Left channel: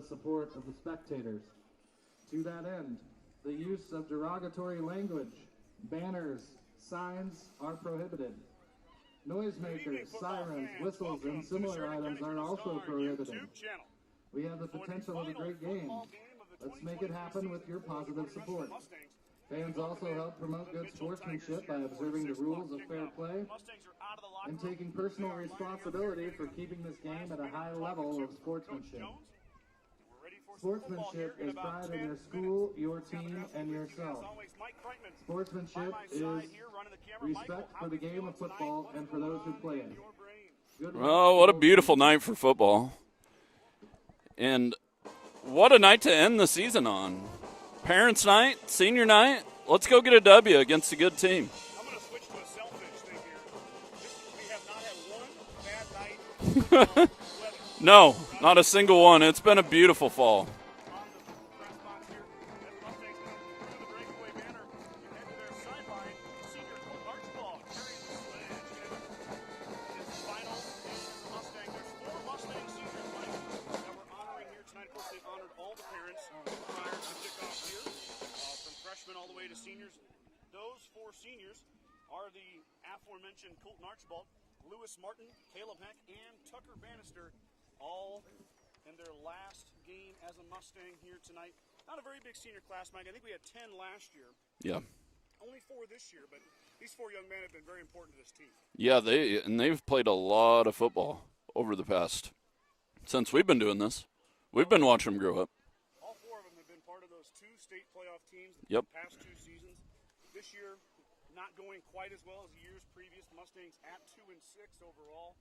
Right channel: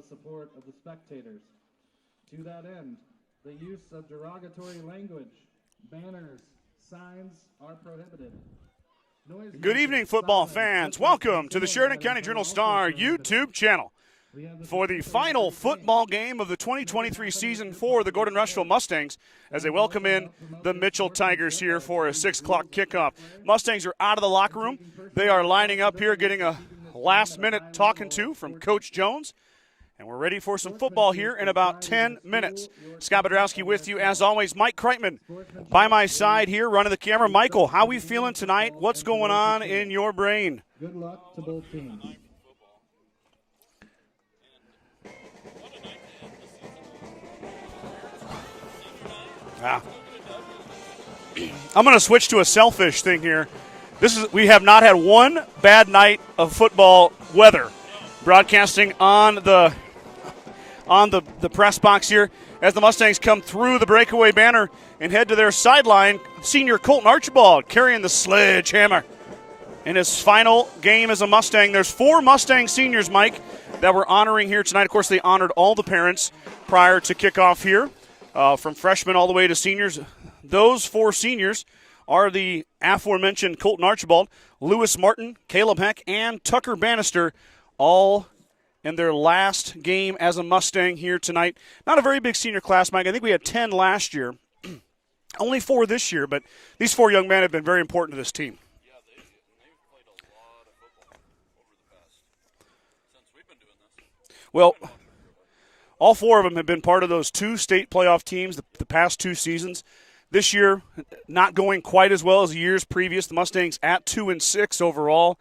the support of the spectators. To that end, the use of derogatory language, banners, signs are prohibited. Good evening, football fans. Welcome to the Sheridan County Journal-Star YouTube channel for the final football game of the 2023 season for the Gordon-Rushville Mustangs as they welcome in the Mitchell Tigers here for a 6 o'clock kickoff. Mustangs are out of the locker room. They are lining up here, getting a last-minute talking to from Coach Jones. And we're ready for some football here in about 10 minutes. Scott Bedrowski with you, as always. Mike Kreitman by my side here, running the camera. Michael, how we feeling tonight? What's going on in your brain? Oh, what a beautiful night for football. And what a night to end the season on. Parents' night, senior night. Let's go get a W against a good team. I'm going to switch to a selfish thing here. We have not had one bad night of football weather. No, broadcasting not a on it's been a beautiful fall. On the press box here as the Mustangs come through the breakaway banner and head to their sideline. Senior Colton Archibald carrying the sledgehammer in his final game as a Mustang. There's 4 Mustang seniors, Mike, that we're honoring here tonight. Of course, they honored all the parents prior to kickoff here, from freshmen all the way to seniors. Those 4 seniors are the aforementioned Colton Archibald, Lewis Martin, Caleb Heck, and Tucker Bannister, all in their last game as a Mustang here tonight. Not a very big senior class, Mike. I think we had 10 last year. Yeah. Only 4 this year, but these 4 young men have been very important to this team. Yeah, they've played a lot of football over the past, since we've been doing this. We've been watching them grow up. All 4 of them have been part of those 2 state playoff teams the past 2 seasons. This year, not going quite as well as the years previous. The Mustangs at 2-6 overall,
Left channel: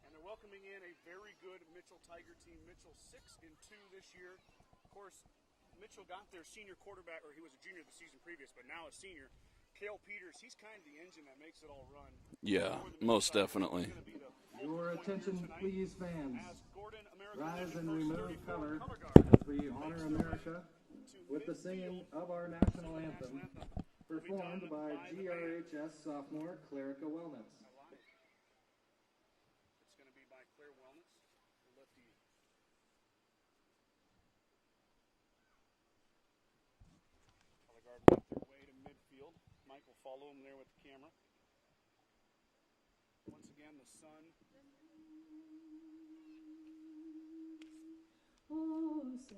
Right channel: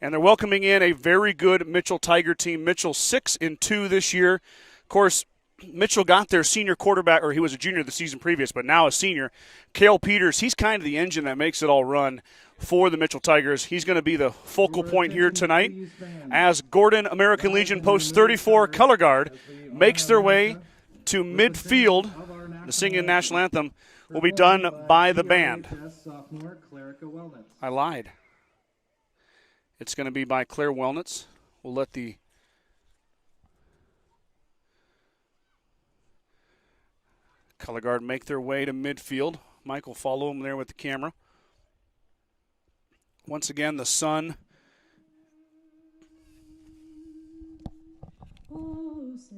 and they're welcoming in a very good Mitchell Tiger team. Mitchell 6-2 this year. Of course, Mitchell got their senior quarterback, or he was a junior the season previous, but now a senior. Cale Peters, he's kind of the engine that makes it all run for the Mitchell Tigers. Definitely. He's going to be the focal point here tonight as Gordon American Legion Post 34 color guard makes their way to midfield. The singing national anthem will be done by the band. I lied. It's going to be by Claire Wellnitz. We'll let the color guard make their way to midfield. Mike will follow them there with the camera. Once again, the sun. Oh, say,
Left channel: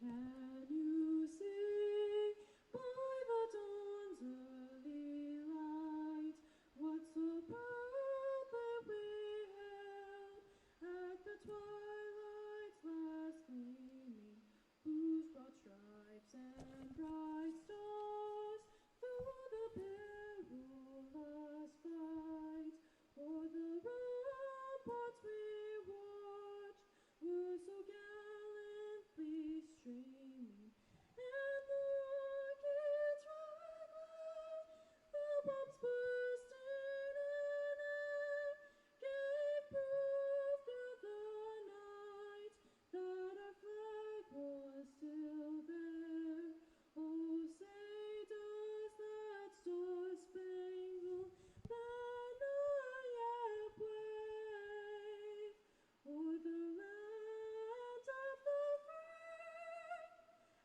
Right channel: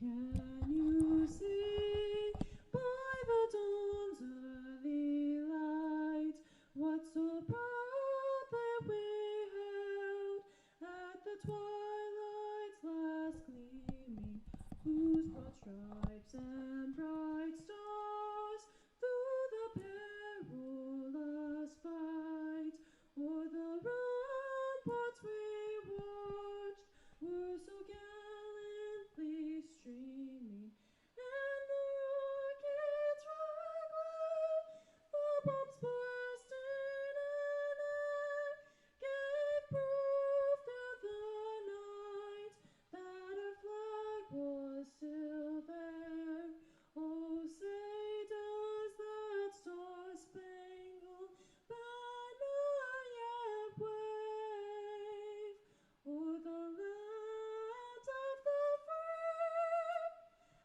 can you see by the dawn's early light what so proudly we held at the twilight's last gleaming, whose broad stripes and bright stars through the perilous fight o'er the ramparts we watched were so gallantly streaming, and the rockets rattling, the bombs bursting in air, gave proof to the night that our flag was still there. Oh, say does that star-spangled banner yet wave o'er the land of the free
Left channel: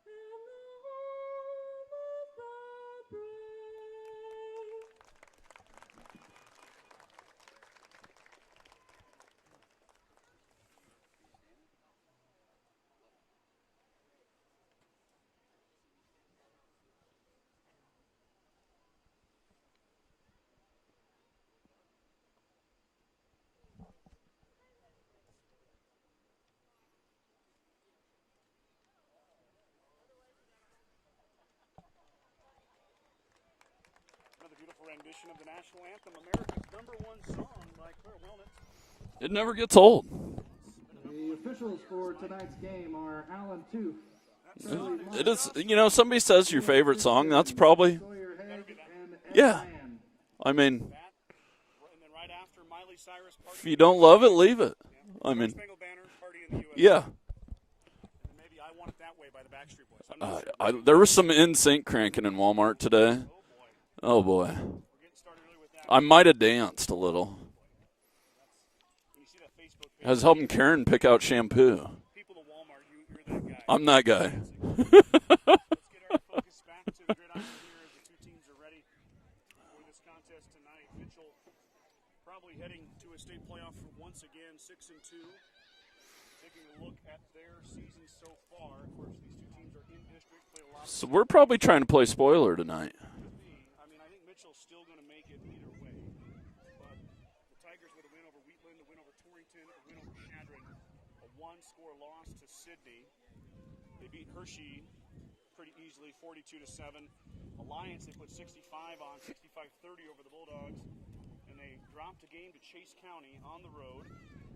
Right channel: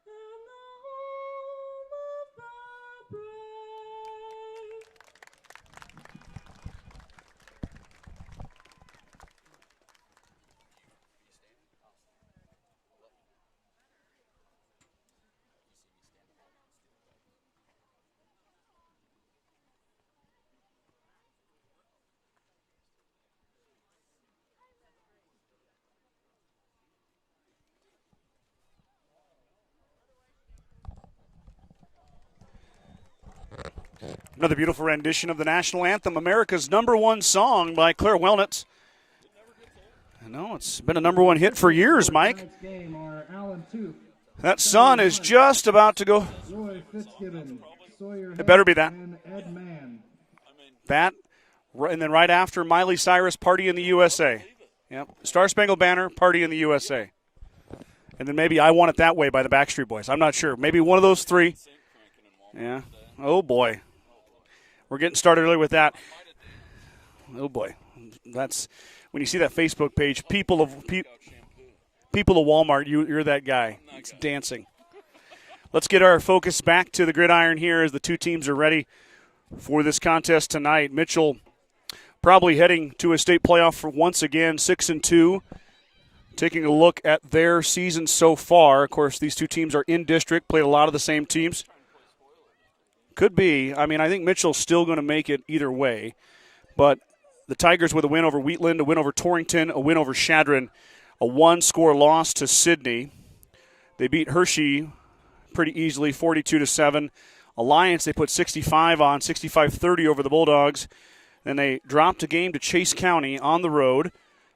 and the home of the brave? Another beautiful rendition of the national anthem, America's #1 song by Claire Wellnitz. It never gets old. No, it's been a #1 hit for years, Mike. That sun is just about to go. Somebody says your favorite song, that's probably. It better be that. Yeah. I mean. That, and then right after Miley Cyrus, Party in the USA. USA. Don't love it, leave it. Yep. Star-Spangled Banner, Party in the USA. Yeah. And then maybe I Want It That Way by the Backstreet Boys. I'm not sure. Maybe one of those three. three. There was some NSYNC cranking in Walmart today. Oh, boy. Oh, boy. We're getting started early with that. I might have danced a little. Oh, boy. That's when you see that Facebook page. I was helping Karen pick out shampoo. people of Walmart, you're that guy. I'm that guy. Dancing. Let's get our focus back to the gridiron here as the two teams are ready for this contest tonight. Mitchell probably heading to a state playoff for once again, 6-2. Taking a look at their season so far. Of course, these two teams are in district, played a lot of the same teams. We're probably trying to play spoiler tonight. Could be. I mean, I think Mitchell's still going to make it either way. But the Tigers with a win over Wheatland, a win over Torrington, a win over Shadron, a one-score loss to Sidney. They beat Hershey pretty easily, 42-7. Alliance, they put 65 on, 65-30 over the Bulldogs. Then they dropped a game to Chase County on the road,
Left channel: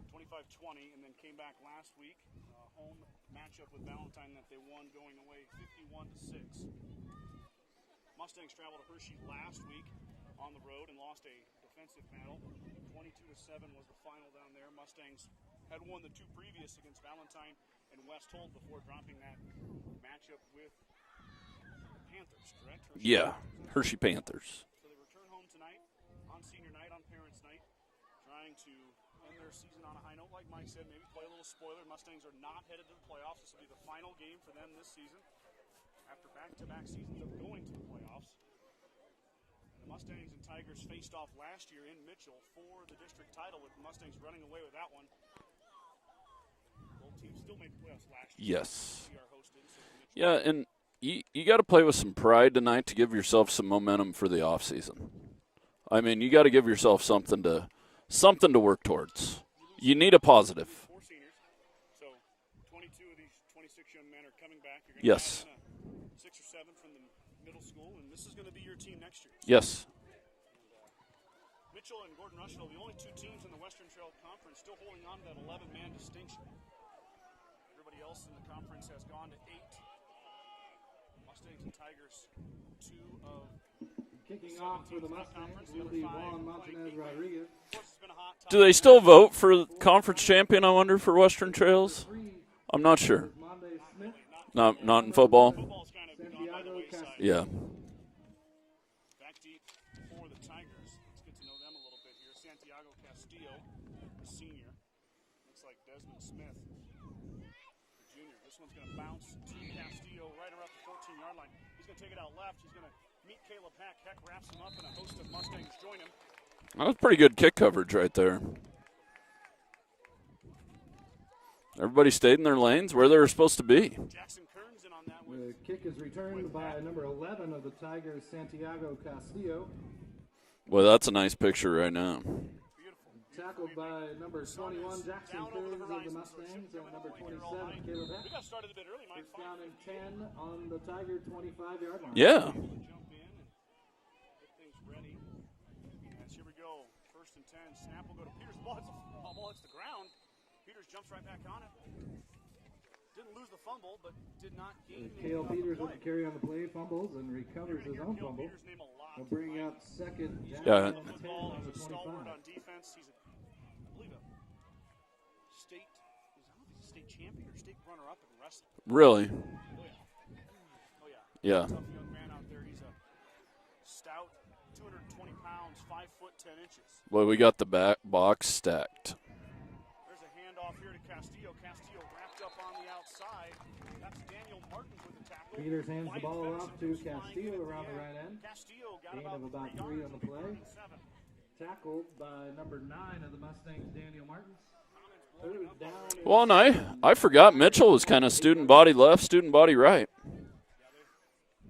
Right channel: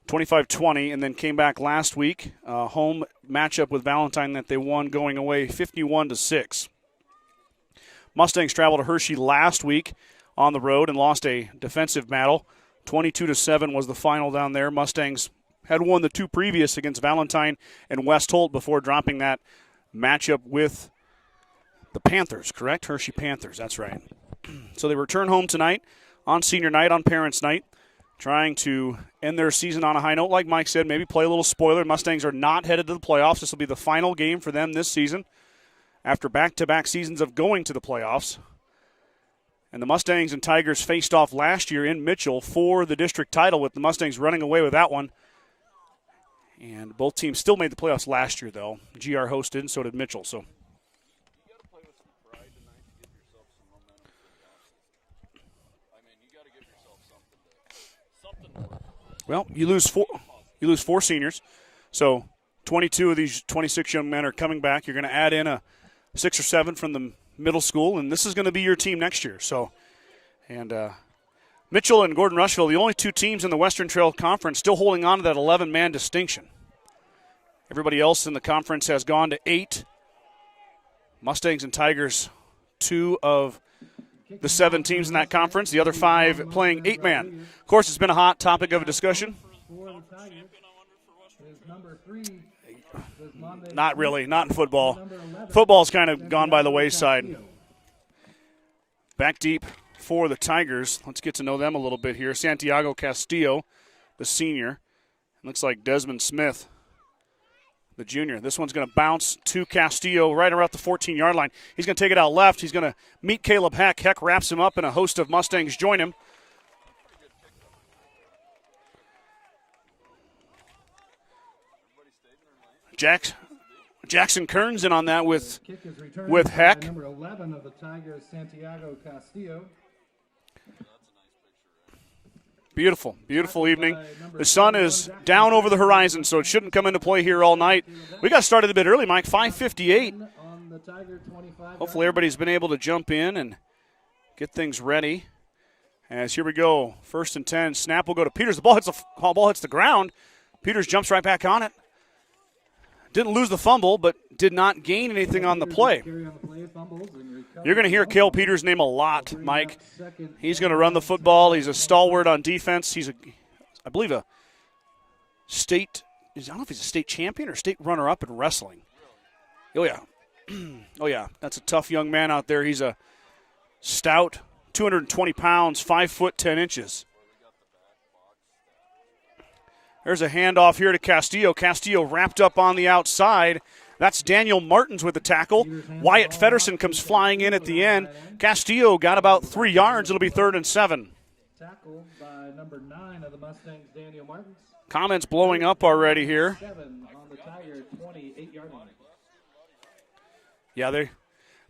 25-20, and then came back last week, home matchup with Valentine that they won going away 51-6. Mustangs traveled to Hershey last week on the road and lost a defensive battle. 22-7 was the final down there. Mustangs had won the two previous against Valentine and West Holt before dropping that matchup with the Panthers, correct? Hershey Panthers, that's Hershey right. Panthers. So they return home tonight on senior night, on parents' night, trying to end their season on a high note. Like Mike said, maybe play a little spoiler. Mustangs are not headed to the playoffs. This will be the final game for them this season after back-to-back seasons of going to the playoffs. And the Mustangs and Tigers faced off last year in Mitchell for the district title, with the Mustangs running away with that one. And both teams still made the playoffs last year, though. GR hosted, and so did Mitchell. Yeah, and you got to play with some pride tonight to give yourself some momentum for the offseason. I mean, you got to give yourself something to work towards. Well, you need a positive. You lose 4 seniors, so 22 of these 26 young men are coming back. You're going to add in a 6 or 7 from the middle school, and this is going to be your team next year. So, and Mitchell and Gordon-Rushville, the only two teams in the Western Trail Conference still holding on to that 11-man distinction. Everybody else in the conference has gone to 8. Mustangs and Tigers, 2 of the 7 teams in that conference. The other 5 playing 8-man. Of course, it's been a hot topic of discussion. Do they still vote for conference champion, I wonder, for Western Trails? I'm not sure. Not really. Not in football. Not in football. Football's kind of gone by the wayside. Yeah. Back deep for the Tigers. Let's get to know them a little bit here. Santiago Castillo, the senior. Looks like Desmond Smith, the junior. This one's going to bounce to Castillo right around the 14-yard line. He's going to take it out left. He's going to meet Caleb Heck. Heck wraps him up, and a host of Mustangs join him. That was pretty good kick coverage right there. Everybody stayed in their lanes where they were supposed to be. Jackson Kearns in on that with Heck. Number 11 of the Tigers, Santiago Castillo. Well, that's a nice picture right now. Beautiful, beautiful evening. The sun is down over the horizon, so it shouldn't come into play here all night. We got started a bit early, Mike, 5:58. Hopefully everybody's been able to jump in and get things ready. As here we go, 1st and 10. Snap will go to Peters. The ball hits the ground. Peters jumps right back on it. Didn't lose the fumble, but did not gain anything on the play. You're going to hear Cale Peters' name a lot, Mike. He's going to run the football. He's a stalwart on defense. He's I believe, a state, I don't know if he's a state champion or state runner-up in wrestling. Really? Oh, yeah. Oh, yeah. That's a tough young man out there. He's a stout, 220 pounds, 5 foot 10 inches. Well, we got the back box stacked. There's a handoff here to Castillo. Castillo wrapped up on the outside. That's Daniel Martins with the tackle. Wyatt Fedderson comes flying in at the end. Castillo got about 3 yards. It'll be 3rd and 7. Tackled by number 9 of the Mustangs, Daniel Martins. Comments blowing up already here. Well, I forgot Mitchell was kind of student body left, student body right. Yeah,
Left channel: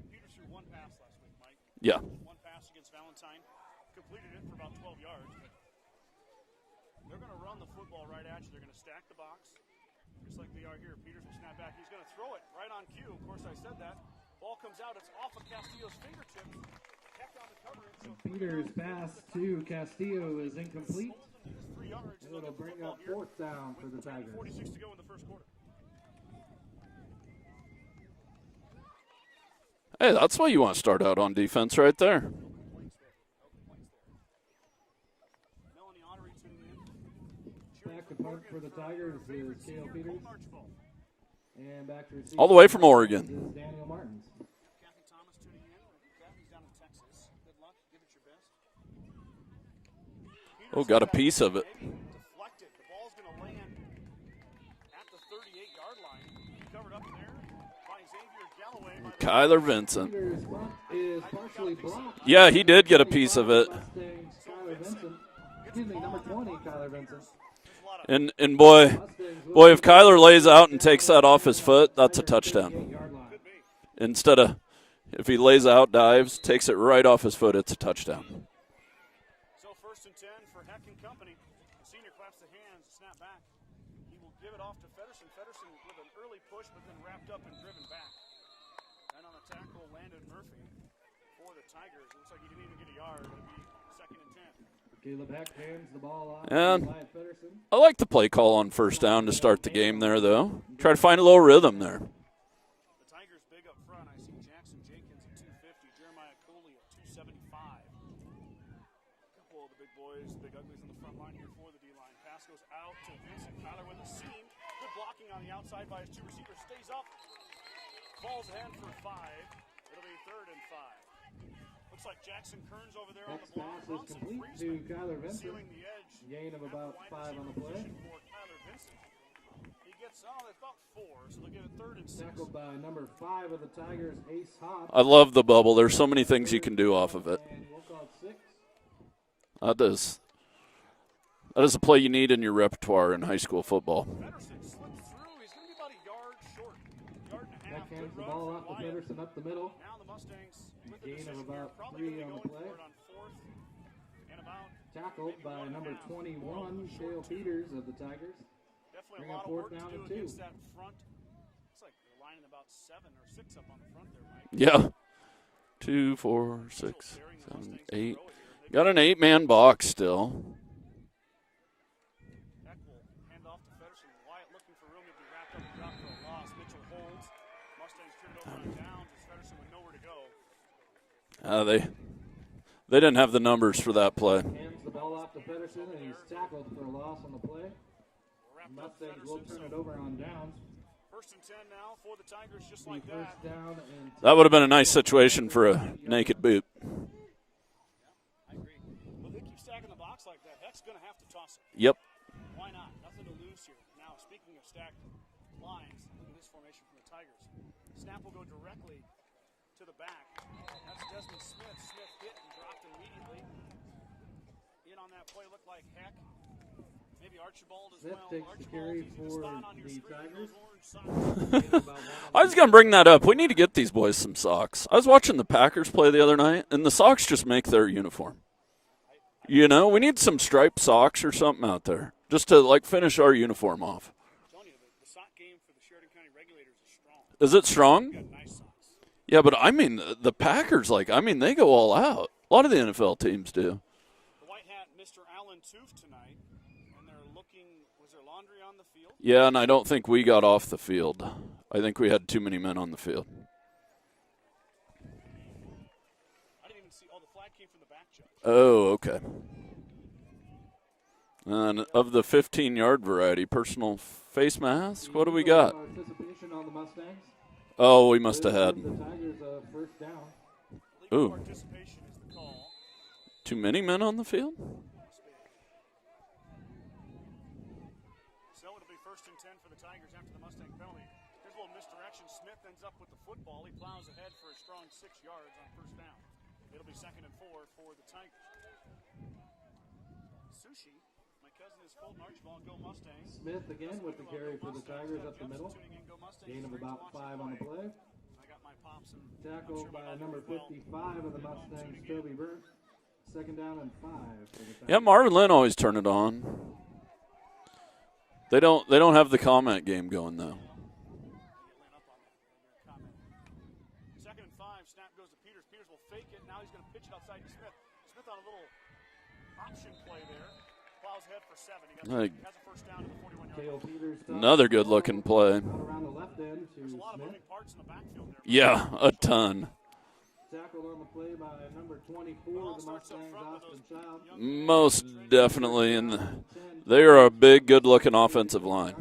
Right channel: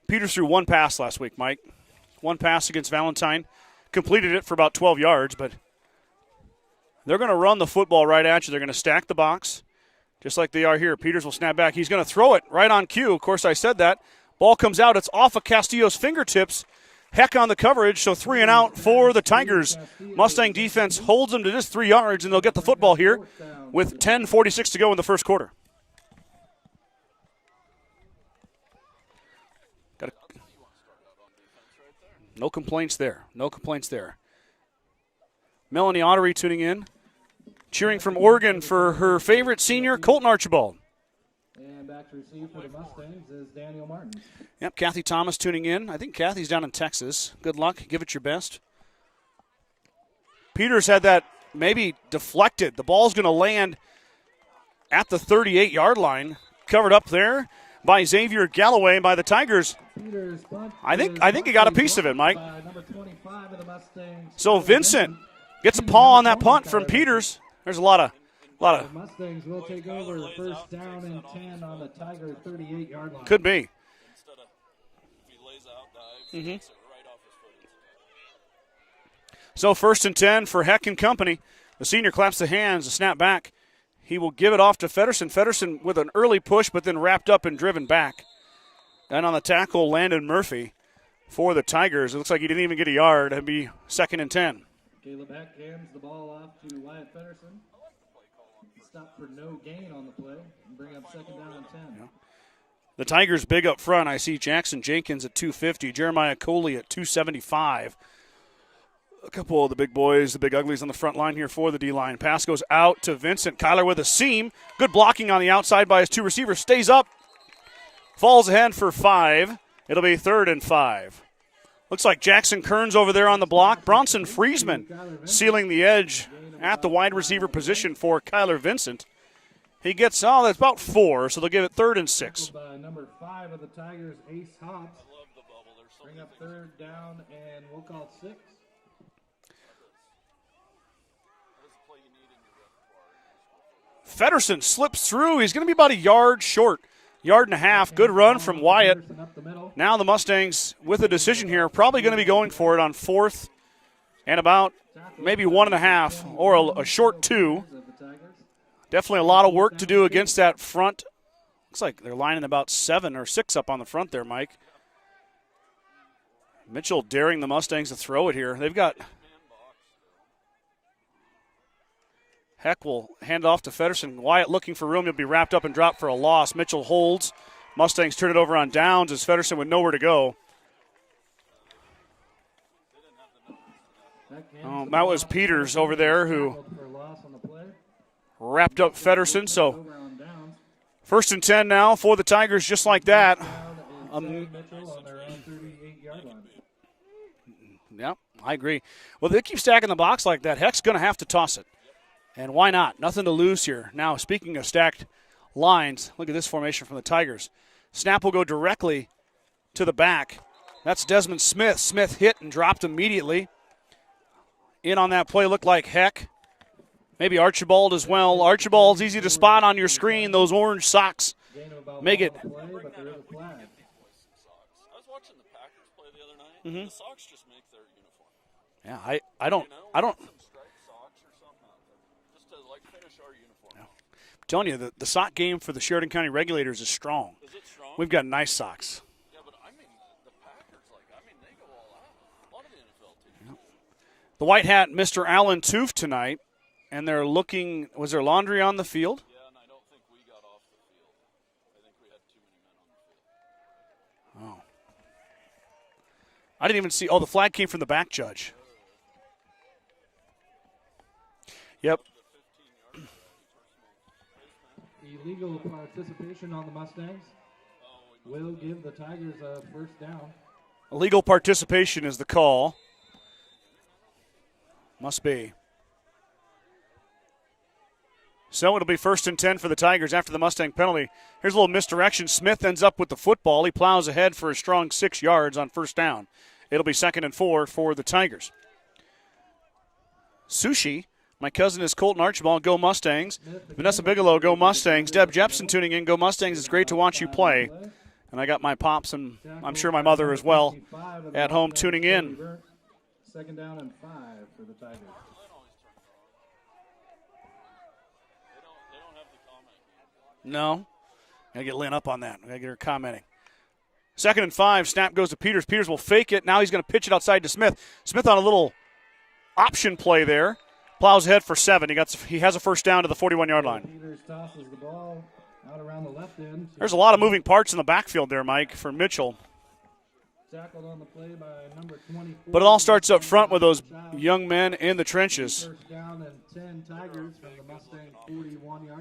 Peters threw 1 pass last week, Mike. Yeah. 1 pass against Valentine. Completed it for about 12 yards, but they're going to run the football right at you. They're going to stack the box, just like they are here. Peters will snap back. He's going to throw it right on cue. Of course, I said that. Ball comes out. It's off of Castillo's fingertips. Heck on the coverage, so 3 and out for the Tigers. Mustang defense holds them to just 3 yards, and they'll get the football here with 10:46 to go in the first quarter. Hey, that's why you want to start out on defense right there. No complaints there. No complaints there. Melanie Ottery tuning in, cheering from Oregon for her favorite senior, Colton Archibald. All the way from Oregon. Yep, Kathy Thomas tuning in. I think Kathy's down in Texas. Good luck. Give it your best. Peters had that maybe deflected. The ball's going to land at the 38-yard line, covered up there by Xavier Galloway by the Tigers. Vincent. I think he got a piece of it, Mike. Yeah, he did get a piece of it. So Vincent gets a paw on that punt from Peters. There's a lot of And boy, if Kyler lays out and takes that off his foot, that's a touchdown. could be. Instead of if he lays out, dives, takes it right off his foot, it's a touchdown. So 1st and 10 for Heck and company. The senior claps the hands, a snap back. He will give it off to Feddersen. Feddersen with an early push, but then wrapped up and driven back. And on the tackle, Landon Murphy for the Tigers. It looks like he didn't even get a yard. It'd be 2nd and 10. And I like the play call on 1st down to start the game there, though. Try to find a little rhythm there. The Tigers big up front. I see Jackson Jenkins at 250, Jeremiah Coley at 275. A couple of the big boys, the big uglies on the front line here for the D-line. Pass goes out to Vincent. Kyler with a seam. Good blocking on the outside by his 2 receivers. Stays up. Falls ahead for 5. It'll be 3rd and 5. Looks like Jackson Kearns over there on the block. Bronson Friesman sealing the edge at the wide receiver position for Kyler Vincent. He gets, that's about 4, so they'll give it 3rd and 6. I love the bubble. There's so many things you can do off of it. That is a play you need in your repertoire in high school football. Feddersen slips through. He's going to be about a yard short. Yard and a half. Good run from Wyatt. Now the Mustangs, with a decision here, probably going to be going for it on 4th and about maybe 1.5 or a short 2. Definitely a lot of work to do against that front. Looks like they're lining about 7 or 6 up on the front there, Mike. Yeah. 2, 4, Mitchell 6, daring the Mustangs 8. to throw it here. They've got an 8-man box still. Heck will hand it off to Feddersen. Wyatt looking for room. He'll be wrapped up and dropped for a loss. Mitchell holds. Mustangs turn it over on downs as Feddersen with nowhere to go. They didn't have the numbers for that play. That was Peters over there who wrapped up Feddersen. So 1st and 10 now for the Tigers, just like that. That would have been a nice situation for a naked boot. Yep, I agree. Well, they keep stacking the box like that. Heck's going to have to toss it. Yep. And why not? Nothing to lose here. Now, speaking of stacked lines, look at this formation from the Tigers. Snap will go directly to the back. That's Desmond Smith. Smith hit and dropped immediately. In on that play looked like Heck. Maybe Archibald as well. Archibald's easy to spot on your screen. Those orange socks make it. I was going to bring that up. We need to get these boys some socks. I was watching the Packers play the other night, and the socks just make their uniform. Yeah, I don't. You know, we need some striped socks or something out there just to, finish our uniform off. I'm telling you, the sock game for the Sheridan County Regulators is strong. Is it strong? We've got nice socks. Yeah, but, the Packers, they go all out. A lot of the NFL teams do. The white hat, Mr. Allen Toof tonight. And they're looking, was there laundry on the field? Yeah, and I don't think we got off the field. I think we had too many men on the field. Oh. I didn't even see, the flag came from the back judge. Oh, okay. And of the 15-yard variety, personal face mask, what do we got? Oh, we must have had. Illegal participation is the call. Too many men on the field? Must be. So it'll be 1st and 10 for the Tigers after the Mustang penalty. Here's a little misdirection. Smith ends up with the football. He plows ahead for a strong 6 yards on 1st down. It'll be 2nd and 4 for the Tigers. Sushi, my cousin is Colton Archibald, go Mustangs. Vanessa Bigelow, go Mustangs. Deb Jepson tuning in, go Mustangs. It's great to watch you play. And I got my pops and I'm sure my mother as well at home tuning in. 2nd down and 5. Yeah, Marvin Lynn always turn it on. They don't have the comment game going, though. No. Got to get Lynn up on that. Got to get her commenting. 2nd and 5. Snap goes to Peters. Peters will fake it. Now he's going to pitch it outside to Smith. Smith on a little option play there. Plows ahead for 7. He has a 1st down to the 41-yard line. Another good-looking play. There's a lot of moving parts in the backfield there, Mike, yeah, for Mitchell. A ton. But it all starts up front with those young men in the trenches. Definitely. They are a big, good-looking offensive line.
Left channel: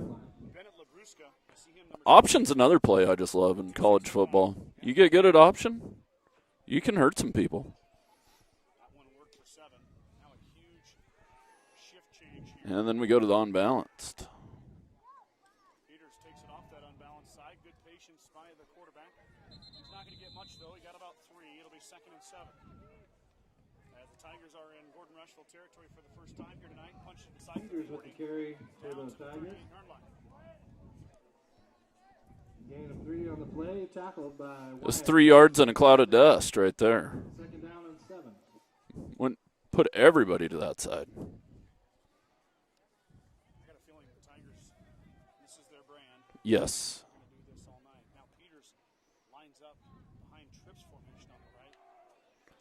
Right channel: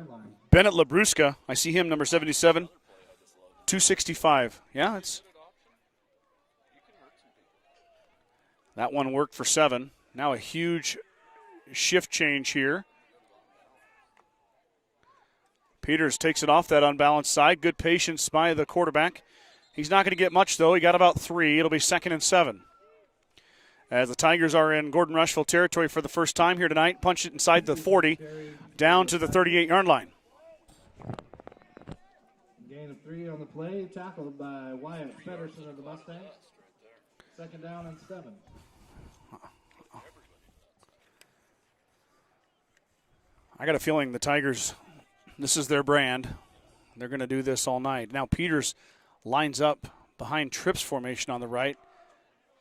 Bennett Labruska, I see him, number 77. Option's another play I just love in 265. college football. Yeah, you get good at option, you can hurt some people. That one worked for 7. Now a huge shift change here. And then we go to the unbalanced. Peters takes it off that unbalanced side. Good patience by the quarterback. He's not going to get much, though. He got about 3. It'll be 2nd and 7. As the Tigers are in Gordon-Rushville territory for the first time here tonight. Punch it inside the 40, down to the 38-yard line. Gain of 3 on the play, tackled by Wyatt. That's 3 yards in a cloud of dust right there. 2nd down and 7. Put everybody to that side. I got a feeling the Tigers, this is their brand. Yes. They're going to do this all night. Now Peters lines up behind Tripp's formation on the right.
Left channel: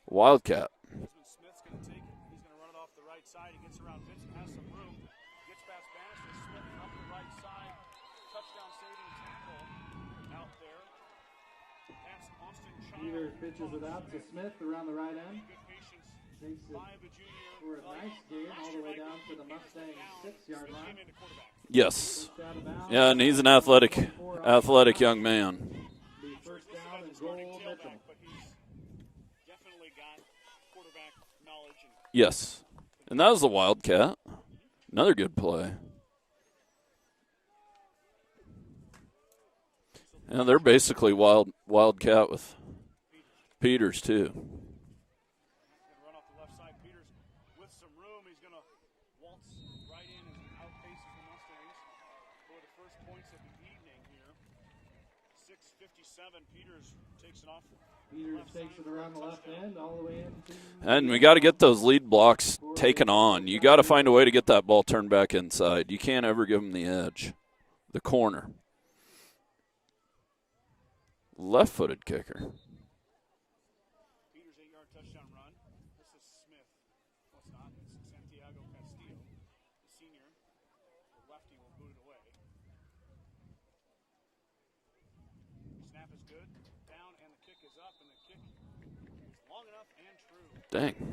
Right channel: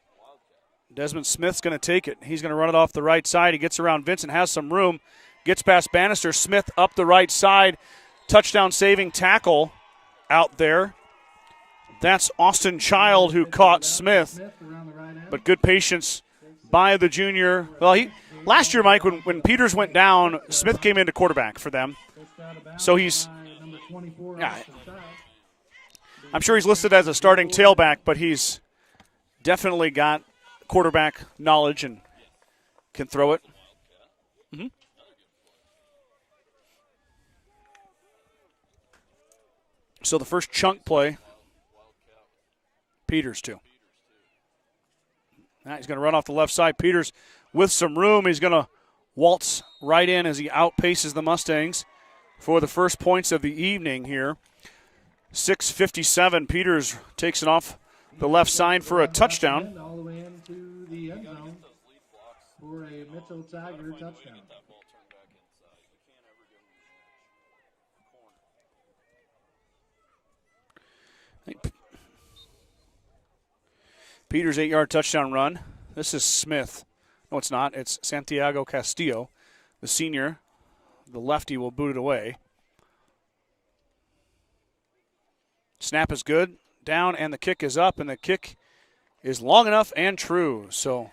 Wildcat. Desmond Smith's going to take it. He's going to run it off the right side. He gets around Vincent, has some room, gets past Bannister. Smith up the right side. Touchdown saving tackle out there. That's Austin Child who caught Smith. But good patience by the junior. Well, last year, Mike, when Peters went down, Smith came into quarterback for them. Yes. So and he's an athletic young man. I'm sure he's listed as a starting tailback, but he's definitely got quarterback knowledge and yes, can and throw that was it. a Wildcat. Mm-hmm. Another good play. So the first they're chunk basically play, Wildcat with Peters too. Now he's going to run off the left side. Peters with some room. He's going to waltz right in as he outpaces the Mustangs for the first points of the evening here. 6:57. Peters takes it off the left side for a touchdown. And we got to get those lead blocks taken on. You got to find a way to get that ball turned back inside. You can't ever give them the edge, the corner. Left-footed kicker. Peters' 8-yard touchdown run. This is Smith. No, it's not. It's Santiago Castillo, the senior. The lefty will boot it away. Snap is good. Down, and the kick is up, and the kick is long enough and true. Dang. So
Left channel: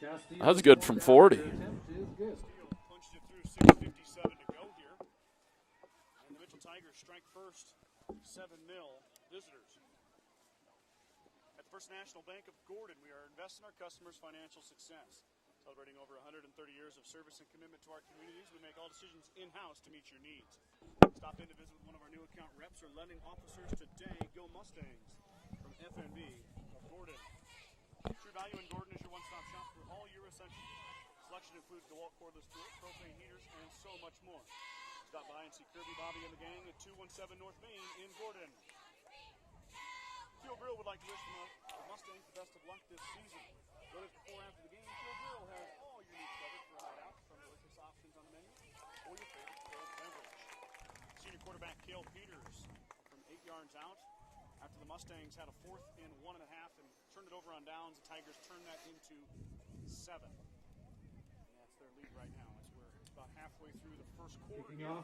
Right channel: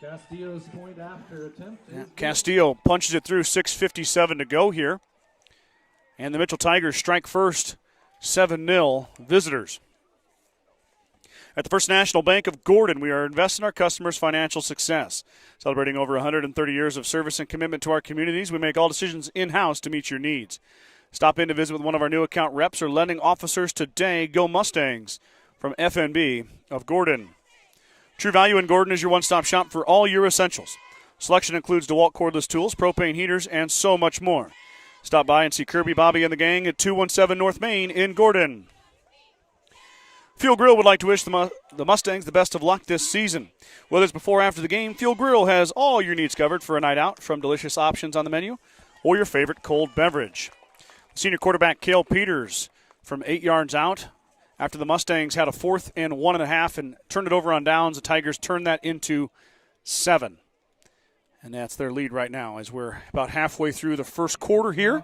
that was good from 40. yeah, Castillo punches it through. 6:57 to go here. And the Mitchell Tigers strike first, 7-0 visitors. At the First National Bank of Gordon, we are investing in our customers' financial success. Celebrating over 130 years of service and commitment to our communities, we make all decisions in-house to meet your needs. Stop in to visit with one of our new account reps or lending officers today. Go Mustangs from FNB of Gordon. True Value in Gordon is your one-stop shop for all your essentials. Selection includes DeWalt cordless tools, propane heaters, and so much more. Stop by and see Kirby, Bobby, and the gang at 217 North Main in Gordon. Fuel Grill would like to wish the Mustangs the best of luck this season. Whether it's before or after the game, Fuel Grill has all your needs covered for a night out, from delicious options on the menu or your favorite cold beverage. Senior quarterback Cale Peters from 8 yards out. After the Mustangs had a 4th and 1.5 and turned it over on downs, the Tigers turned that into 7. And that's their lead right now as we're about halfway through the first quarter here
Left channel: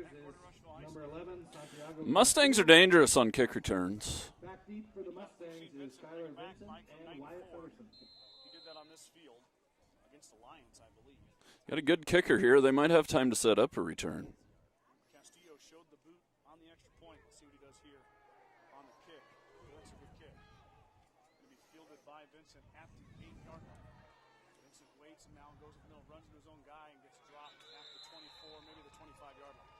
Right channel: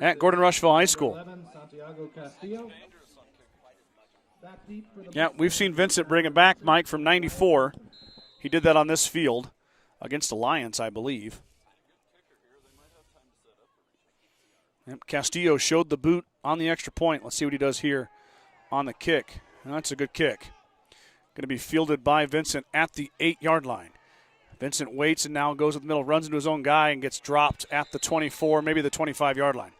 at Gordon-Rushville High School. Mustangs are dangerous on kick returns. Yeah, we've seen Vincent bring it back, Mike, from 94. He did that on this field against the Lions, I believe. Got a good kicker here. They might have time to set up a return. Yep, Castillo showed the boot on the extra point. Let's see what he does here on the kick. That's a good kick. Going to be fielded by Vincent at the 8-yard line. Vincent waits and now goes with the middle, runs into his own guy, and gets dropped at the 24, maybe the 25-yard line.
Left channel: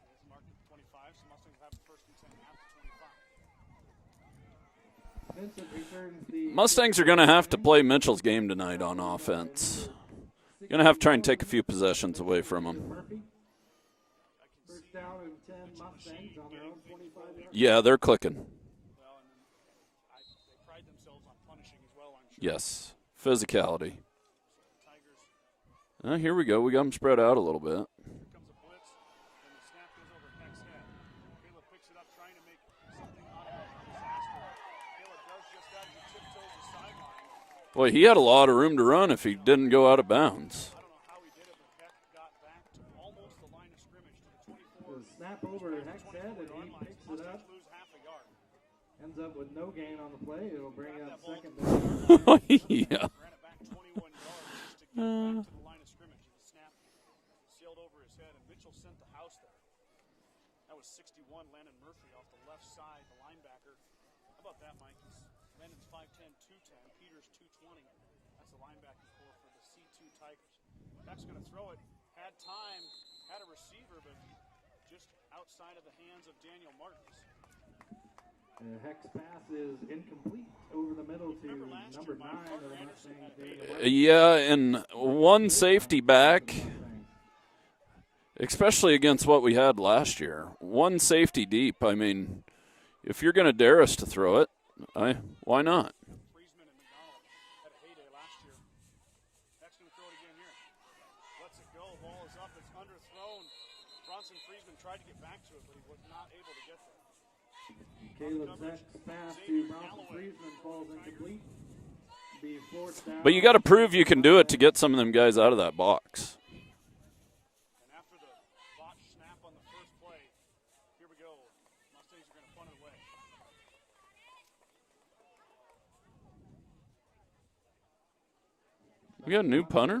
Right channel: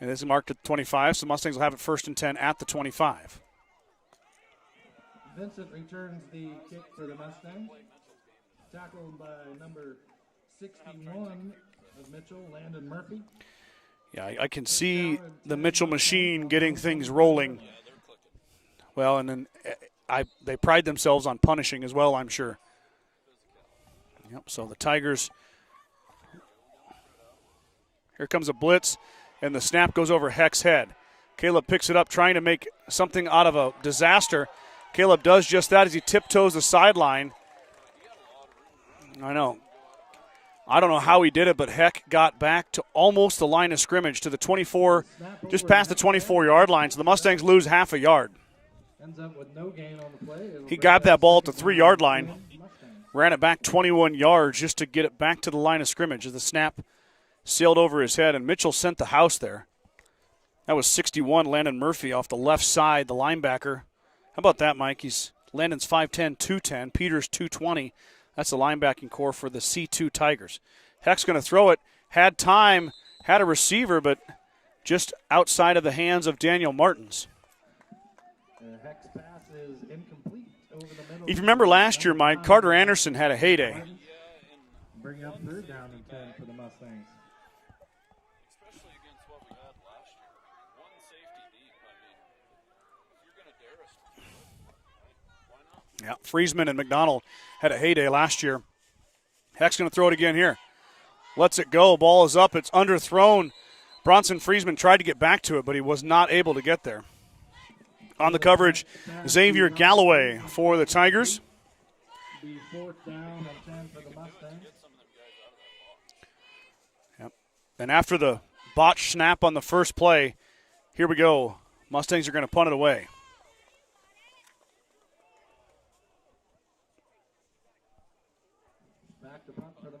And this is marked at 25, so Mustangs will have it 1st and 10 at the 25. Mustangs are going to have to play Mitchell's game tonight on offense. Going to have to try and take a few possessions away from them. Yeah, I can see the Mitchell machine getting things rolling. Yeah, they're clicking. Well, and then they pride themselves on punishing as well, I'm sure. Yes, physicality. Yep, so the Tigers. Here we go. We got them spread out a little bit. Here comes a blitz, and the snap goes over Heck's head. Caleb picks it up, trying to make something out of a disaster. Caleb does just that as he tiptoes the sideline. Boy, he had a lot of room to run if he didn't go out of bounds. I don't know how he did it, but Heck got back to almost the line of scrimmage, to the 24, just past the 24-yard line. So the Mustangs lose half a yard. Ends up with no gain on the play. He got that ball at the 3-yard line, Yeah. ran it back 21 yards just to get it back to the line of scrimmage as the snap sailed over his head, and Mitchell sent the house there. That was 61, Landon Murphy off the left side, the linebacker. How about that, Mike? Landon's 5'10", 210. Peters 220. That's the linebacking core for the C2 Tigers. Heck's going to throw it. Had time had a receiver, but just outside of the hands of Daniel Martins. Heck's pass is incomplete over the middle. If you remember last year, Mike, Carter Anderson had a heyday. Yeah, and one safety back, especially against what we had last year. One safety deep. I mean, if you're going to dare us to throw it, why not? Yeah, Friesman and McDonald had a heyday last year. Heck's going to throw it again here. Lets it go. Ball is up. It's underthrown. Bronson Friesman tried to get back to it, but he was not able to get there. On the coverage, Xavier Galloway for the Tigers. But you got to prove you can do it to get some of them guys out of that box. Yep. And after the botch snap on the first play, here we go. Mustangs are going to punt it away. We got a new punter.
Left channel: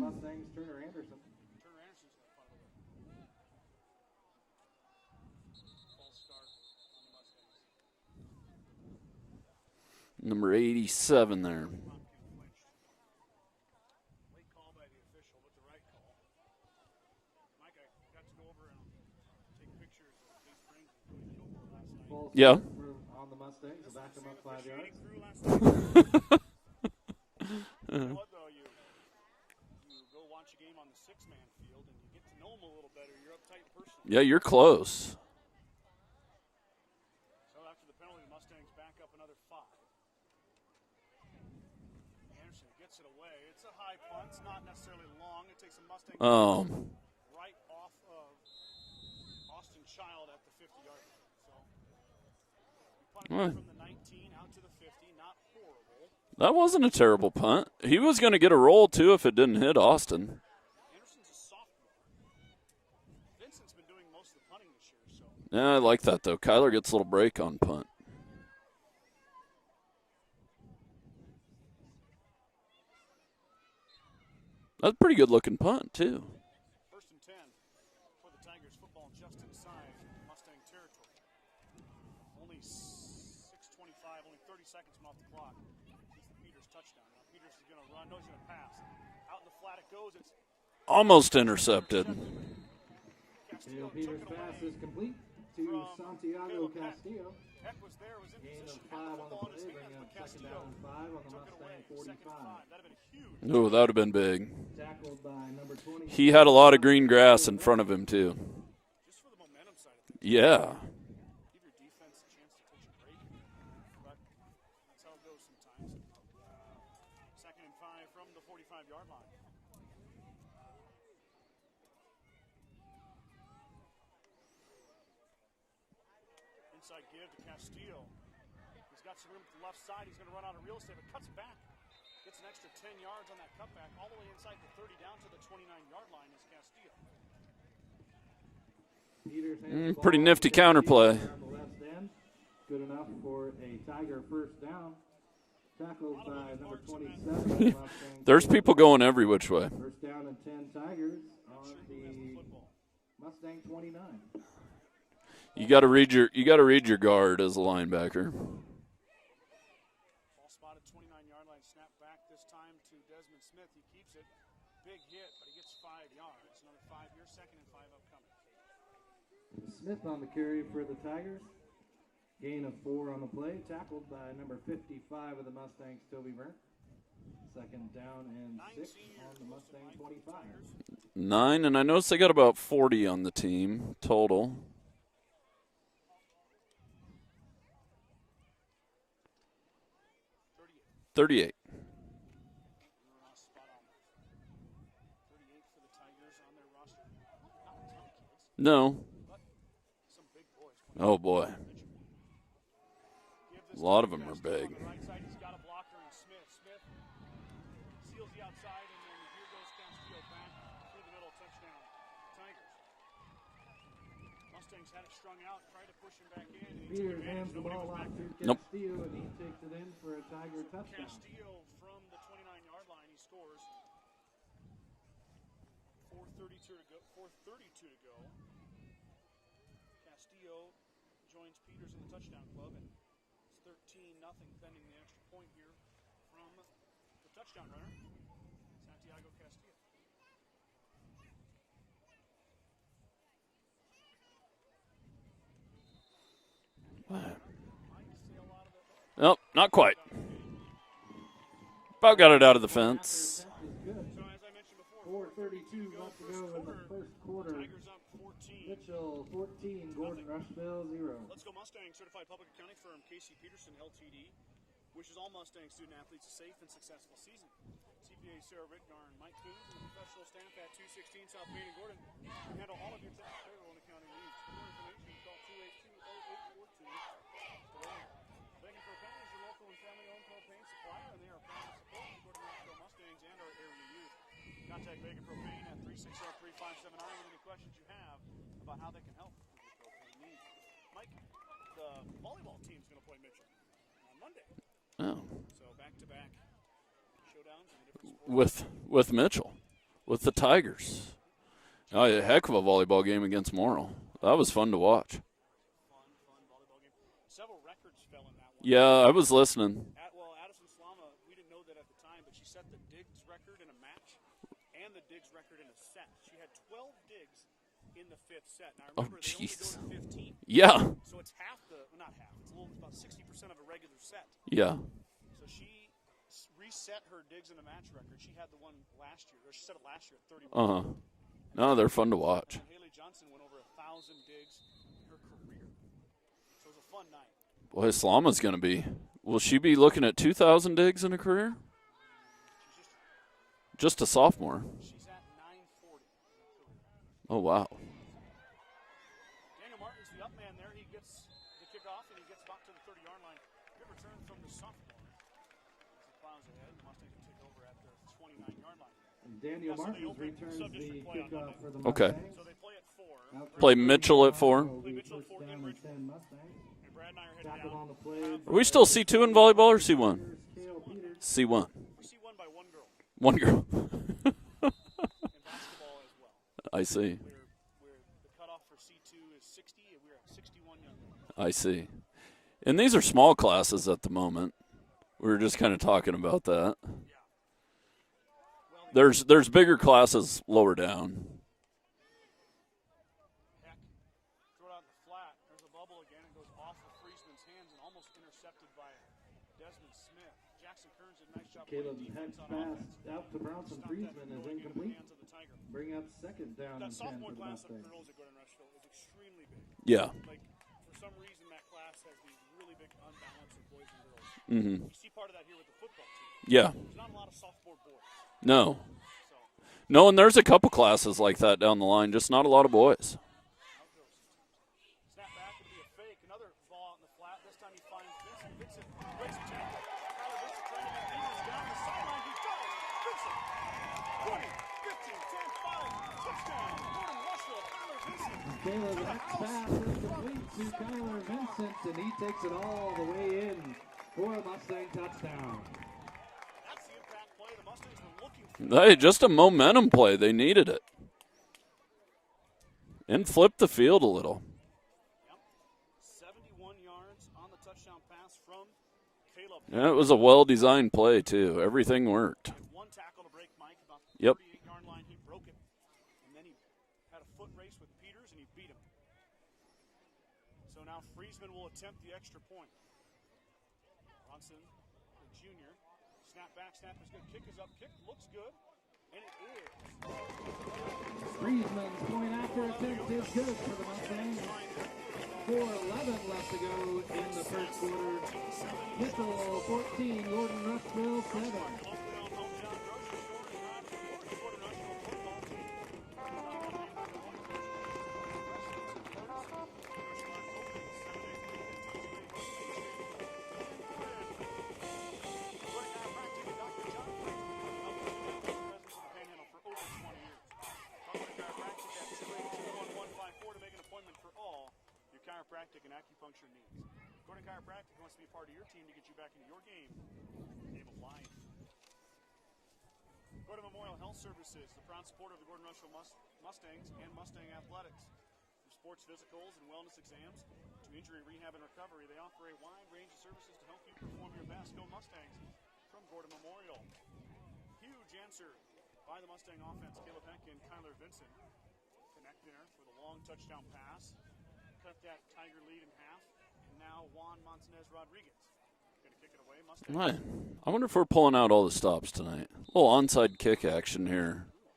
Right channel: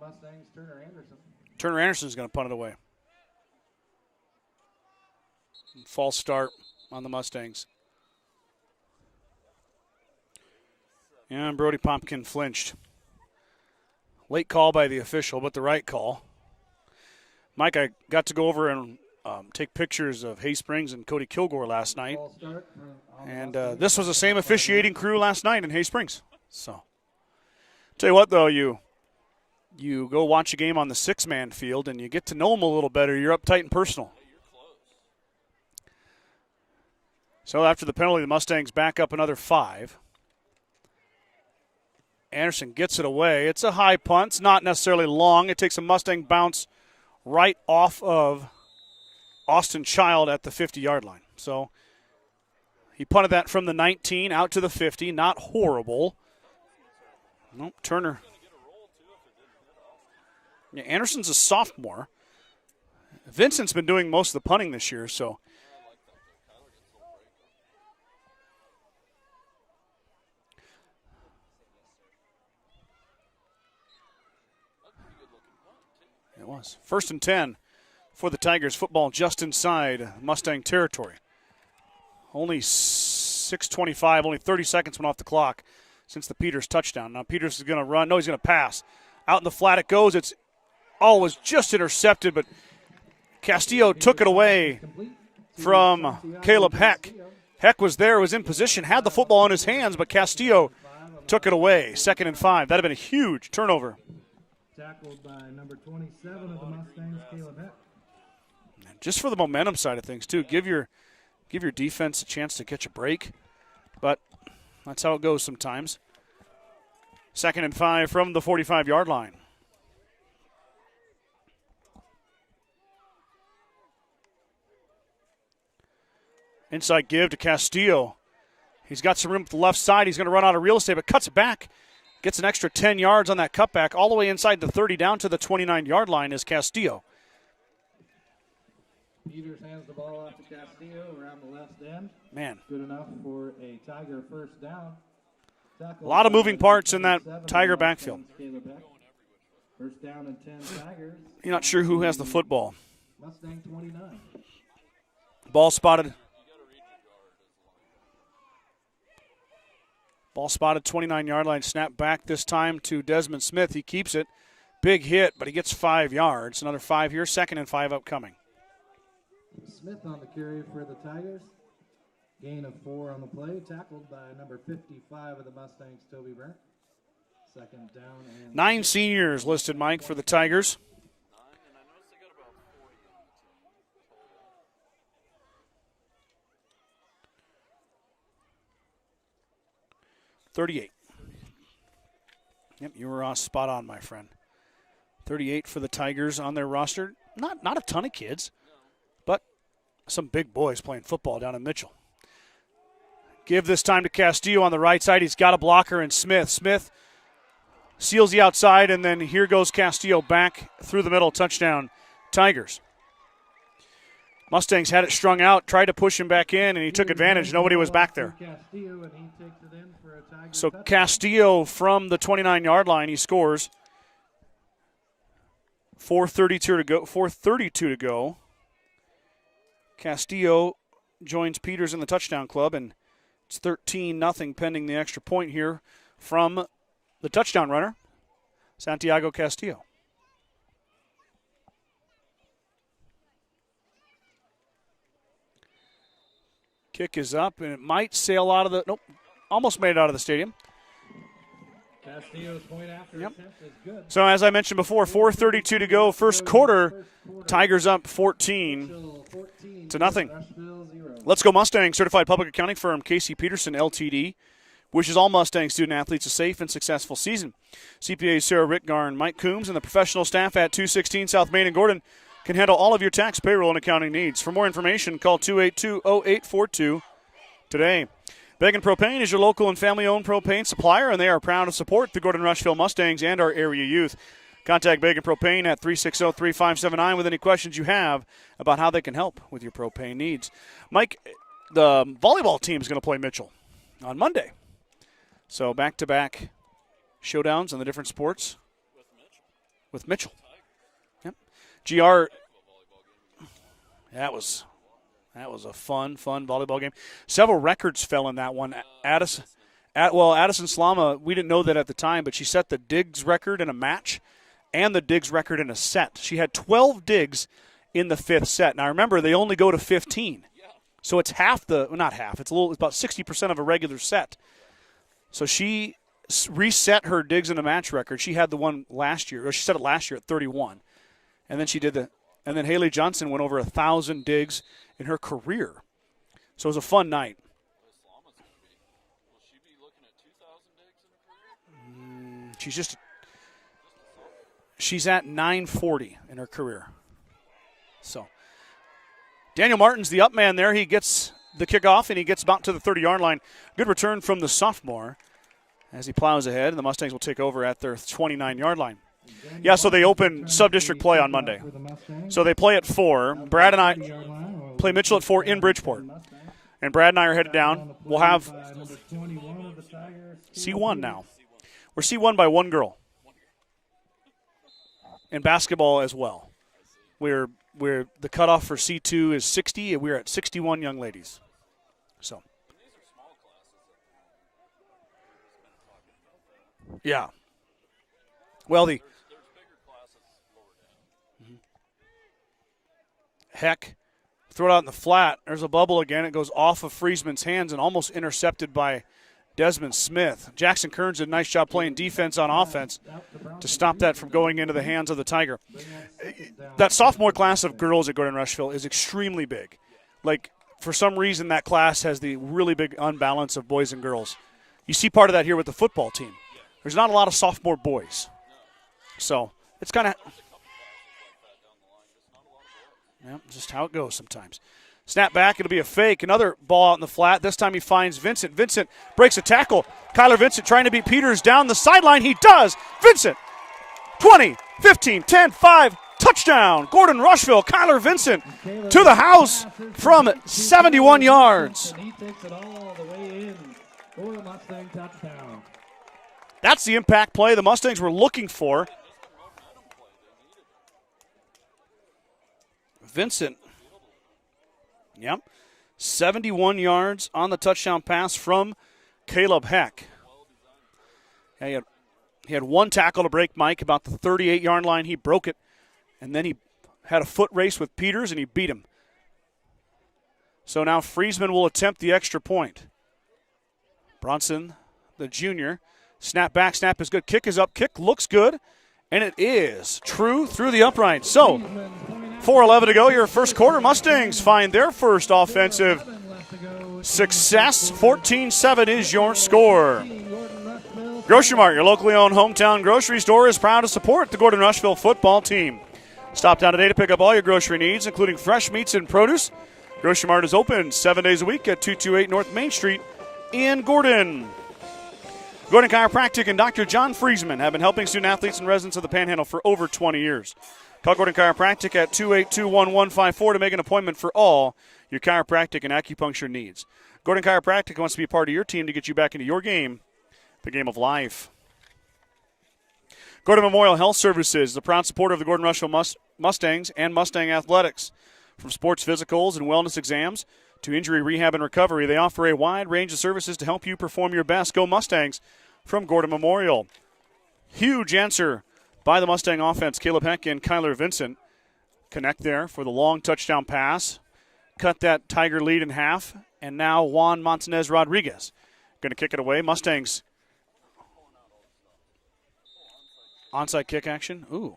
Turner Anderson's going to punt it away. False start on the Mustangs. Number 87. And Brody Pompkin flinched. Late call by the official, but the right call. Mike, I got to go over and take pictures of Hay Springs and Cody Kilgore last night. Yeah. And this was the same officiating crew last night in Hay Springs. So, tell you what, though, you go watch a game on the six-man field and you get to know them a little better. You're uptight and personal. Yeah, you're close. So after the penalty, the Mustangs back up another 5. Anderson gets it away. It's a high punt. It's not necessarily long. It takes a Mustang bounce right off of Austin Child at the 50-yard line. So he punted that from the 19 out to the 50. Not horrible. That wasn't a terrible punt. No, he was going to get a roll, too, if it didn't hit Austin. Yeah, Anderson's a sophomore. Vincent's been doing most of the punting this year, so. Yeah, I like that, though. Kyler gets a little break on punt. That's a pretty good-looking punt, too. It was. 1st and 10 for the Tigers. Football just inside Mustang territory. Only 6:25, only 30 seconds went off the clock since the Peters touchdown. Now Peters is going to run. No, he's going to pass. Out in the flat it goes. It's almost just intercepted, but Castillo took it away from Caleb Heck. Heck was there, was in position, had the football in his hands, but Castillo took it away. 2nd and 5. That would have been a huge turnover. That would have been big. He had a lot of green grass in front of him, too. Just for the momentum side of things, too. Yeah. Give your defense a chance to catch a break. But that's how it goes sometimes. 2nd and 5 from the 45-yard line. Inside give to Castillo. He's got some room to the left side. He's going to run out of real estate, but cuts it back. Gets an extra 10 yards on that cutback, all the way inside the 30 down to the 29-yard line is Castillo. Pretty nifty counterplay. Man. Good enough for a Tiger first down. A lot of moving parts in that Tiger backfield. There's people going every which way. First down and 10 Tigers. You're not sure who has the football. Mustang 29. Ball You spotted. got to read your guard as a linebacker. Ball spotted 29-yard line. Snap back this time to Desmond Smith. He keeps it. Big hit, but he gets 5 yards. Another 5 here. 2nd and 5 upcoming. Smith on the carry for the Tigers. Gain of 4 on the play. Tackled by number 55 of the Mustangs, Toby Brent. 2nd down. And 9 seniors listed, Mike, for the Tigers. 9, and I noticed they got about 40 on the team total. $38. 38. Yep, you were spot on, my friend. 38 for the Tigers on their roster. Not a ton of kids, No. but some big boys playing football boy. down in Mitchell. Give this time to of them. Castillo on the right side. He's got a blocker in Smith. Smith seals the outside, and then here goes Castillo back through the middle. Touchdown, Tigers. Mustangs had it strung out, tried to push him back in, and he took advantage. Nobody was back there. Nope. So Castillo from the 29-yard line, he scores. 4:32 to go. 4:32 to go. Castillo joins Peters in the touchdown club, and it's 13-0 pending the extra point here from the touchdown runner, Santiago Castillo. Kick is up, and it might sail out of the – nope, Nope, almost not made quite. it out of the stadium. About got it out of the fence. So as I mentioned before, 4:32 to go. First quarter, Tigers up 14 to nothing. Let's Go Mustangs certified public accounting firm Casey Peterson LTD wishes all Mustang student athletes a safe and successful season. CPAs Sarah Rittgar and Mike Coombs and the professional staff at 216 South Main and Gordon can handle all of your tax, payroll, and accounting needs. For more information, call 282-0842 today. Begin Propane is your local and family-owned propane supplier, and they are proud to support the Gordon-Rushville Mustangs and our area youth. Contact Begin Propane at 360-3579 with any questions you have about how they can help with your propane needs. Mike, the volleyball team is going to play Mitchell on Monday. Oh. So back-to-back showdowns on the different sports. With Mitchell. With Mitchell. With the Tigers. Yep. Oh, a heck of a volleyball game against Morrill. That was fun to watch. That was a fun volleyball game. Several records fell in that one. Yeah, I was listening. Addison Slama, we didn't know that at the time, but she set the digs record in a match and the digs record in a set. She had 12 digs in the fifth set. Now, remember, they only go to 15. Yeah. So it's not half. It's about 60% of a regular set. Yeah. So she reset her digs in a match record. She had the one last year, or she set it last year at 31. Uh-huh. And then they're fun to watch. And then Haley Johnson went over 1,000 digs in her career. So it was a fun night. Well, Islama's going to be. Will she be looking at 2,000 digs in a career? She's just a sophomore. She's at 940 in her career. Oh, wow. So Daniel Martin's the up man there. He gets the kickoff, and he gets about to the 30-yard line. Good return from the sophomore as he plows ahead, and the Mustangs will take over at their 29-yard line. Yeah, so they open sub-district play on Monday. Okay. So they play at 4. Play Mitchell at 4. Play Mitchell at 4 in Bridgeport. And Brad and I are headed down. We'll have. Are we still C2 in volleyball or C1? C1 now. C1. We're C1 by one girl. One girl. And basketball as well. I see. We're the cutoff for C2 is 60, and we're at 61 young ladies. I see. So. And these are small classes at the moment. We were just kind of talking about that. Yeah. Well, there's bigger classes lower down. Heck, throw it out in the flat. There's a bubble again. It goes off of Friesman's hands and almost intercepted by Desmond Smith. Jackson Kearns did a nice job playing defense on offense to stop that from going into the hands of the Tiger. That sophomore class of girls at Gordon-Rushville is extremely big. Yeah. Like, for some reason, that class has the really big unbalance of boys and girls. Mm-hmm. You see part of that here with the football team. Yeah. There's not a lot of sophomore boys. No. So it's and there's a couple classes like that down the line, just not a lot of boys. Yeah, just how it goes sometimes. Snap back, it'll be a fake. Another ball out in the flat. This time he finds Vincent. Vincent breaks a tackle. Kyler Vincent trying to beat Peters down the sideline. He does. Vincent, 20, 15, 10, 5, touchdown. Gordon-Rushville, Kyler Vincent to the house from 71 yards. He takes it all the way in for a Mustang touchdown. That's the impact play the Mustangs were looking for. Hey, just a momentum play. They needed it. And Vincent flipped the field a little. Yep. 71 yards on the touchdown pass from Caleb Heck. And it was a well-designed play, too. Everything worked. He had one tackle to break Mike about the 38-yard line. He broke it, and then he had a foot race with Peters, and he beat him. So now Friesman will attempt the extra point. Bronson, the junior, snap back, snap is good. Kick is up, kick looks good, and it is true through the upright. So 4:11 to go, your first quarter. Mustangs find their first offensive success. 14-7 is your score. Grocery Mart, your locally owned hometown grocery store, is proud to support the Gordon-Rushville football team. Stop down today to pick up all your grocery needs, including fresh meats and produce. Grocery Mart is open 7 days a week at 228 North Main Street in Gordon. Gordon Chiropractic and Dr. John Friesman have been helping student-athletes and residents of the Panhandle for over 20 years. Call Gordon Chiropractic at 282-1154 to make an appointment for all your chiropractic and acupuncture needs. Gordon Chiropractic wants to be a part of your team to get you back into your game, the game of life. Gordon Memorial Health Services is a proud supporter of the Gordon-Rushville Mustangs and Mustang Athletics. From sports physicals and wellness exams to injury rehab and recovery, they offer a wide range of services to help you perform your best. Go Mustangs from Gordon Memorial. Huge answer by the Mustang offense. Caleb Heck and Kyler Vincent connect there for the long touchdown pass. cut that Tiger lead in half. And now Juan Montanez Rodriguez going to kick it away. Mustangs. I wonder if we're pulling out all the stops tonight. A little onside kick action. Ooh.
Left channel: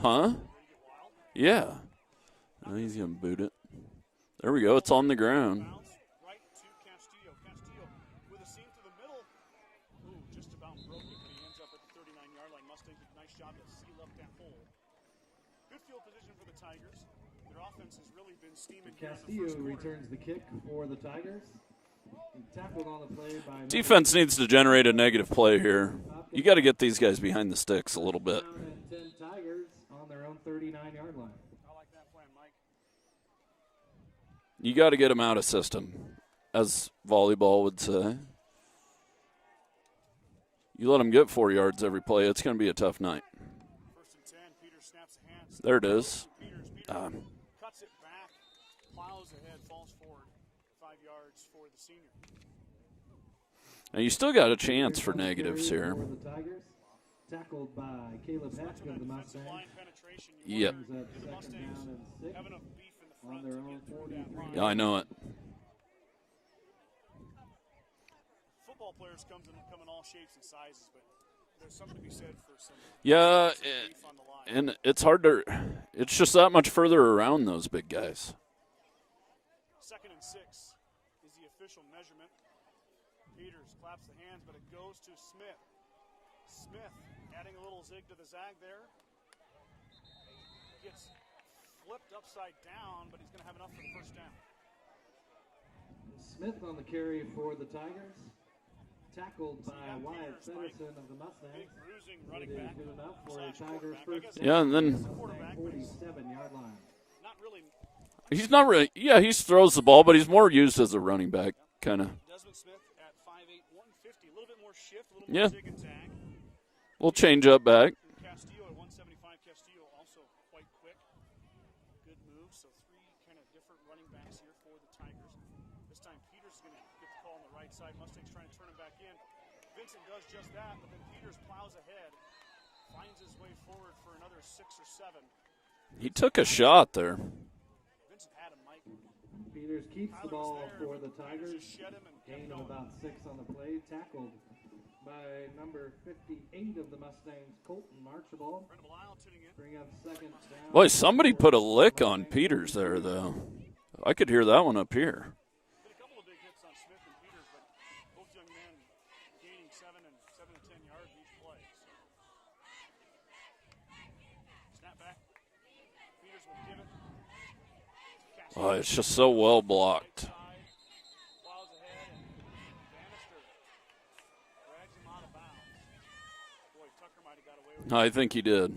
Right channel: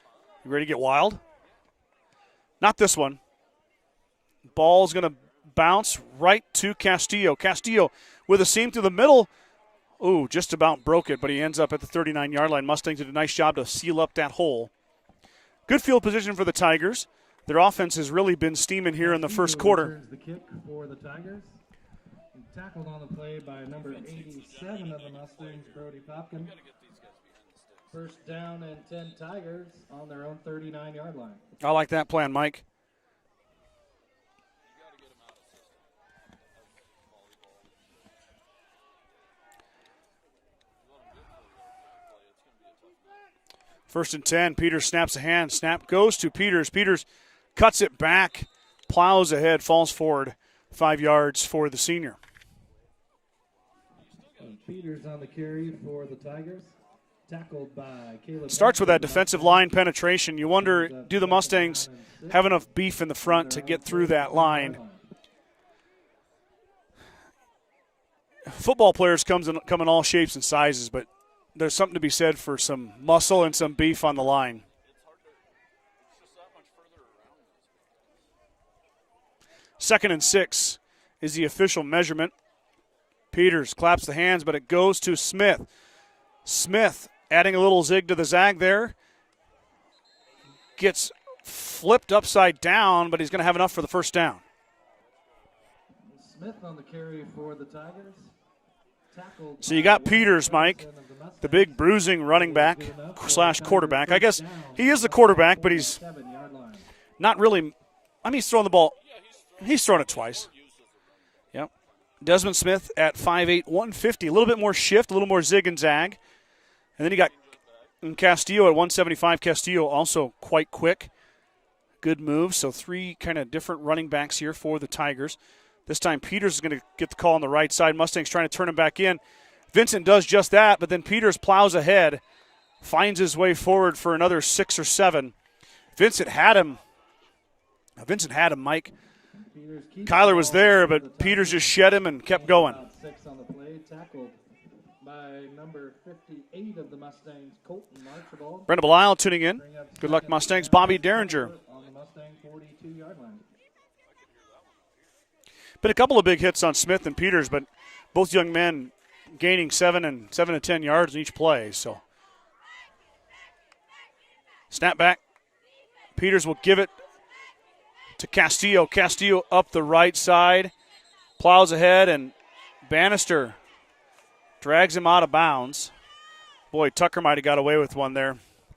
Huh? You ready to get wild? Yeah. Not this one. Boot it. There we Ball's go. It's on gonna the ground. Bounce right to Castillo. Castillo with a seam through the middle. Ooh, just about broke it, but he ends up at the 39-yard line. Mustangs did a nice job to seal up that hole. Good field position for the Tigers. Their offense has really been steaming here in the first quarter. The kick for the Tigers. Tackled on the play by Defense needs to generate a negative play here. You got to get these guys behind the sticks a little bit. Down and 10 Tigers on their own 39-yard line. I like that plan, Mike. You got to get them out of system, as volleyball would say. You let them get 4 yards every play, it's going to be a tough night. 1st and 10. Peters snaps a hand. Snap There it goes is. to Peters. Peters cuts it back, plows ahead, falls forward 5 yards for the senior. Now you still got a chance for negatives here. Starts with that defensive line penetration. You wonder, do the Mustangs have enough beef in the front to get through that line? I know it. Football players come in all shapes and sizes, but there's something to be said for some muscle and some beef on the line. And it's hard to – it's just that much further around those big guys. 2nd and 6 is the official measurement. Peters claps the hands, but it goes to Smith. Smith adding a little zig to the zag there. Gets flipped upside down, but he's going to have enough for the first down. Smith on the carry for the Tigers. So you got Peters, Mike, the big bruising running back / quarterback. I guess he is the quarterback, but he's not really – I mean, he's throwing the ball. Yeah, he throws the ball, but he's more used as a running back, kind of. Desmond Smith at 5'8", 150. A little bit more shift, a little more zig and zag. And then We'll change up back. And Castillo at 175. Castillo also quite quick. Good move. So 3 kind of different running backs here for the Tigers. This time Peters is going to get the call on the right side. Mustangs trying to turn him back in. Vincent does just that, but then Peters plows ahead, finds his way forward for another 6 or 7. Vincent had him. Shot there. Vincent had him, Mike. Kyler was there, but Peters just shed him and kept going. 6 on the play, tackled by number 58 of the Mustangs, Colton Archibald. Brenda Belisle tuning in. Good luck, Mustangs. Bobby Somebody Derringer. put a lick on Peters there, though. I could hear that one up here. Been a couple of big hits on Smith and Peters, but both young men gaining 7 to 10 yards in each play. So snap back. Peters will give it to Castillo. Castillo up the right side, plows ahead, and Bannister drags him out of bounds. Boy, Tucker might have got away with one there. I think he did.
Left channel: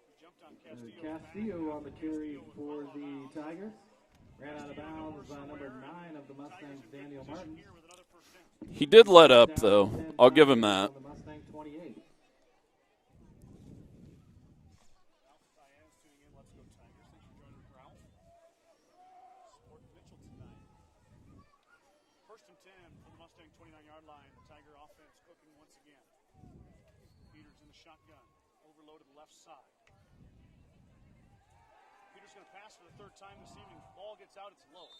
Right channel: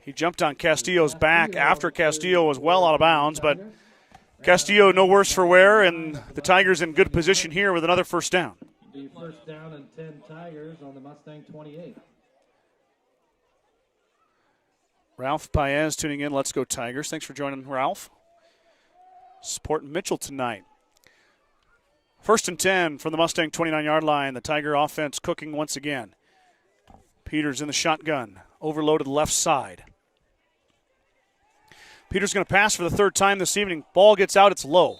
He jumped on Castillo's back after Castillo was well out of bounds, but Castillo no worse for wear, and the Tigers in good position here with another first down. He did let up, though. I'll give him that. Ralph Paez tuning in. Let's go Tigers. Thanks for joining, Ralph. Supporting Mitchell tonight. 1st and 10 from the Mustang 29-yard line. The Tiger offense cooking once again. Peters in the shotgun. Overloaded left side. Peters going to pass for the 3rd time this evening. Ball gets out. It's low.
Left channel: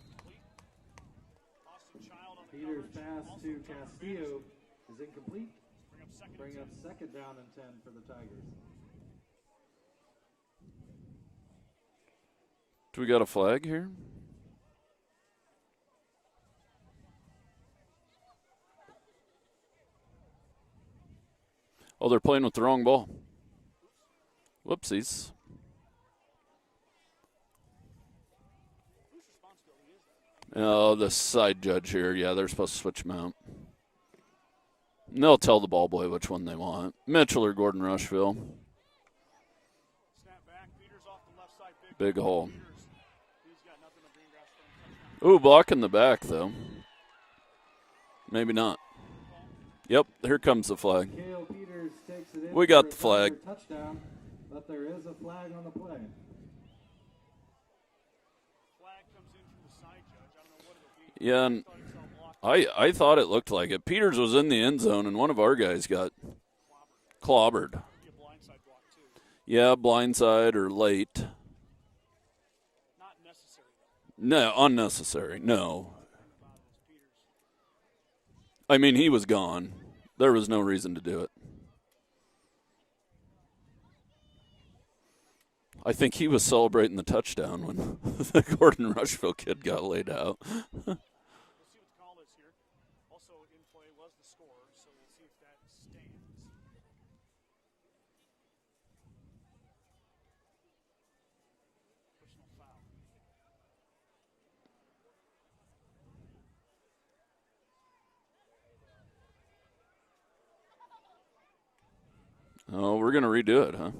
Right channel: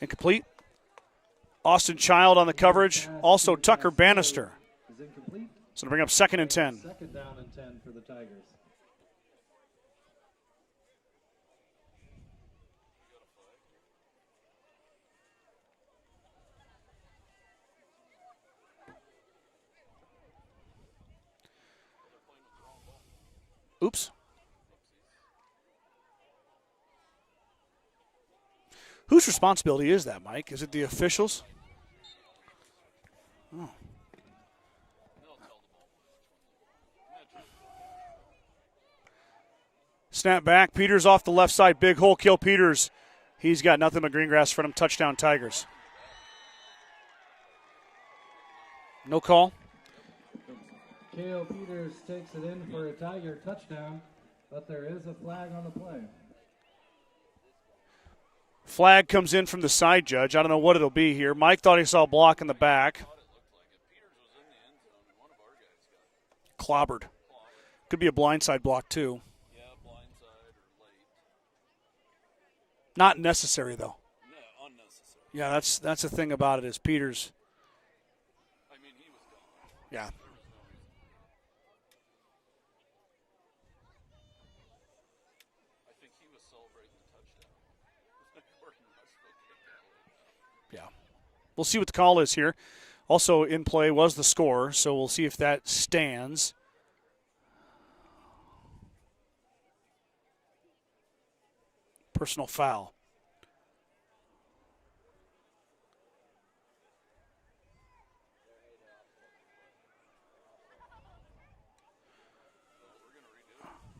Incomplete. Austin Child on the coverage. Also Tucker Bannister. So to bring up 2nd and 10. 2nd down and 10 for the Tigers. Do we got a flag here? Oh, they're playing with the wrong ball. Oops. Whoopsies. Whose responsibility is that, Mike? Is it the officials? The side judge here. Yeah, they're supposed to switch them out. Oh. And they'll tell the ball boy which one they want. Mitchell or Gordon-Rushville. Snap back. Peters off the left side. Big hole. Kill Peters. He's got nothing but green grass for him. Touchdown Tigers. Ooh, block in the back, though. Maybe not. No call? Yep, here comes the flag. Cale Peters takes it in We got for the a flag. touchdown, but there is a flag on the play. Flag comes in from the side judge. I don't know what it'll be here. Yeah, Mike thought he saw a block in the back. I thought it looked like it. Peters was in the end zone, and one of our guys got clobbered. Clobbered. Could be a blindside block, too. Yeah, blindside or late. Not necessary, though. No, unnecessary. Yeah, no. that's the thing about it is Peters. I mean, he was gone. Yeah. There was no reason to do it. I think he was celebrating the touchdown when the Gordon-Rushville kid got laid out. Yeah. We'll see what the call is here. Also in play was the score, so we'll see if that stands. Personal foul. Oh, we're going to redo it, huh?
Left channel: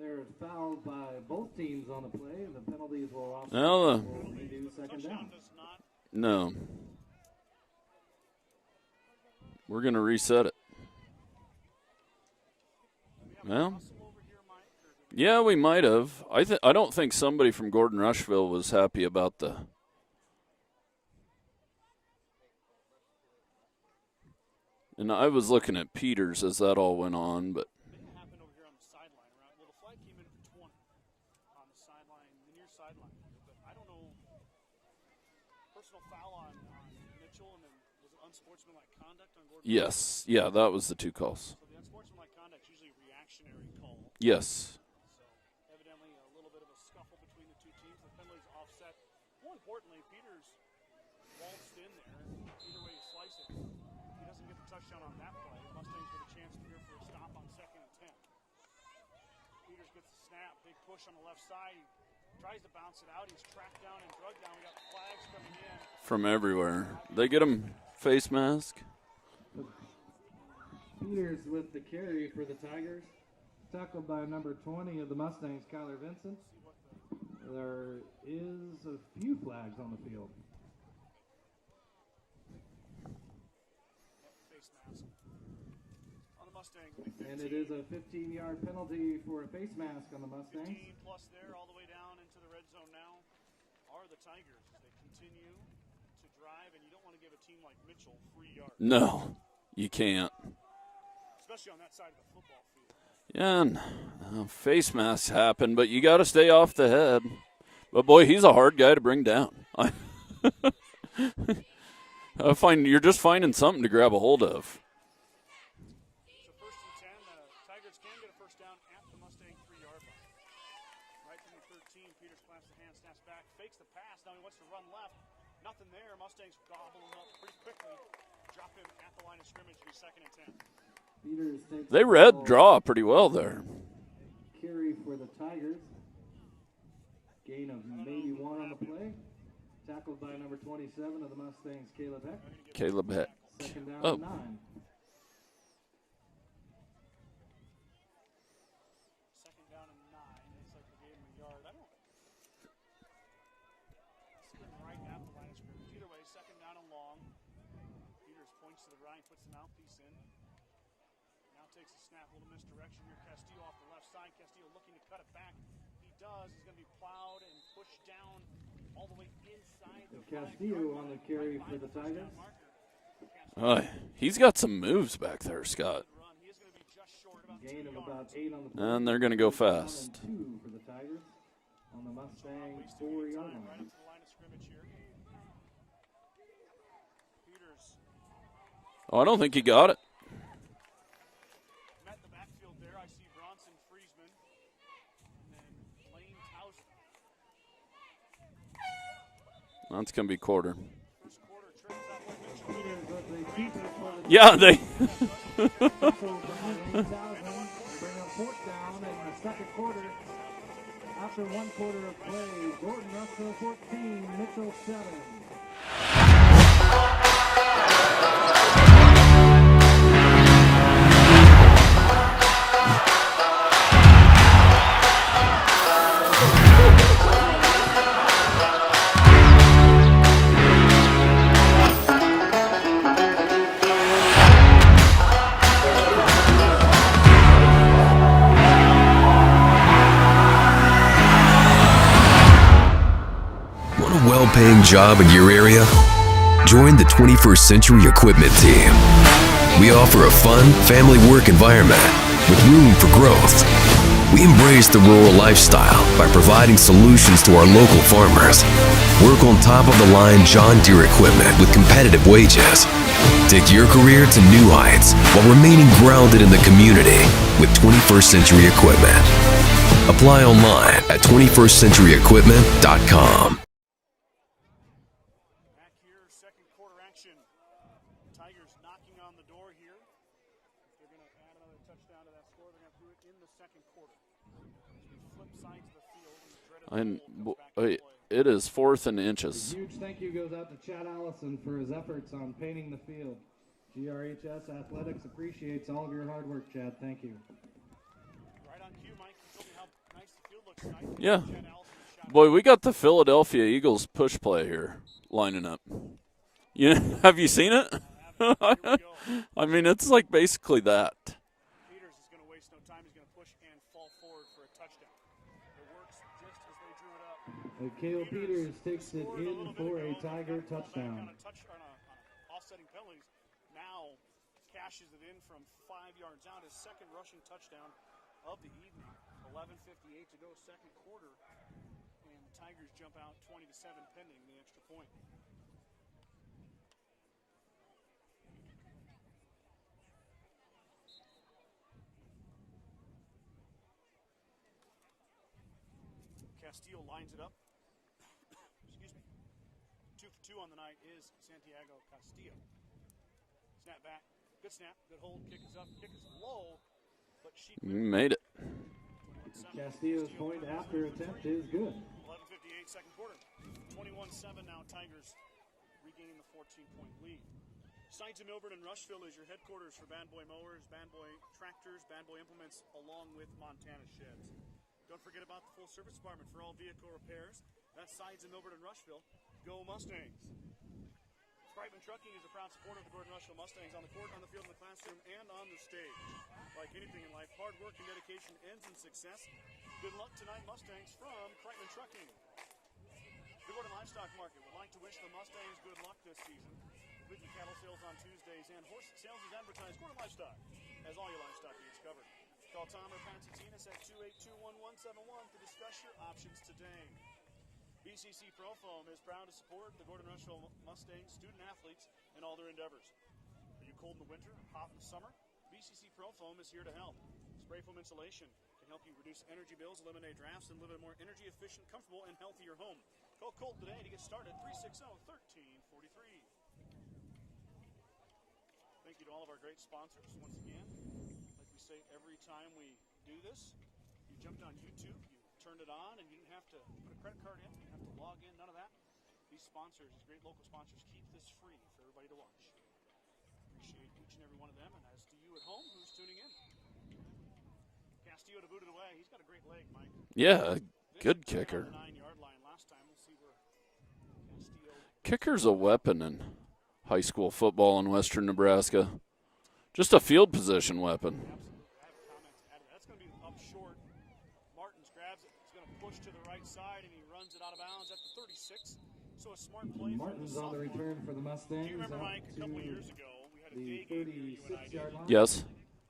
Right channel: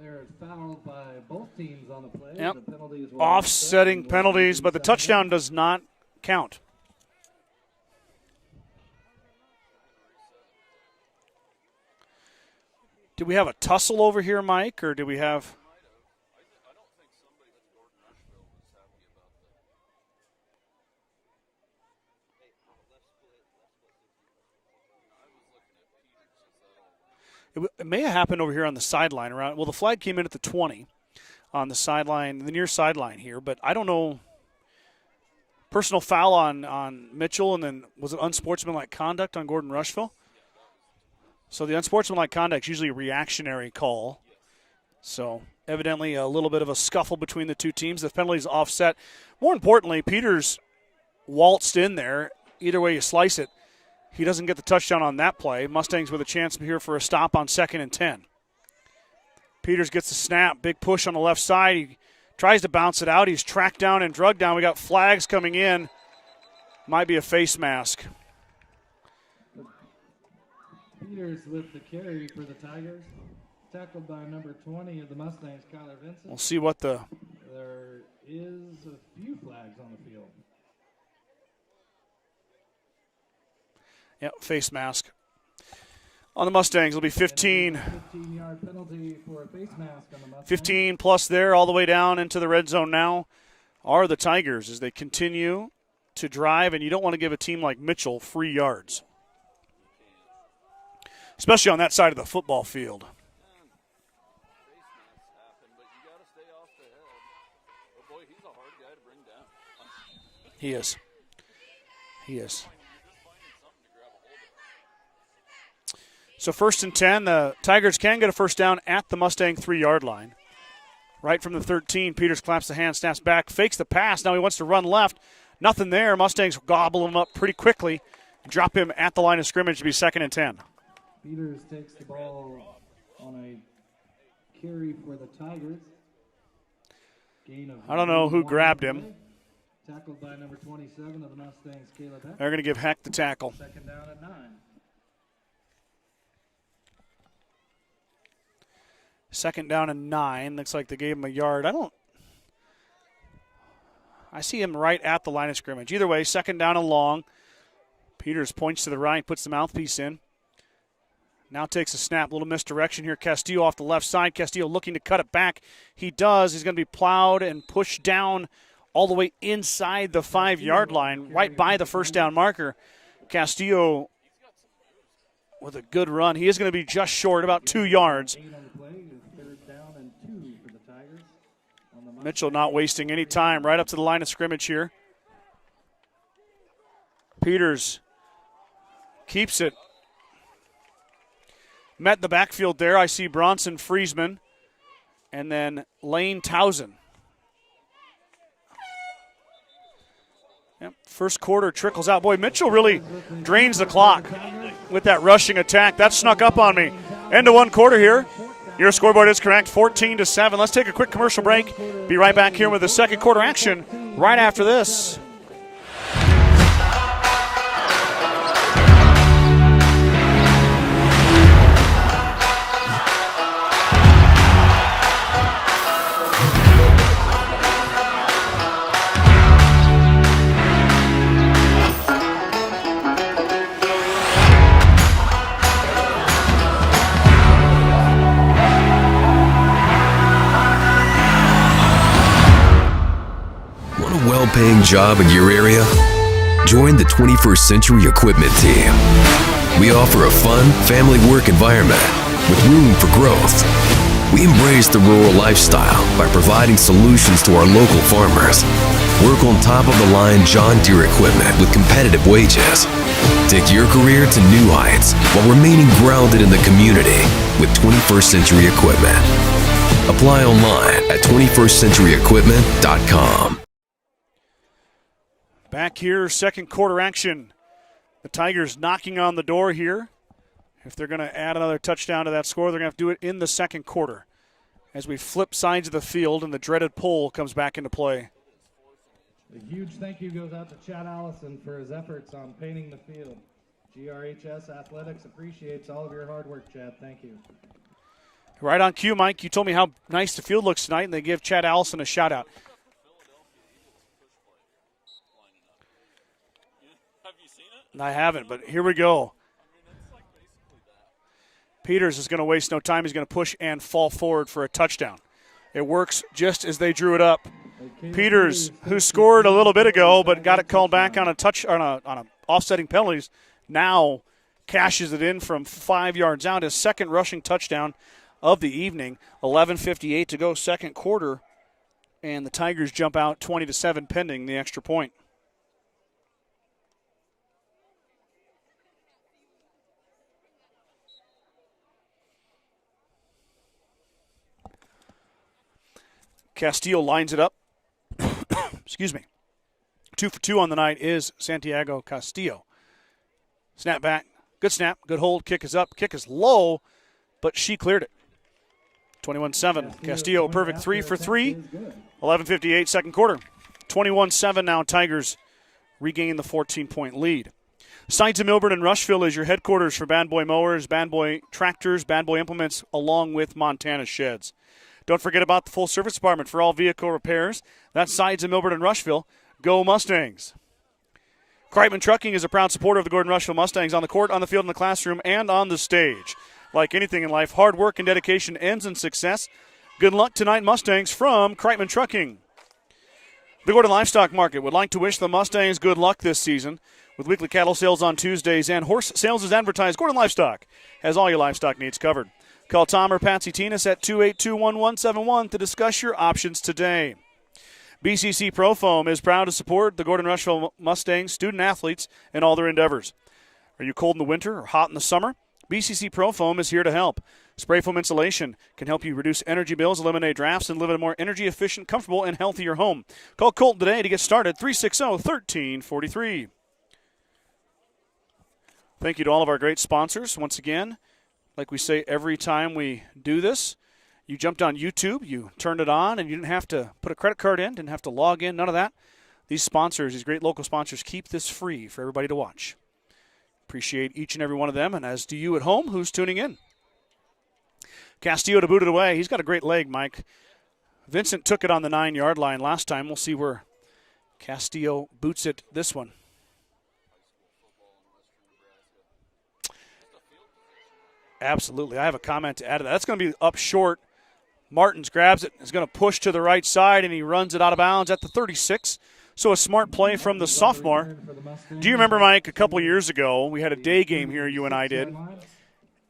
They're fouled by both teams on the play. Yep. The penalties will Offsetting penalties, but the touchdown does not No. count. We're going to reset it. Did we have a tussle over here, Mike, or did we have? Yeah, we might have. I don't think somebody from Gordon-Rushville was happy about the. And I was looking at Peters as that all went on, but It may have happened over here on the sideline. Well, the flag came in at the 20 on the sideline, the near sideline here, but I don't know. Personal foul on Mitchell, and then was it unsportsmanlike conduct on Gordon-Rushville? yes, yeah, that was the two calls. So the unsportsmanlike conduct is usually a reactionary call. Yes. So evidently a little bit of a scuffle between the two teams. The penalty's offset. More importantly, Peters waltzed in there. Either way you slice it, he doesn't get the touchdown on that play. Mustangs with a chance here for a stop on 2nd and 10. Peters gets the snap. Big push on the left side. He tries to bounce it out. He's tracked down and drugged down. We got flags coming in. From everywhere. Might be a They get face him mask. Face mask. Peters with the carry for the Tigers. Tackled by number 20 of the Mustangs, Kyler We'll Vincent. see what the There is a few flags on the field. face mask. On the Mustangs, it'll be 15. 15-yard penalty for a face mask on the Mustangs. 15 plus there, all the way down into the red zone now are the Tigers as they continue to drive, and you don't want to give a team like Mitchell free yards. No, you can't. Especially on that side of the football field. Yeah, and face masks happen, but you got to stay off the head. But, boy, he's a hard guy to bring down. He is. He I is. find you're just finding something to grab a hold of. So 1st and 10, the Tigers can get a first down at the Mustang 3-yard line. Right from the 13, Peters claps the hand, snaps back, fakes the pass. Now he wants to run left. Nothing there. Mustangs gobble him up pretty quickly. Drop him at the line of scrimmage to be 2nd and 10. Peters takes They the read ball. draw pretty well there. Carry for the Tigers. Gain of I don't know who 1 grabbed him. Tackled by number 27 of the Mustangs, Caleb Heck. They're going to give Heck Caleb the Heck. tackle. 2nd down Oh. and 9. 2nd down and 9. Looks like they gave him a yard. I see him right at the line of scrimmage. Either way, 2nd down and long. Peters points to the right, puts the mouthpiece in. Now takes a snap. A little misdirection here. Castillo off the left side. Castillo looking to cut it back. He does. He's going to be plowed and pushed down all the way inside the 5-yard line, right by the first down marker. Castillo He's got some moves back there, was Scott. a good run. He is going to be just short, about 2 yards. And they're going to go fast. Mitchell not wasting any time, right up to the line of scrimmage here. Peters Oh, I don't think Keeps he it. got it. met the backfield there. I see Bronson Friesman and then Lane Towson. That's going to be quarter. Yep. First quarter trickles out. Boy, Mitchell really drains the clock Yeah, they. with that rushing attack. That snuck up on me. End of 1 quarter here. Your scoreboard is correct, 14-7. Let's take a quick commercial break. Be right back here with the second quarter action right after this. Want a well-paying job in your area? Join the 21st Century Equipment Team. We offer a fun, family work environment with room for growth. We embrace the rural lifestyle by providing solutions to our local farmers. Work on top-of-the-line John Deere equipment with competitive wages. Take your career to new heights while remaining grounded in the community with 21st Century Equipment. Apply online at 21stcenturyequipment.com. Back here, second quarter action. The Tigers knocking on the door here. If they're going to add another touchdown to that score, they're going to have to do it in the second quarter. As we flip sides of the field and the dreaded pole comes back into play. It is 4th and inches. A huge thank you goes out to Chad Allison for his efforts on painting the field. GRHS Athletics appreciates all of your hard work, Chad. Thank you. Right on cue, Mike. You told me how nice the field looks tonight, and they give Chad Allison a shout-out. Boy, we got the Philadelphia Eagles push play here lining up. Have you seen it? I haven't, but here we go. I mean, it's like basically that. Peters is going to waste no time. He's going to push and fall forward for a touchdown. It works just as they drew it up. Peters, who scored a little bit ago but got it called back on a offsetting penalties, now cashes it in from 5 yards out. His second rushing touchdown of the evening. 11:58 to go, second quarter, and the Tigers jump out 20-7 pending the extra point. Castillo lines it up. Excuse me. 2 for 2 on the night is Santiago Castillo. Snap back. Good snap. Good hold. Kick is up. Kick is low, but she cleared it. Made it. 21-7. Castillo, perfect 3 for 3. 11:58 second quarter. 21-7 now. Tigers regain the 14-point lead. Sides of Milburn and Rushville is your headquarters for Bad Boy Mowers, Bad Boy Tractors, Bad Boy Implements, along with Montana Sheds. Don't forget about the full service department for all vehicle repairs. That's Sides of Milburn and Rushville. Go Mustangs. Kreitman Trucking is a proud supporter of the Gordon-Rushville Mustangs on the court, on the field, in the classroom, and on the stage. Like anything in life, hard work and dedication ends in success. Good luck tonight, Mustangs, from Kreitman Trucking. The Gordon Livestock Market would like to wish the Mustangs good luck this season. With weekly cattle sales on Tuesdays and horse sales as advertised, Gordon Livestock has all your livestock needs covered. Call Tom or Patsy Tinas at 282-1171 to discuss your options today. BCC Pro Foam is proud to support the Gordon-Rushville Mustangs student athletes in all their endeavors. Are you cold in the winter or hot in the summer? BCC Pro Foam is here to help. Spray foam insulation can help you reduce energy bills, eliminate drafts, and live in a more energy-efficient, comfortable, and healthier home. Call Colton today to get started, 360-1343. Thank you to all of our great sponsors. Once again, like we say every time we do this, you jumped on YouTube, you turned it on, and you didn't have to put a credit card in, didn't have to log in, none of that. These sponsors, these great local sponsors, keep this free for everybody to watch. Appreciate each and every one of them, and as do you at home who's tuning in. Castillo to boot it away. He's got a great leg, Mike. Yeah. Vincent took it on the 9-yard line last time. We'll see where Castillo boots Kicker's it this a weapon in high school football in western Nebraska. Just a field position weapon. Absolutely. I have a comment to add to that. That's going to be up short. Martins grabs it, is going to push to the right side, and he runs it out of bounds at the 36. So a smart play from the sophomore. Do you remember, Mike, a couple years ago, we had a day game here, you and I did. Yes.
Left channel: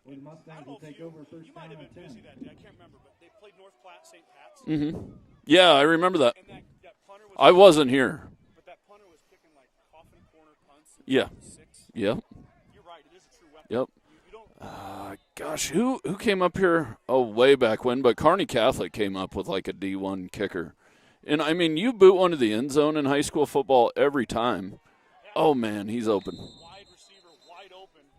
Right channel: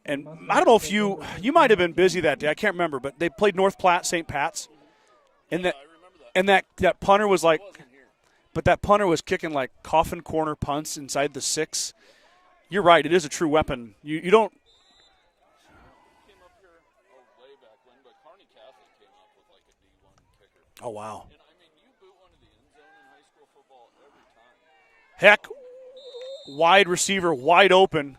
And I don't know if you might have been busy that day. I can't remember, but they played North Platte, St. Pat's. Mm-hmm. Yeah, I remember that. And that punter was like, I wasn't here. But that punter was kicking like coffin corner punts inside the 6. Yeah. You're right. It is a true weapon. Yep. You don't. Gosh, who came up here? Oh, way back when. But Kearney Catholic came up with like a D1 kicker. Oh, wow. And, I mean, you boot one to the end zone in high school football every time. Heck. Oh, man, he's open. Wide receiver, wide open.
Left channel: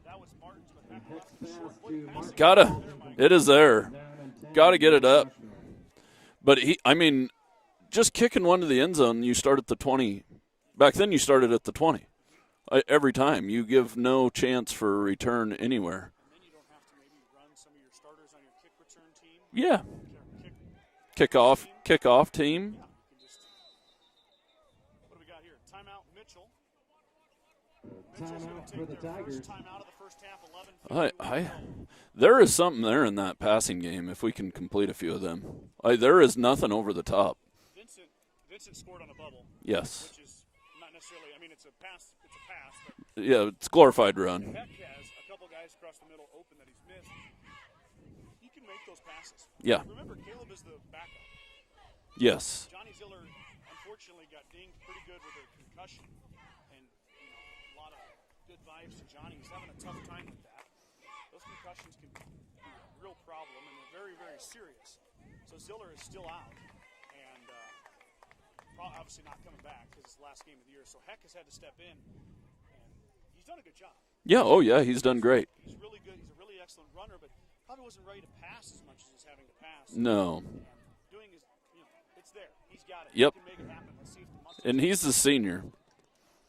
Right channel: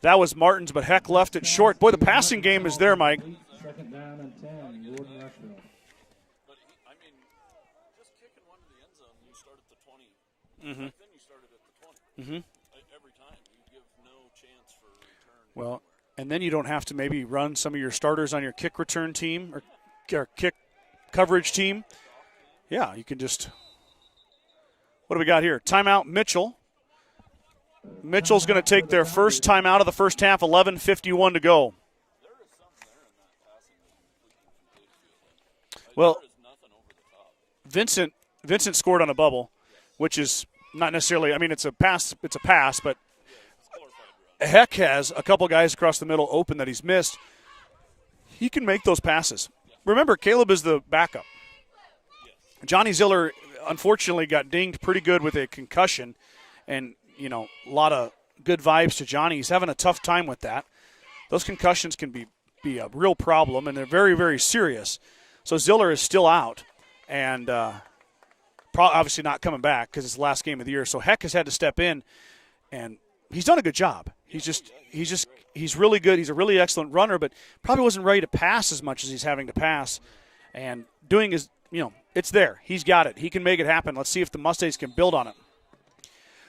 That was Martins, but Heck left it short. Boy, the passing game is there, Mike. It is there. Got to get it up. But, just kicking one to the end zone, you start at the 20. Mm-hmm. Back then you started at the 20. Mm-hmm. Every time. You give no chance for a return anywhere. And then you don't have to maybe run some of your starters on your kick return team. Or kick coverage team. Kickoff team. Yeah, you can just – what do we got here? Timeout, Mitchell. Mitchell's going to take their first timeout of the first half, 11:51 to go. There is something there in that passing game if we can complete a few of them. There is nothing over the top. Vincent scored on a bubble. Yes. Which is not necessarily – it's a pass, but – yeah, it's glorified run. Heck has a couple guys across the middle open that he's missed. he can make those passes. Yeah. Remember, Caleb is the backup. Yes. Johnny Ziller, unfortunately, got dinged pretty good with a concussion, and, you know, a lot of good vibes to Johnny. He's having a tough time with that. Those concussions can be a real problem, and they're very, very serious. So Ziller is still out, and obviously not coming back because it's the last game of the year. So Heck has had to step in, and he's done a good job. Yeah, he's done great. He's really good. He's a really excellent runner, but probably wasn't ready to pass as much as he's having to pass. No. And doing his, it's there. He's got it. Yep. He can make it happen. Let's see if the Mustangs can he's build the on senior. it.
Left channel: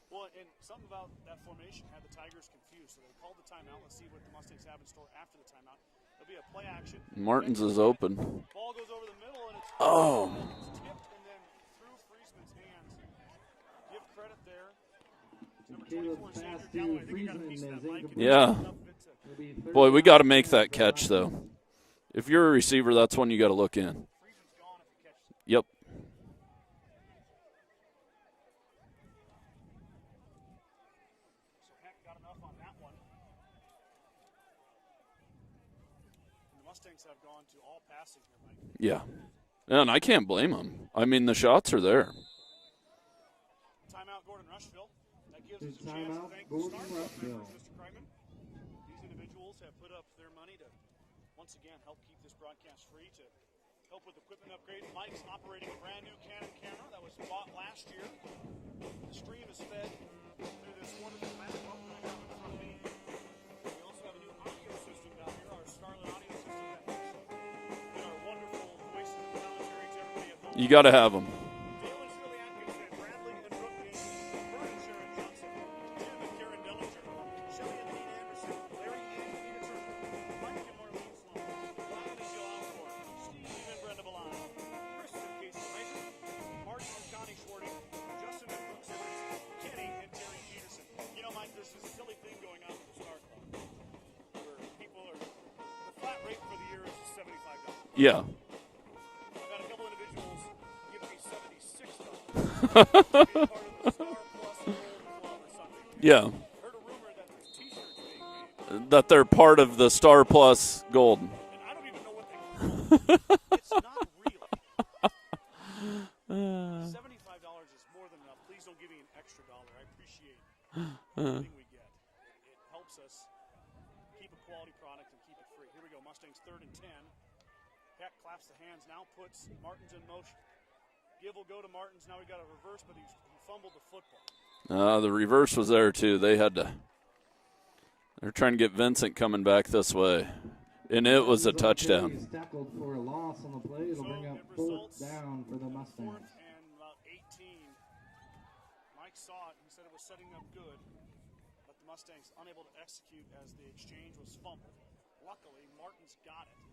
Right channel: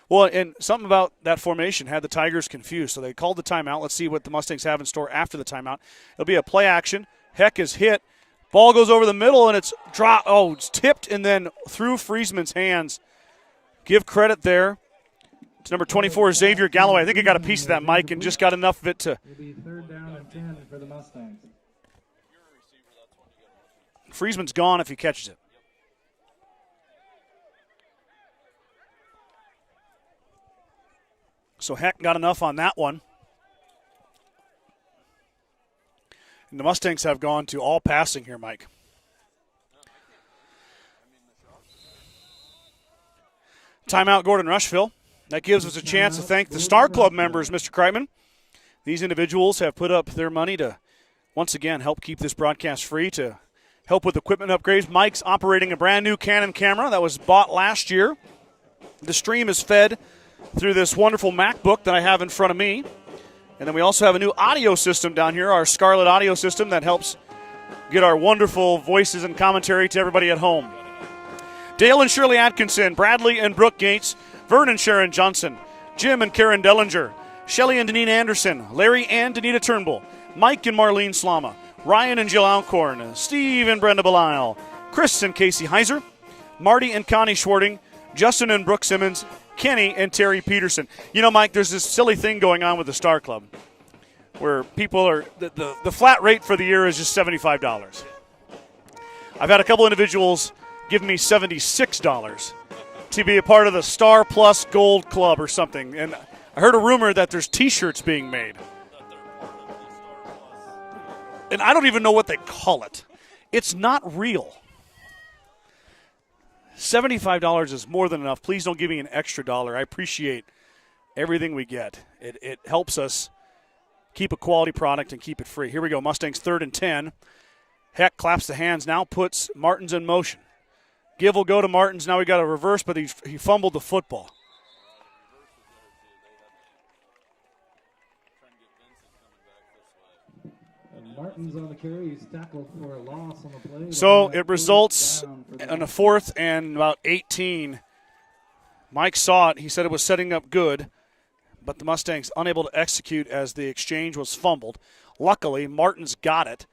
Well, and something about that formation had the Tigers confused. So they called the timeout. Let's see what the Mustangs have in store after the timeout. It'll be a play action. Heck is hit. Open. Ball goes over the middle, and it's dropped. Oh, it's tipped and then through Friesman's hands. Give credit there to number 24, Xavier Galloway. I think he got a piece of that, Mike, and just got enough of it to. Boy, we got to make that catch, though. If you're a receiver, that's when you got to look in. Friesman's gone if he catches it. Yep. So Heck got enough on that one. And the Mustangs have gone to all passing here, Mike. Yeah. And I can't blame them. I mean, the shots are there. Timeout, Gordon-Rushville. That gives us a chance to thank the Star Club members, Mr. Kreitman. These individuals have put up their money to, once again, help keep this broadcast free, to help with equipment upgrades. Mike's operating a brand-new Canon camera that was bought last year. The stream is fed through this wonderful MacBook that I have in front of me. And then we also have a new audio system down here, our Scarlett audio system that helps get our wonderful voices and commentary to everybody at home. You got to have them. Dale and Shirley Atkinson, Bradley and Brooke Gates, Vern and Sharon Johnson, Jim and Karen Dellinger, Shelley and Deneen Anderson, Larry and Danita Turnbull, Mike and Marlene Slama, Ryan and Jill Alcorn, Steve and Brenda Belisle, Chris and Casey Heiser, Marty and Connie Schwarting, Justin and Brooke Simmons, Kenny and Terry Peterson. You know, Mike, there's this silly thing going on with the Star Club where people are, the flat rate for the year is just $75. Yeah. I've had a couple individuals give me $76 to be a part of the Star Plus Gold Club or something. And yeah. I heard a rumor that there's T-shirts being made. That they're part of the Star Plus Gold. And I don't even know what they call it. It's not real. $75 is more than enough. Please don't give me an extra dollar. I appreciate everything we get. It helps us keep a quality product and keep it free. Here we go. Mustangs 3rd and 10. Heck claps the hands now, puts Martins in motion. Give will go to Martins. Now we got a reverse, but he fumbled the football. The reverse was there, too. They're trying to get Vincent coming back this way. And it was a touchdown. So it results in a 4th and about 18. Mike saw it. He said it was setting up good, but the Mustangs unable to execute as the exchange was fumbled. Luckily, Martins got it,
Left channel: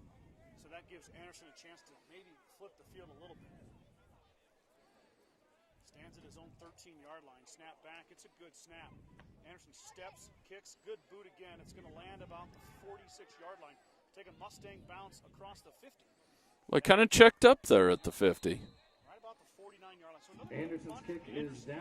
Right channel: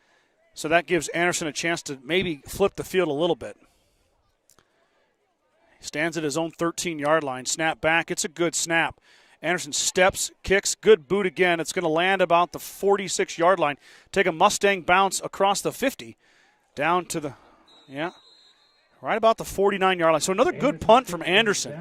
so that gives Anderson a chance to maybe flip the field a little bit. He stands at his own 13-yard line. Snap back. It's a good snap. Anderson steps, kicks, good boot again. It's going to land about the 46-yard line. Take a Mustang bounce across the 50. Well, kind of checked up there at the 50. Right about the 49-yard line. So another good punt from Anderson.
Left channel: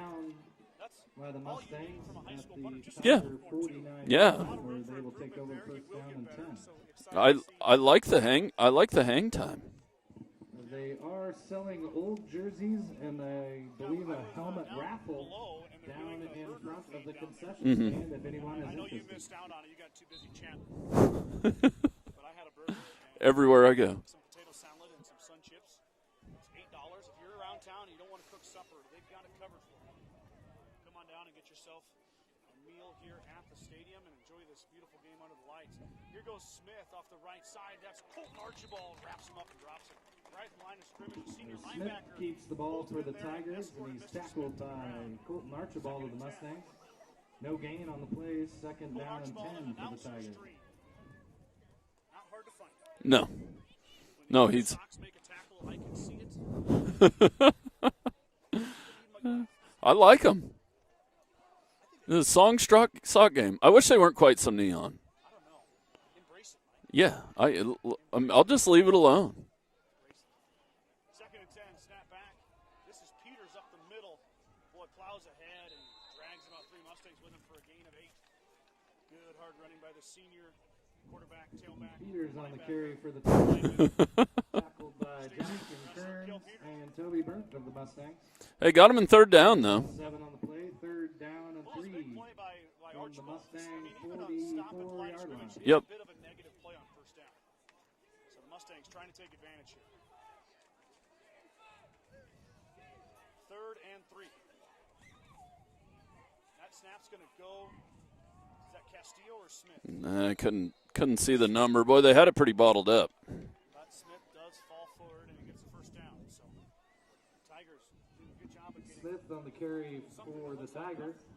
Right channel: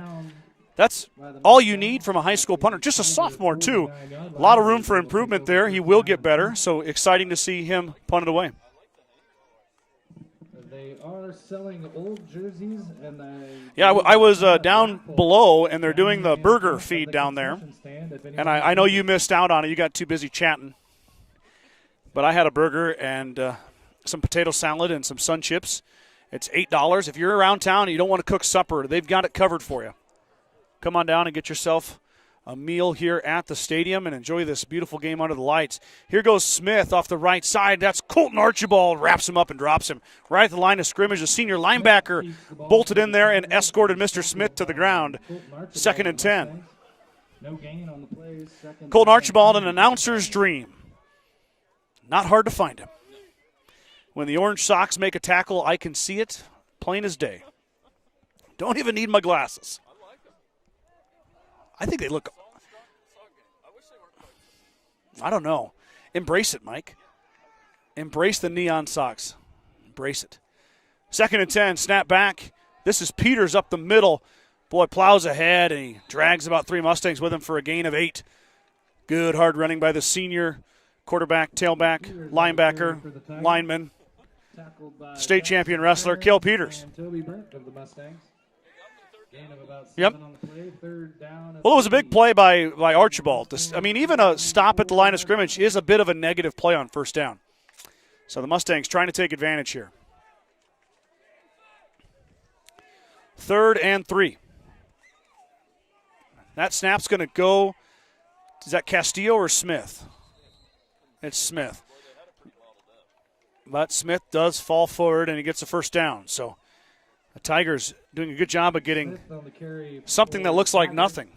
That's all you need from a high school punter. Just a sophomore, too. Yeah. A lot of room for improvement there. He will get better, so exciting to see him punt it away. I like the hang time. They are selling old jerseys. Yeah, I was down below, and they're doing the burger feed down there. Mm-hmm. And I know you missed out on it. You got too busy chatting. But I had a burger and everywhere I go, some potato salad and some Sun Chips. It's $8. If you're around town and you don't want to cook supper, they've got it covered for you. Come on down and get yourself a meal here at the stadium and enjoy this beautiful game under the lights. Here goes Smith off the right side. That's Colton Archibald. Wraps him up and drops him right at the line of scrimmage. The senior linebacker bolted in there and escorted Mr. Smith to the ground. 2nd and 10. No gain on the plays. Colton Archibald, an announcer's dream. Not hard to find him. No. When the Orange Sox make a tackle, I can see it plain as day. Don't even need my glasses. I like them. I think they look. The Songstruck sock game. I wish they weren't quite so neon. I don't know. Embrace it, Mike. Yeah. Embrace I'll the just neon leave it alone. socks. Embrace it. 2nd and 10. Snap back. This is Peters up the middle. Boy, plows ahead, and he drags about 3 Mustangs with him for a gain of 8. Good hard running by the senior quarterback, tailback, linebacker, lineman, state champion wrestler, Cale Peters. And Toby Burnt of the Mustangs. They got him in third down, though. Yep. On the play, third down at Well, it was a big 3. play by Archibald. I mean, even a stop at the line of scrimmage is Yep. a bit of a negative play on first down. So the Mustangs trying to take advantage here. 3rd and 3. That snap's going to go. Is that Castillo or Smith? I couldn't see It's the Smith. number. Boy, they had it pretty bottled up. But Smith does fall forward, and he gets a first down. So the Tigers doing a good job of getting Smith on the carry something that for looks like Tigers. nothing.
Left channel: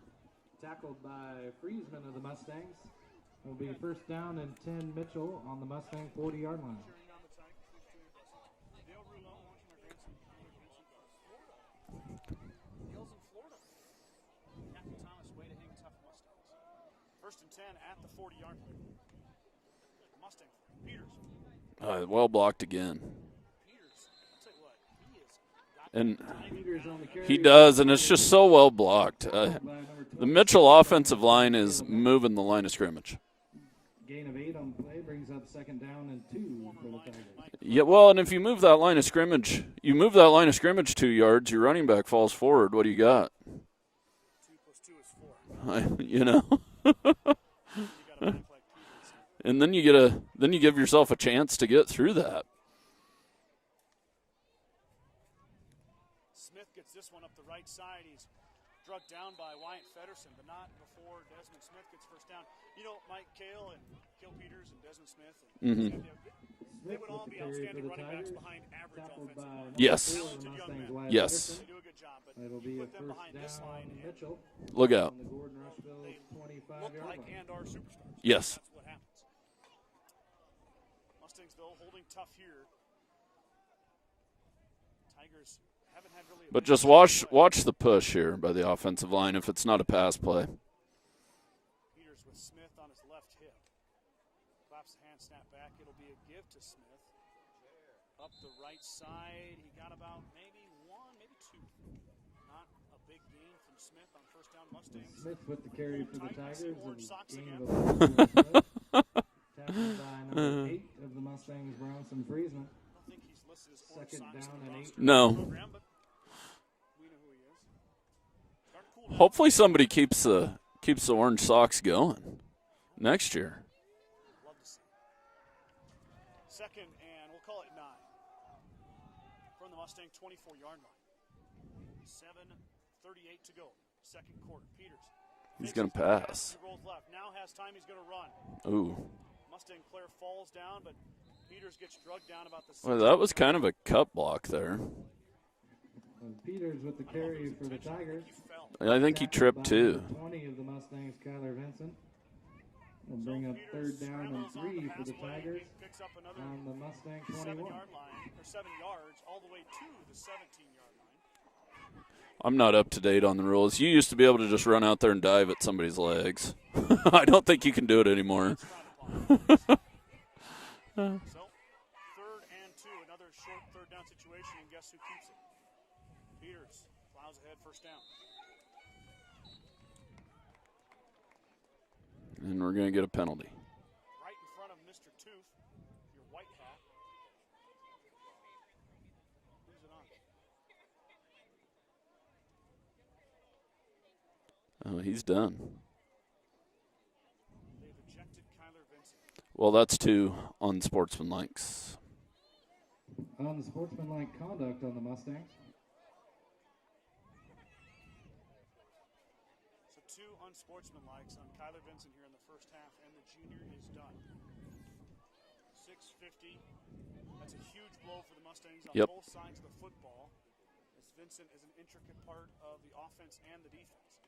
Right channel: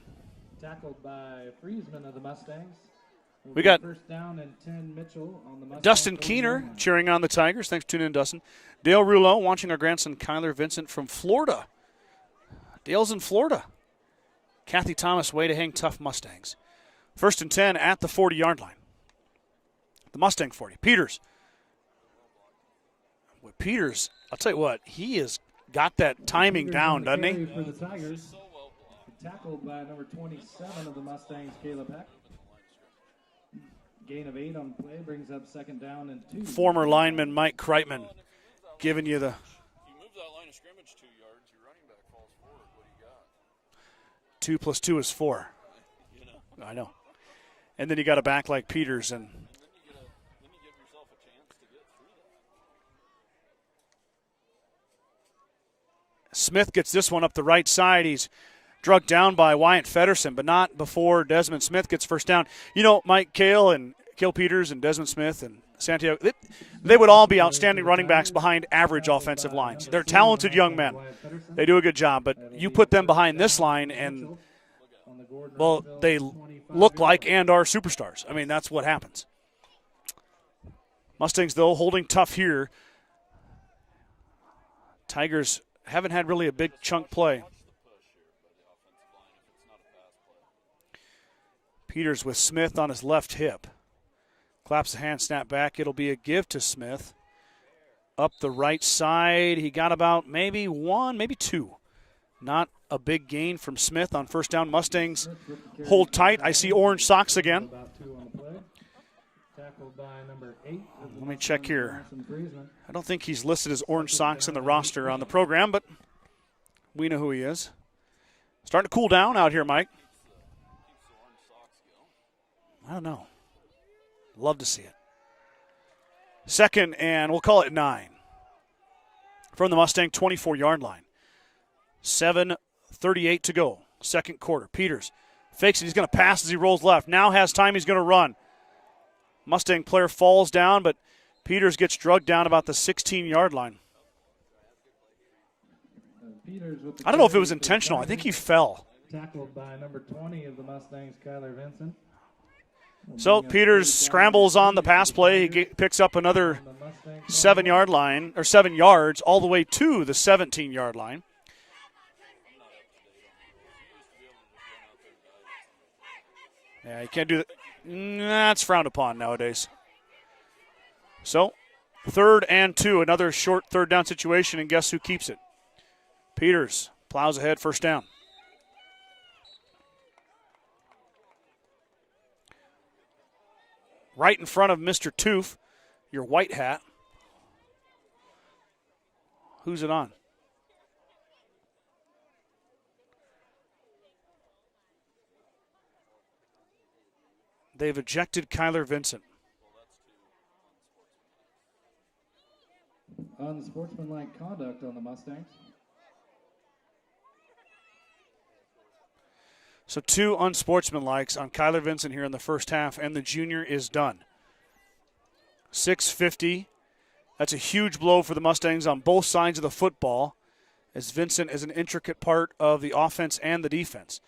Tackled by Friesman of the Mustangs. Will We be got first down and 10 Mitchell on the Mustangs. Dustin Keener cheering on the Tigers. Thanks for tuning in, Dustin. Dale Rouleau watching our grandson Kyler Vincent from Florida. Dale's in Florida. Kathy Thomas, way to hang tough Mustangs. 1st and 10 at the 40-yard line. The Mustang 40. Peters. Well blocked again. Peters, I'll tell you what, he has got that timing down, doesn't He he? does, and it's just so well blocked. The Mitchell offensive line is moving the line of scrimmage. Gain of 8 on the play brings up 2nd down and 2. Former lineman Mike Yeah, Kreitman. well, and if you move that line of Giving you the- scrimmage, you move that line of scrimmage 2 yards, your running back falls forward. What do you got? 2 + 2 is 4. You know, I know. And then you got a back like Peters, and and then you give yourself a chance to get through that. Smith gets this one up the right side. He's drugged down by Wyatt Feddersen, but not before Desmond Smith gets first down. You know, Mike Cale and Cale Peters and Desmond Smith and Santiago, they would all be outstanding running backs behind average offensive lines. Yes. They're talented young men. Yes, They do a good job, but you put them behind this line and, look out. well, they look like and are superstars. I Yes. mean, that's what happens. Mustangs, though, holding tough here. Tigers haven't had really a But big just chunk play. watch the push here by the offensive line if it's not a pass play. Peters with Smith on his left hip. Claps the hand, snap back. It'll be a give to Smith. Up the right side. He got about maybe 1, maybe 2. Not a big gain from Smith on first down. Mustangs hold tight. I see orange socks again. Let me check here. I don't think he's listed as orange socks in the roster on No. the program, but we know who he is. Starting to cool down Hopefully out here, somebody Mike. keeps the orange socks going I don't know. next year. Love to see it. 2nd, and we'll call it 9. From the Mustang 24-yard line. 7:38 to go. 2nd quarter. Peters fakes it. He's going to pass as he rolls left. Now has time. He's going to run. Ooh, Mustang player falls down, but Peters gets drugged down about the well, that 16-yard was kind line. of a cut block there. I don't know if it was intentional. I think he fell. I think he tripped too. 20 of the Mustangs, Kyler Vincent. So Peters scrambles on the pass play. He picks up another 7-yard line, or 7 yards, all the way to the 17-yard line. I'm not up to date on the rules. You used to be able to just run out there and dive at somebody's legs. can't I do don't it. think you can do it anymore. That's frowned upon nowadays. So, 3rd and 2, another short third down situation, and guess who keeps it? Peters plows ahead, first down. And we're going to get a penalty. Right in front of Mr. Toof, your white hat. Who's it on? Oh, he's done. They've ejected Kyler Vincent. Well, that's 2 unsportsmanlikes. Unsportsmanlike conduct on the Mustangs. So 2 unsportsmanlikes on Kyler Vincent here in the first half, and the junior is done. 6:50. That's a huge blow for the Mustangs on both sides of the football, as Vincent is an intricate part of the offense and the defense.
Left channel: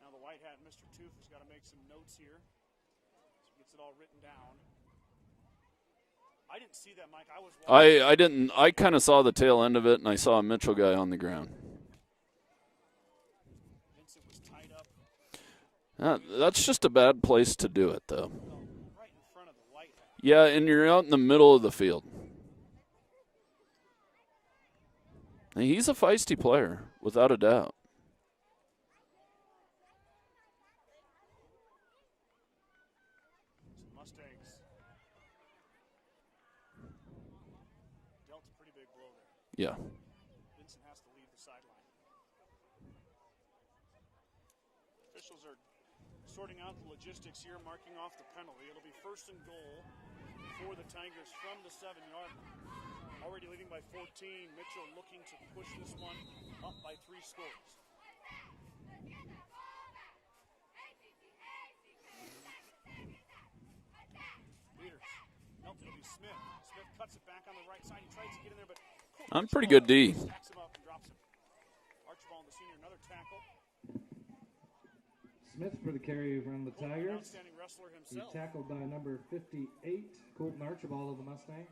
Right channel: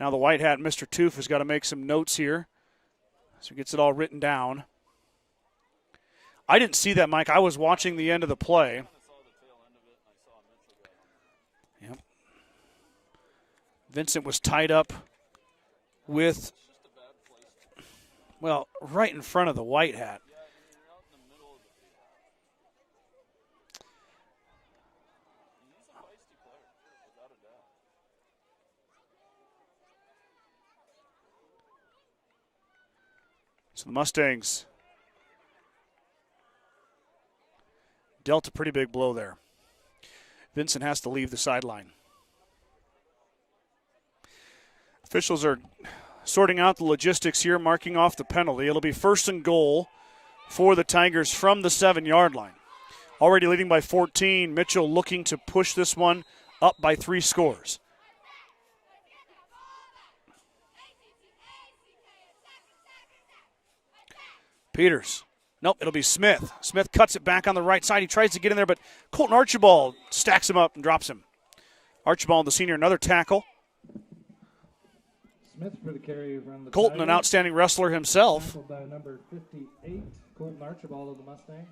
Now the white hat, Mr. Toof, has got to make some notes here, so he gets it all written down. I didn't see that, Mike. I was watching the end of the play. I kind of saw the tail end of it, and I saw a Mitchell guy on the ground. Vincent was tied up That's just a bad place to do it, though. well, right in front of the white hat. Yeah, and you're out in the middle of the field. And he's a feisty player, without a doubt. So the Mustangs dealt a pretty big blow there. Yeah. Vincent has to leave the sideline. Officials are sorting out the logistics here, marking off the penalty. It'll be 1st and goal for the Tigers from the 7-yard line. Already leading by 14. Mitchell looking to push this one up by 3 scores. Peters. Nope, it'll be Smith. Smith cuts it back on the right side. He tries to get in there, but Colton Archibald stacks him up and drops him. Archibald, the senior, another tackle. Smith for the carry from the Colton, Tigers. an outstanding wrestler himself. Tackled by number 58, Colton Archibald of the Mustangs.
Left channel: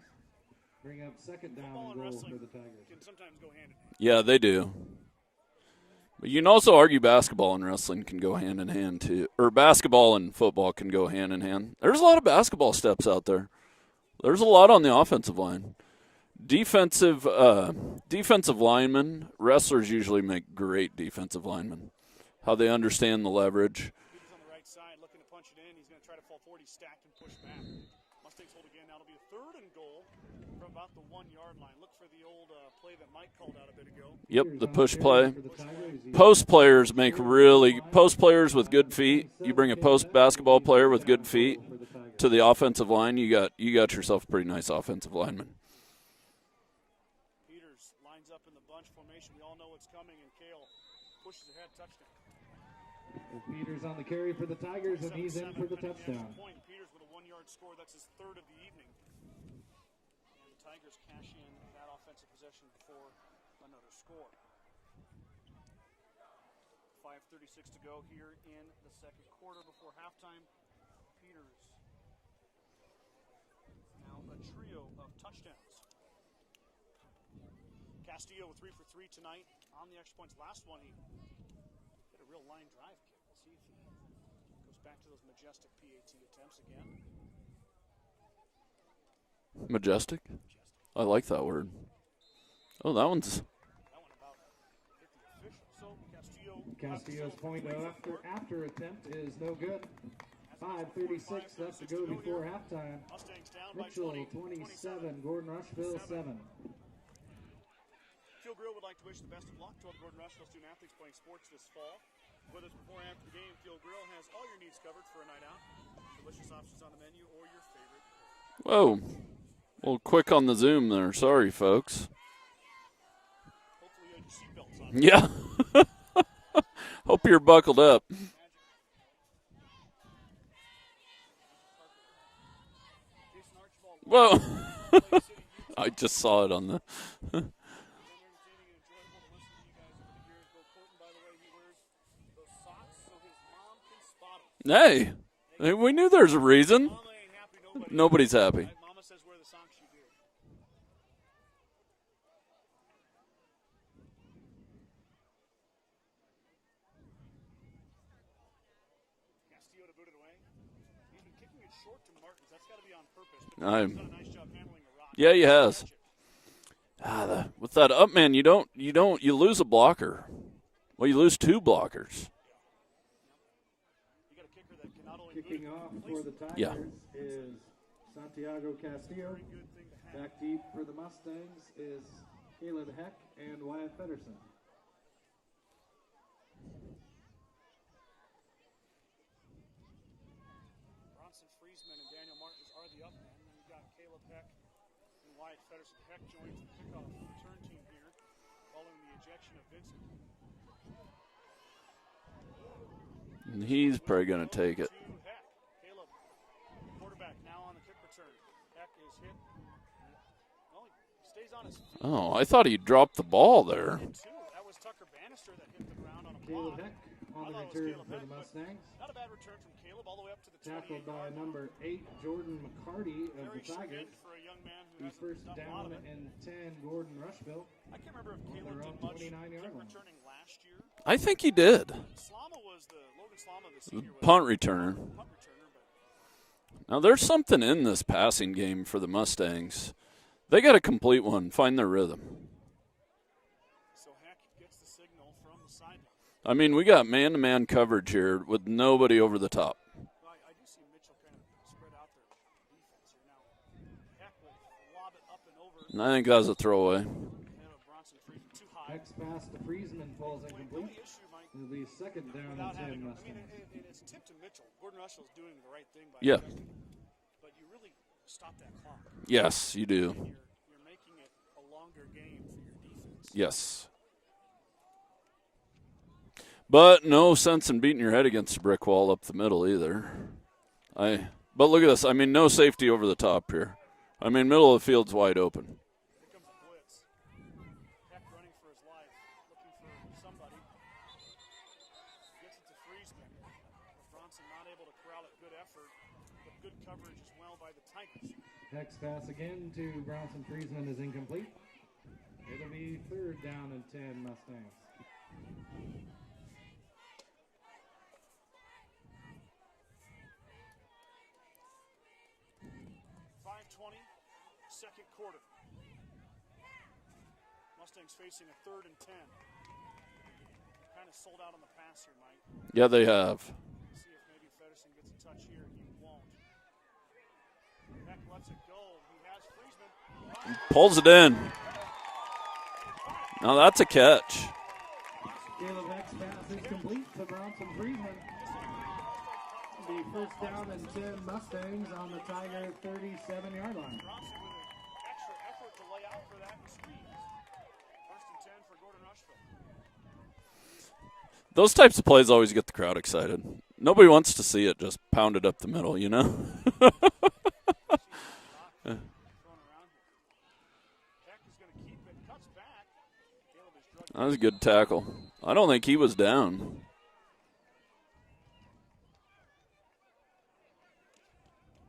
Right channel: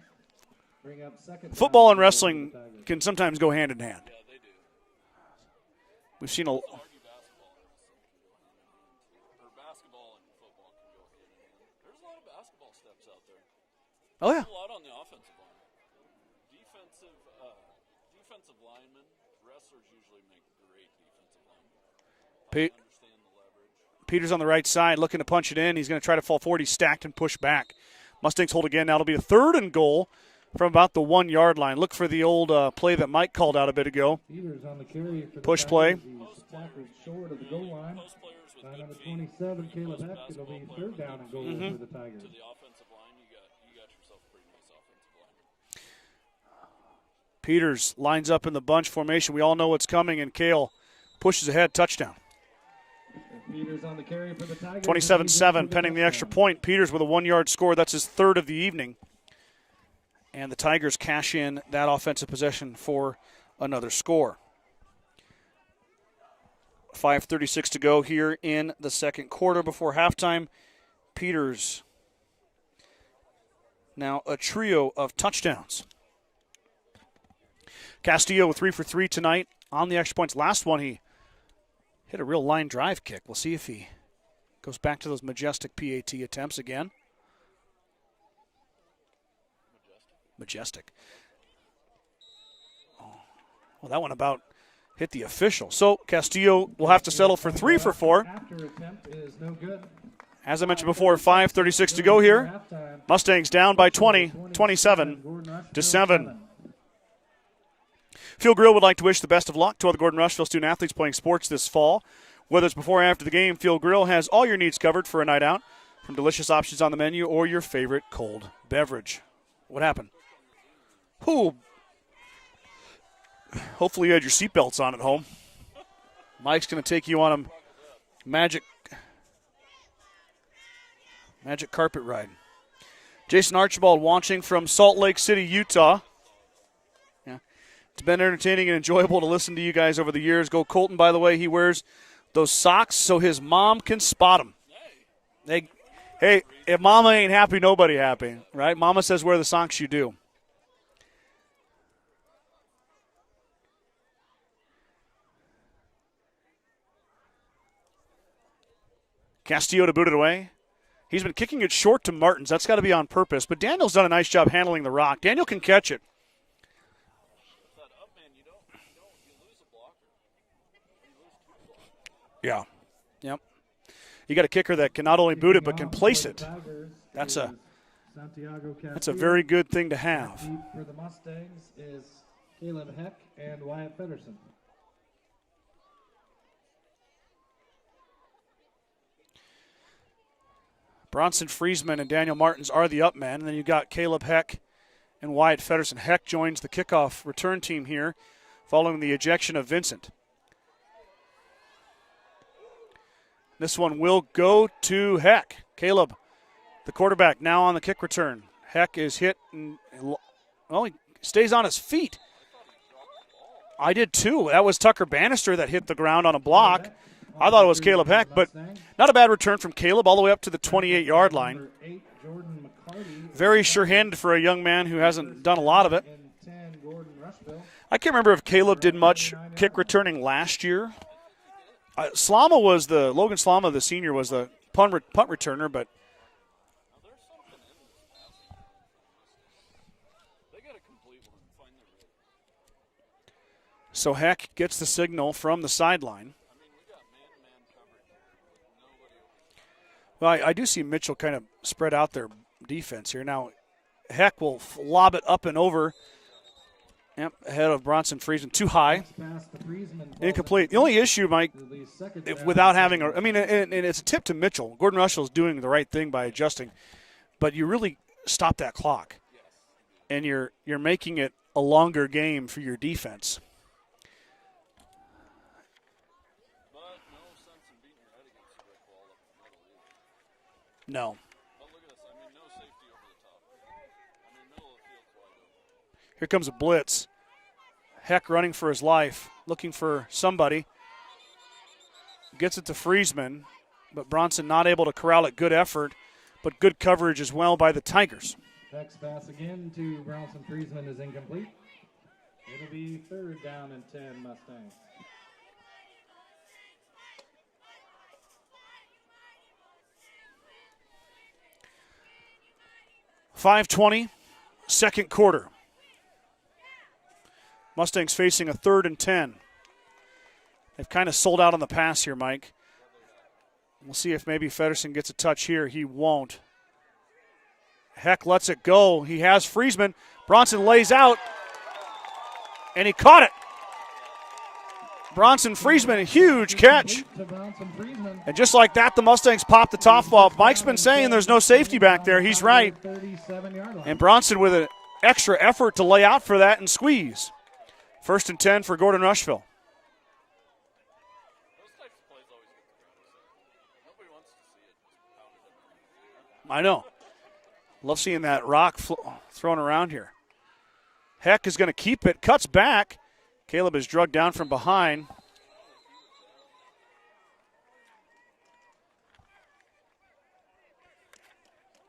Bring up second Football down and wrestling can sometimes go hand in hand. Yeah, they do. You can also argue basketball and wrestling can go hand in hand, too. Or basketball and football can go hand in hand. There's a lot of basketball steps out there. There's a lot on the offensive line. Defensive linemen, wrestlers usually make great defensive linemen. How they understand the leverage. Peters on the right side looking to punch it in. He's going to try to fall forward. He's stacked and pushed back. Mustangs hold again. Now it'll be a 3rd and goal from about the 1-yard line. Look for the old play that Mike called out a bit ago. Yep, the push play. Push play. Post players post players with good feet. You bring a post basketball player with good feet to the offensive line, you got yourself a pretty nice offensive lineman. Peters lines up in the bunch formation. We all know what's coming, and Kale pushes ahead. Touchdown. Peters on the carry for the Tigers. 27-7, pending the extra point. Peters with a 1-yard score. That's his 3rd of the evening. And the Tigers cash in that offensive possession for another score. 5:36 to go here in the second quarter before halftime. Peters now a trio of touchdowns. Castillo with 3 for 3 tonight on the extra points. Last one, he hit a real line drive kick. We'll see if he goes back to those majestic PAT attempts again. Majestic? Majestic. I like that word. Oh, that one's... Well, that one about hit the official. So Castillo will have to settle for 3 for 4. As I mentioned before, 5:36 to go here. Mustangs down by 20, 27-7. Field Grill would like to wish the best of luck to all the Gordon-Rushville student athletes playing sports this fall. Whether it's before or after the game, Field Grill has all your needs covered for a night out, from delicious options on the menu or your favorite cold beverage. What happened? Quick on the Zoom there. Sorry, folks. Hopefully you had your seatbelts on. Yeah. Mike's going to take you Hope on you're buckled up. Magic carpet ride. Jason Archibald watching from Salt Lake City, Utah. I just saw it on the... Yeah. It's been entertaining and enjoyable to listen to you guys over the years. Go Colton, by the way. He wears those socks so his mom can spot him. Hey, we knew there was a reason. If mama ain't happy, nobody's happy. Right? Mama says wear the socks you do. Castillo to boot it away. He's been kicking it short to Martins. That's got to be on purpose. But Daniel's done a nice job handling the rock. Yeah, Daniel can catch it. With that up man, you lose a blocker. Well, you lose 2 blockers. Yeah. Yep. You got a kicker that can not only boot it but can place it. Yeah. That's a very good thing to have. For the Mustangs is Caleb Heck and Wyatt Feddersen. Bronson Friesman and Daniel Martins are the up men. And then you've got Caleb Heck and Wyatt Feddersen. Heck joins the kickoff return team here following the ejection of Vincent. This one will go to Heck. Caleb, the quarterback, now on the kick return. Heck is hit, and he stays on his feet. Oh, I thought he dropped the ball there. I did too. That was Tucker Bannister that hit the ground on a block. I thought it was Caleb Heck, but not a bad return from Caleb all the way up to the 28-yard line. Very sure-handed for a young man who hasn't done a lot of it. I can't remember if Caleb did much kick returning last year. I think he did. Logan Slama, the senior, was punt a returner. punt returner. But now there's something in this passing game for the Mustangs. They got to complete one, find their rhythm. So Heck gets the signal from the sideline. I mean, we got man-to-man coverage here with nobody over the top. Well, I do see Mitchell kind of spread out their defense here. Now, Heck will lob it up and over. And I think that was a throwaway. Yep, ahead of Bronson Friesman. Too high. Pass to Friesman. Incomplete. The only issue, Mike, Release second if down without and having 10. and it's a tip to Mitchell. Gordon-Rushville is doing the right thing by Yeah. adjusting. But you really stop that clock. Yes, you do. And you're making it a longer game for your defense. Yes. But no sense in beating your head against a brick wall up the middle either. No. But look at this. I mean, no safety over the top here. I mean, middle of the field's wide open. Here comes a blitz. Heck running for his life, looking for somebody. Gets it to Friesman, but Bronson not able to corral it. Good effort, but good coverage as well by the Tigers. Next pass again to Bronson Friesman is incomplete. It'll be third down and 10 Mustangs. .520, second quarter. Mustangs facing a 3rd and 10. They've kind of sold out on the pass here, Mike. Yeah, they have. We'll see if maybe Feddersen gets a touch here. He won't. Heck lets it go. He has Friesman. Bronson lays Pulls out. it in. And he caught it. Now that's a catch. Bronson Friesman, a huge catch. To Bronson Friesman. And just like that, the Mustangs popped the top off. Mike's been saying there's no safety back there. He's right. 37-yard line. And Bronson with an extra effort to lay out for that and squeeze. 1st and 10 for Gordon-Rushville. Those types of plays always get the crowd excited. Nobody wants to see it just pounded up the middle, you know? I know. Love seeing that rock thrown around here. Heck is going to keep it. Cuts back. Caleb is drugged That down was a from good behind. tackle. I don't think he was down.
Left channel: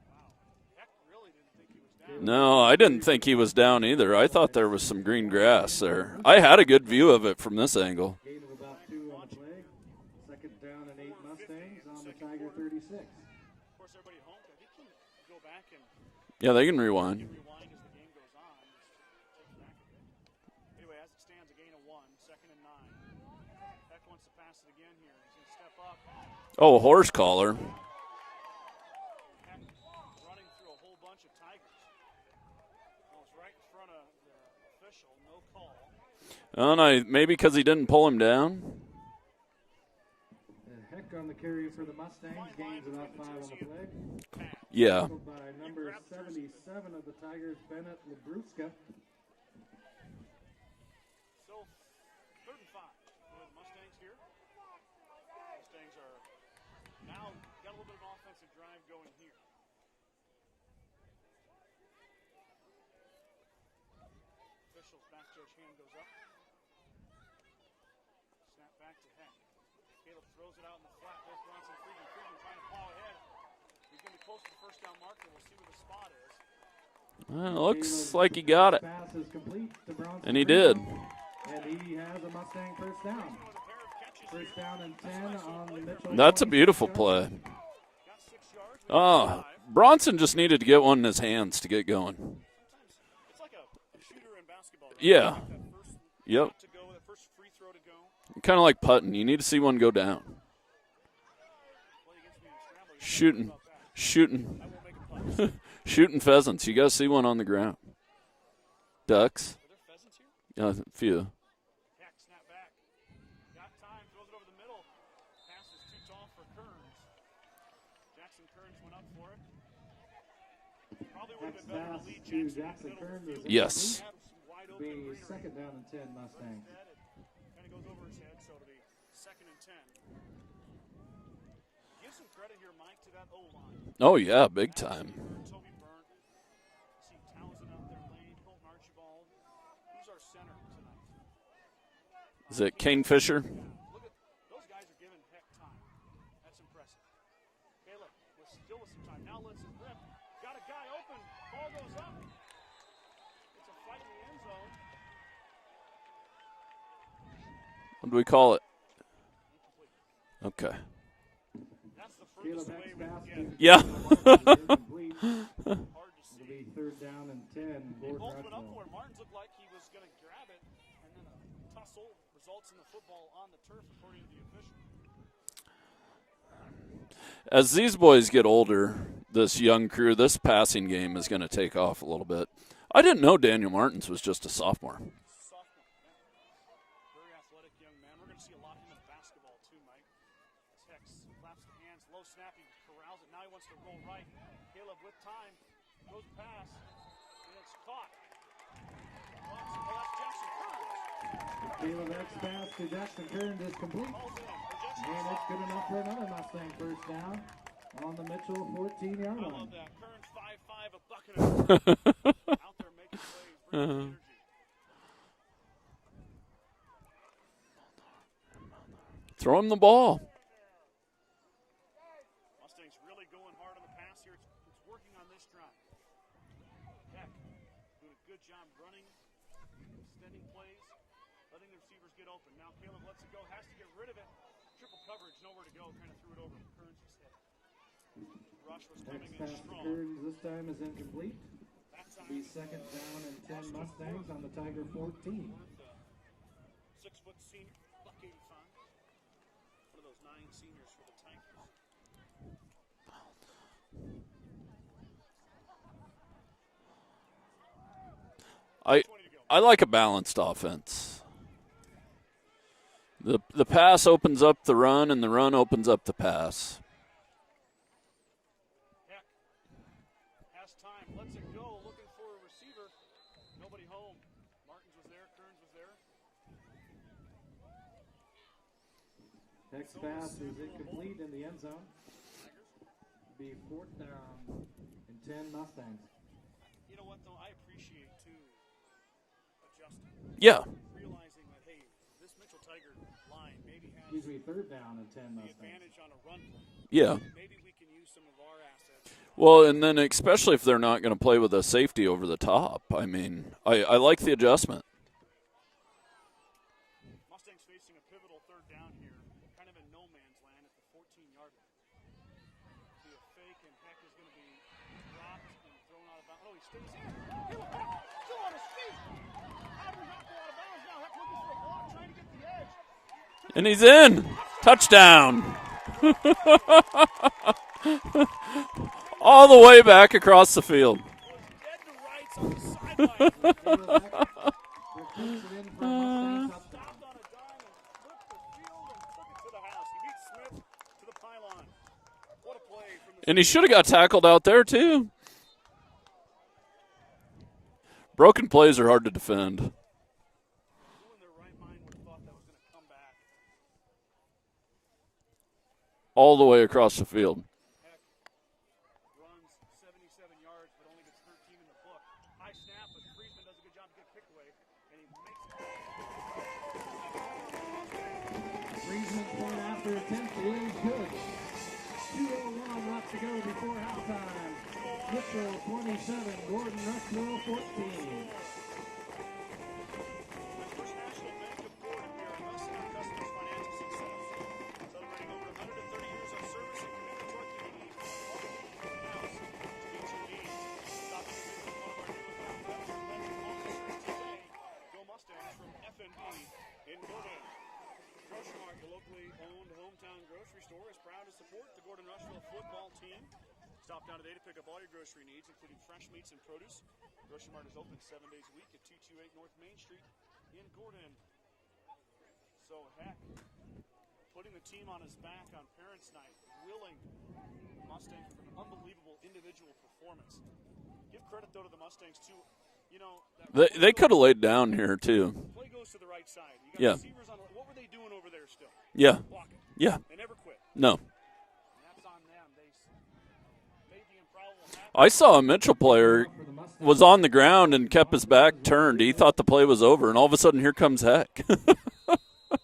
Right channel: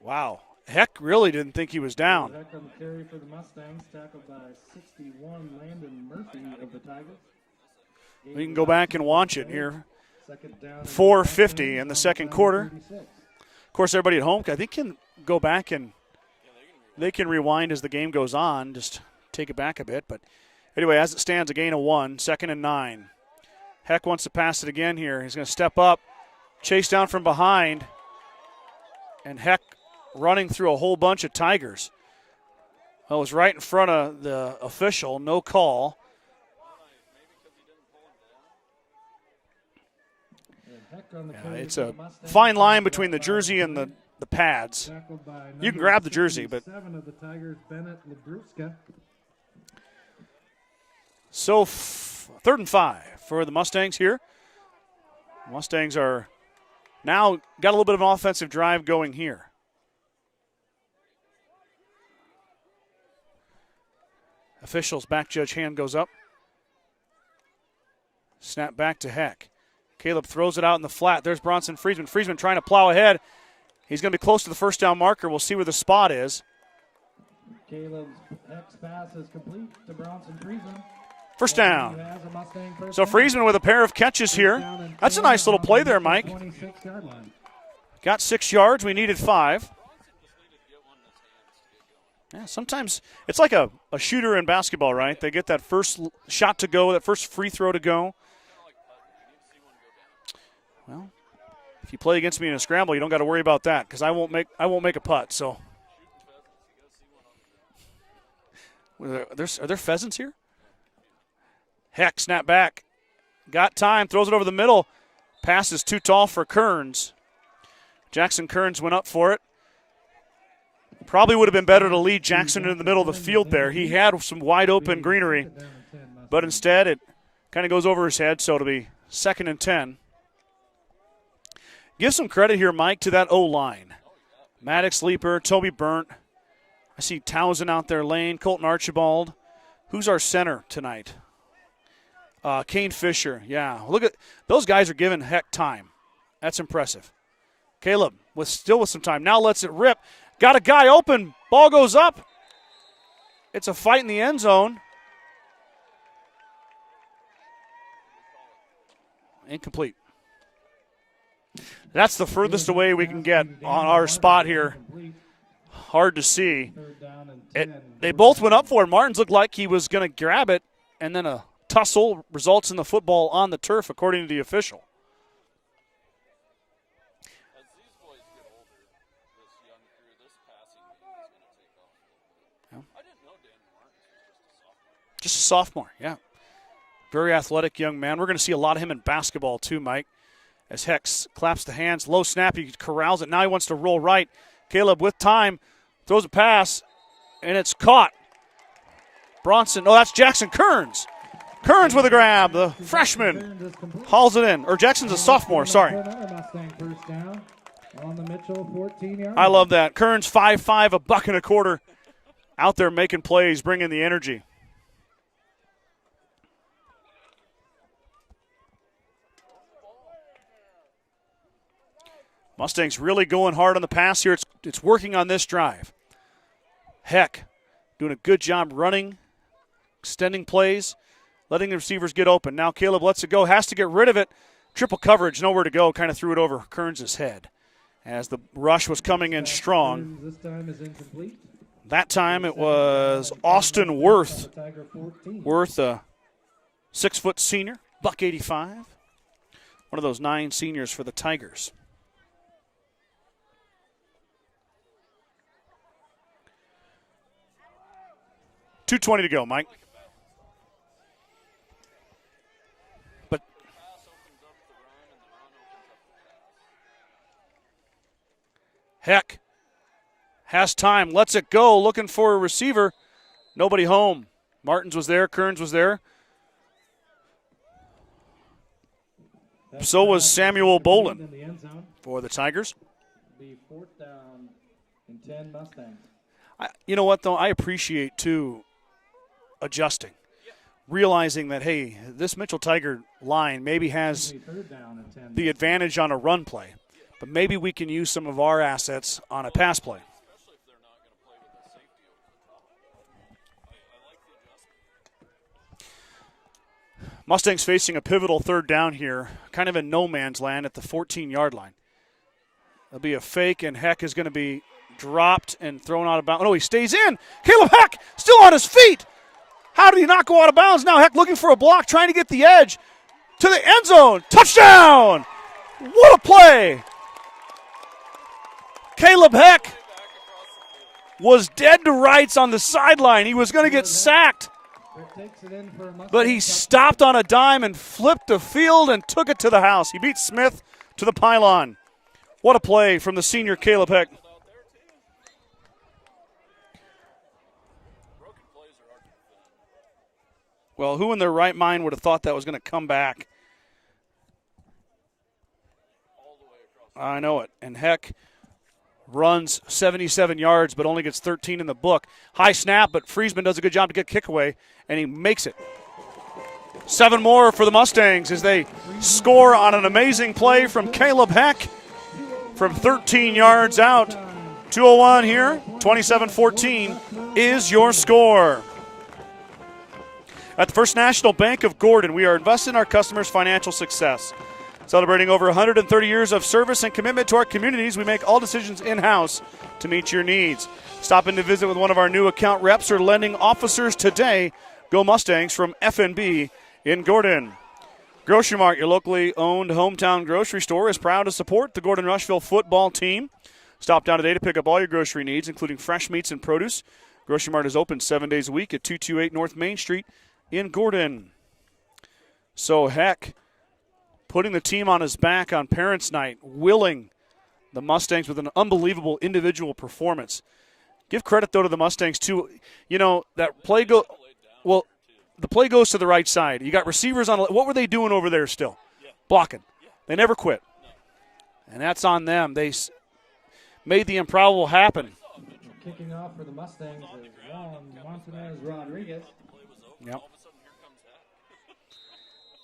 Wow. Heck really didn't think he was down. No, I didn't think he was down either. I thought there was some green grass there. I had a good view of it from this angle. We can go back and watch it here. Second down and 4:50 in the second quarter. 36. Of course, everybody at home, I think, can go back and Yeah, they can rewind. they can rewind as the game goes on, just take it back a bit. But anyway, as it stands, a gain of 1, 2nd and 9. Heck wants to pass it again here. He's going to step up, chase down horse from collar. behind. And Heck running through a whole bunch of Tigers. Well, it was right in front of the official, no call. Oh, no, maybe because he didn't pull him down. And Heck on the carry It's for a the Mustangs. fine line between the jersey and the pads. Yeah. You can grab the jersey, but 7 of the Tigers, Bennett Legruska. So 3rd and 5 for the Mustangs here. Mustangs are now got a little bit of an offensive drive going here. Officials back judge hand goes up. Snap back to Heck. Caleb throws it out in the flat. There's Bronson Friesman. Friesman trying to plow ahead. He's going to be close to the first down marker. We'll see where the spot is. Well, looks like he got it. Pass is complete to Bronson And he did. First He down. has a Mustang first So down. Friesman with a pair of catches here. That's a nice little play there, Mike. That's a beautiful play. Got 6 yards. We needed 5. Bronson just needed to get one in his hands to get going. Yeah, sometimes it's like a shooter in basketball, right? Yeah. They get that first Yep. shot to go, that first free throw to go. Kind of like putting. You need to see one go down. Well, if you play against me in a scramble, you don't got to worry Shooting. about that because I Shooting. won't make a putt. So Shooting pheasants. You got to see one on the ground. Ducks. Are there pheasants here? Yeah, a few. Heck, snap back. Got time, throws it over the middle. Pass is too tall for Kearns. Jackson Kearns went up for it. Probably would have been better to lead Jackson in the middle of the field there. Yes. He had some wide open greenery, Second down and 10 Mustangs. but instead it kind of goes over his head, so it'll be 2nd and 10. Give some credit here, Mike, to that O-line. Oh, yeah, big Maddox time. Leaper, Toby Burnt. I see Townsend out there, Lane, Colton Archibald. Who's our center tonight? Is it Kane Kane Fisher. Fisher? Yeah, look at those guys are giving Heck time. That's impressive. Caleb still with some time. Now lets it rip. Got a guy open. Ball goes up. It's a fight in the end zone. What do we call it? Incomplete. Okay. That's the furthest away we can get Yeah. on our spot here. Hard to see. Third down and 10. They both went up for it. Martins looked like he was going to grab it, and then a tussle results in the football on the turf, according to the official. As these boys get older, this young crew, this passing game is going to take off a little bit. I didn't know Daniel Martins was just a sophomore. Just a sophomore, yeah. Very athletic young man. We're going to see a lot of him in basketball too, Mike. As Hex claps the hands, low snap, he corrals it. Now he wants to roll right. Caleb with time, throws a pass, and it's caught. Bronson, no, that's Jackson Kearns. Kearns with a grab, the freshman hauls it in. Or Jackson's a sophomore, sorry. I love that. Kearns 5'5", a buck and a quarter. Out there making plays, bringing the energy. Throw him the ball. Mustangs really going hard on the pass here. It's working on this drive. Heck, doing a good job running, extending plays, letting the receivers get open. Now Caleb lets it go, has to get rid of it. Triple coverage, nowhere to go, kind of threw it over Kearns' head as the rush was coming in strong. That time it was Austin Worth. Worth, a 6-foot senior, buck 85. One of those 9 seniors for the Tigers. .220 to go, Mike. I like a balanced offense. The pass opens up the run, and the run opens up the pass. Heck has time, lets it go, looking for a receiver. Nobody home. Martins was there, Kearns was there. So was Samuel Bolin for the Tigers. You know what, though? I appreciate, too, adjusting. Yeah. Realizing that, hey, this Mitchell Tiger line maybe has the advantage on a run play. Yeah. But maybe we can use some of our assets on a well, pass and then play. especially if they're not going to play with a safety over the top. I mean, I like the adjustment. Mustangs facing a pivotal third down here, kind of in no man's land at the 14-yard line. There'll be a fake, and Heck is going to be dropped and thrown out of bounds. Oh, he stays in. Caleb Heck still on his feet. How did he not go out of bounds? Now Heck looking for a block, trying to get the edge to the end zone. Touchdown! What a play! Caleb all Heck the way back across the field. Was dead to rights on the sideline. He was going to get sacked. But he stopped on a dime and flipped the field and took it to the house. He beat Smith to the pylon. What a play from the and senior. He should have got tackled out there, too. Broken plays are hard to defend. Well, who in their right mind would have thought that was going to come back? All the way across the field. I know it. And Heck runs 77 yards but only gets 13 in the book. High snap, but Friesman does a good job to get kick away, and he makes it. 7 more for the Mustangs as they score on an amazing play from Caleb Heck from 13 yards out. 2:01 here, 27-14 is your score. At the First National Bank of Gordon, we are invested in our customers' financial success. Celebrating over 130 years of service and commitment to our communities, we make all decisions in-house to meet your needs. Stop in to visit with one of our new account reps or lending officers today. Go Mustangs from FNB in Gordon. Grocery Mart, your locally owned hometown grocery store, is proud to support the Gordon-Rushville football team. Stop down today to pick up all your grocery needs, including fresh meats and produce. Grocery Mart is open 7 days a week at 228 North Main Street in Gordon. So Heck putting the team on his back on Parents' Night, willing the Mustangs with an unbelievable individual performance. Give credit, though, to the Mustangs, too. You know, that play they could have laid down here, too. The play goes to the right side. You got receivers on. What were they doing over there still? Yeah. Blocking. Yeah. They never quit. No. And that's on them. They made the improbable happen. I saw a Mitchell player was on the ground and kept his back turned. He thought the play was over, and all of a sudden, here comes Heck.